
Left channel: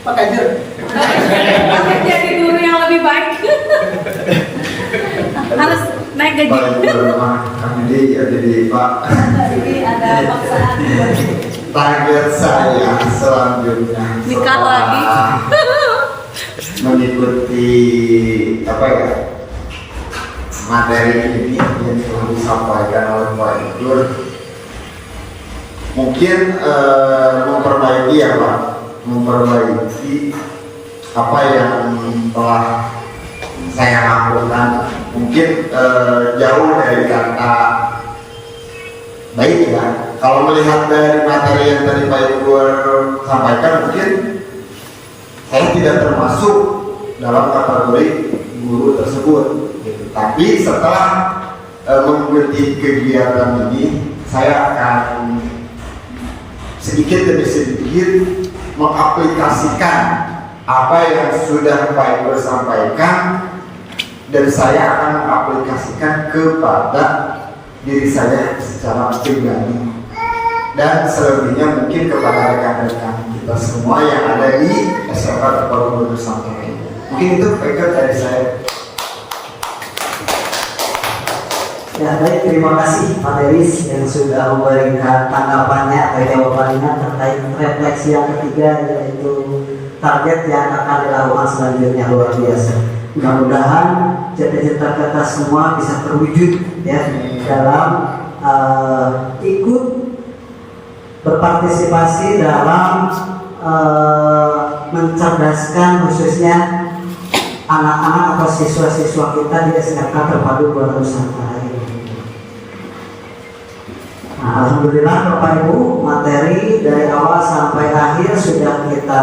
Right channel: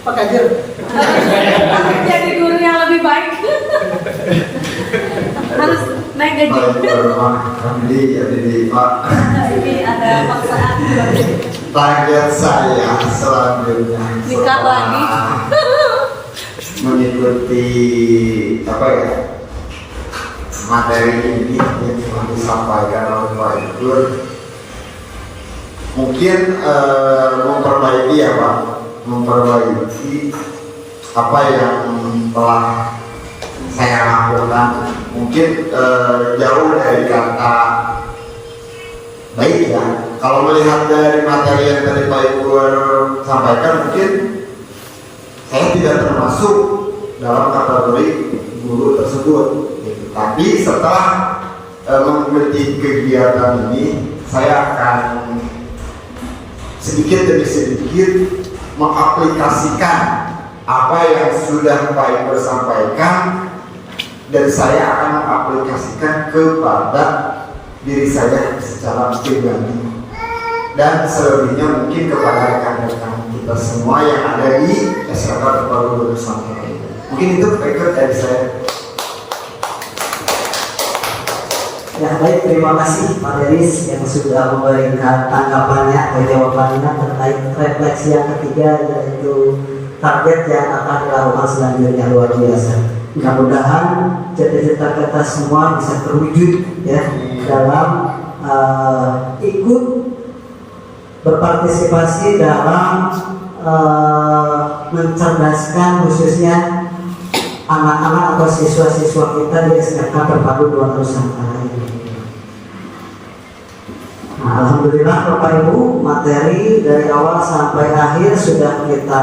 Pak Kajur? Harus jadi guru yang lebih baik. Harus naik gaji. Jadi Pak. Jadi ada paksaan. Target saya selanjutnya Nikah lagi. mengikuti apa ya, materi ini yang telah disampaikan oleh Pak Iqbal, mungkin memperbaiki ya Pak, memperbaiki apa yang telah saya lakukan. Mungkin jauh dari kata baik ya. Kalau melihat dari materi yang tadi Pak Iqbal sampaikan, mungkin saya tidak termasuk dalam kategori guru tersebut. Gitu. Tapi setelah mengikuti kegiatan ini, saya akan sedikit demi sedikit mengaplikasikan apa yang sudah Pak Iqbal sampaikan, dan saya akan mengaplikasikan kepada diri saya secara pribadi, dan selebihnya mungkin kepada rekan-rekan kita semua yang ada di SMK Terpadu Nusantara. Mungkin itu dari saya. Ya baik, terima kasih Pak Deris yang sudah memberikan tanggapannya atau jawabannya terkait refleksi yang ketiga, yaitu target yang akan dilakukan selanjutnya. Luar biasa. Mudah-mudahan cita-cita kita semua bisa terwujud ya dalam ikut berpartisipasi dalam mencerdaskan khususnya anak-anak atau siswa-siswa kita di SMK Terpadu Buana Nusantara ini. Nah, alhamdulillah Bapak Ibu, materi dari awal sampai akhir sudah kita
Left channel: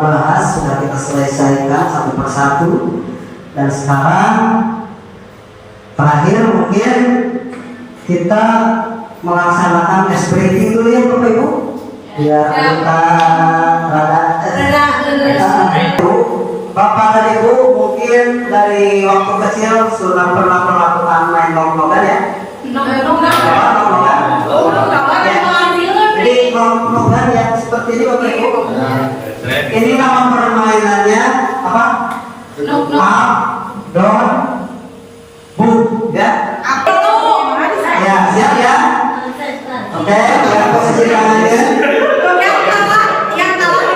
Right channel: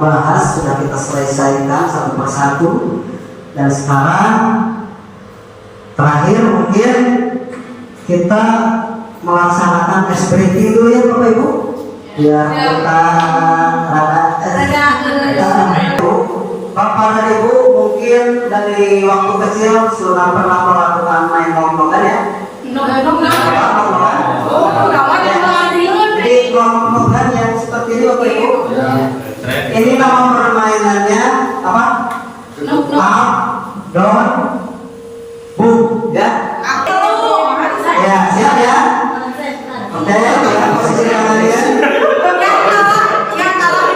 bahas, sudah kita selesaikan satu persatu, dan sekarang terakhir mungkin kita melaksanakan SPT dulu ya Bapak Ibu. Ya kita Bapak dan Ibu mungkin dari waktu kecil sudah pernah melakukan main nongkrongan ya? Jadi nongkrongan yang seperti ini Bapak Ibu. Ini nama permainannya apa? Up, down, boom, ya? Ya, siap ya? Oke, ya, posisi tangannya.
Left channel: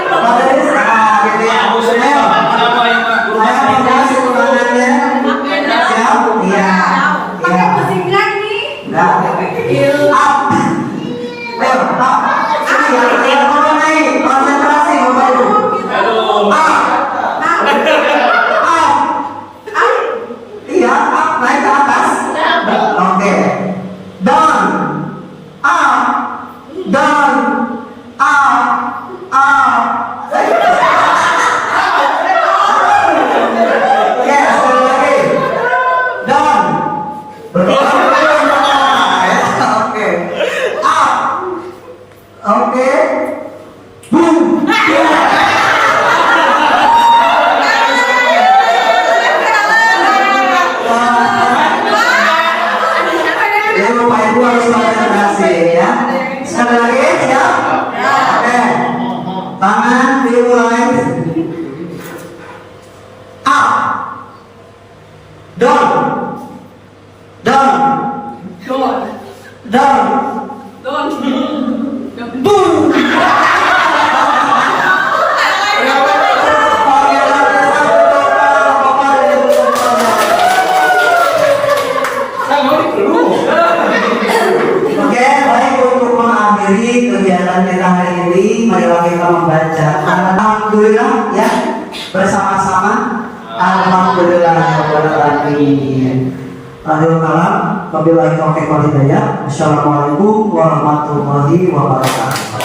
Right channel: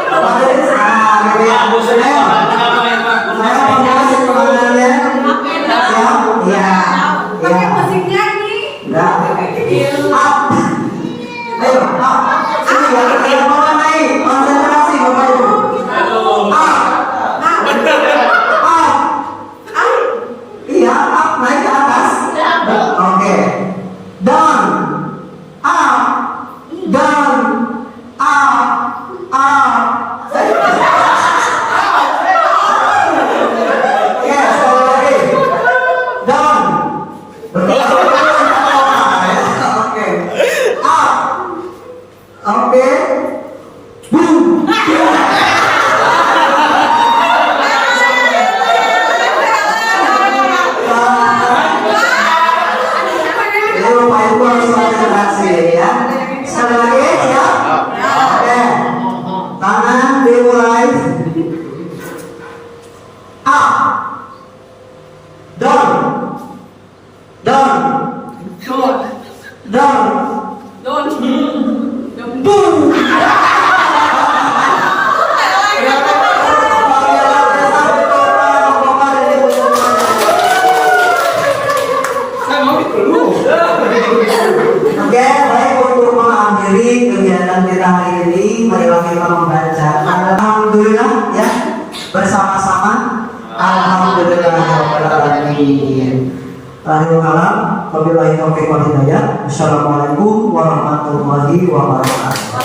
Bapak Deris, nah gitu ya. Pakai musiknya nih. Enggak. Up. Ayo, up. Sini ya, mana naik? Konsentrasi Bapak Ibu. Up. Iya, up naik ke atas. Oke. Down. Up. Down. Up. Up. Yes, sekali lagi. Down. Oke. Up. Oke. Boom. Ini Bapak Ibu harus konsentrasi ya. Sekali lagi siap? Oke. Tangan dimulai. Up. Down. Down. Down. Boom. Oke, baik, untuk mengakhiri kegiatan kita hari ini, marilah kita membaca alhamdulillah ya bersama-sama. Alhamdulillahirobbilalamin. Akhirul kalam, wabillahi taufiq wal hidayah. Assalamualaikum warahmatullahi wabarakatuh.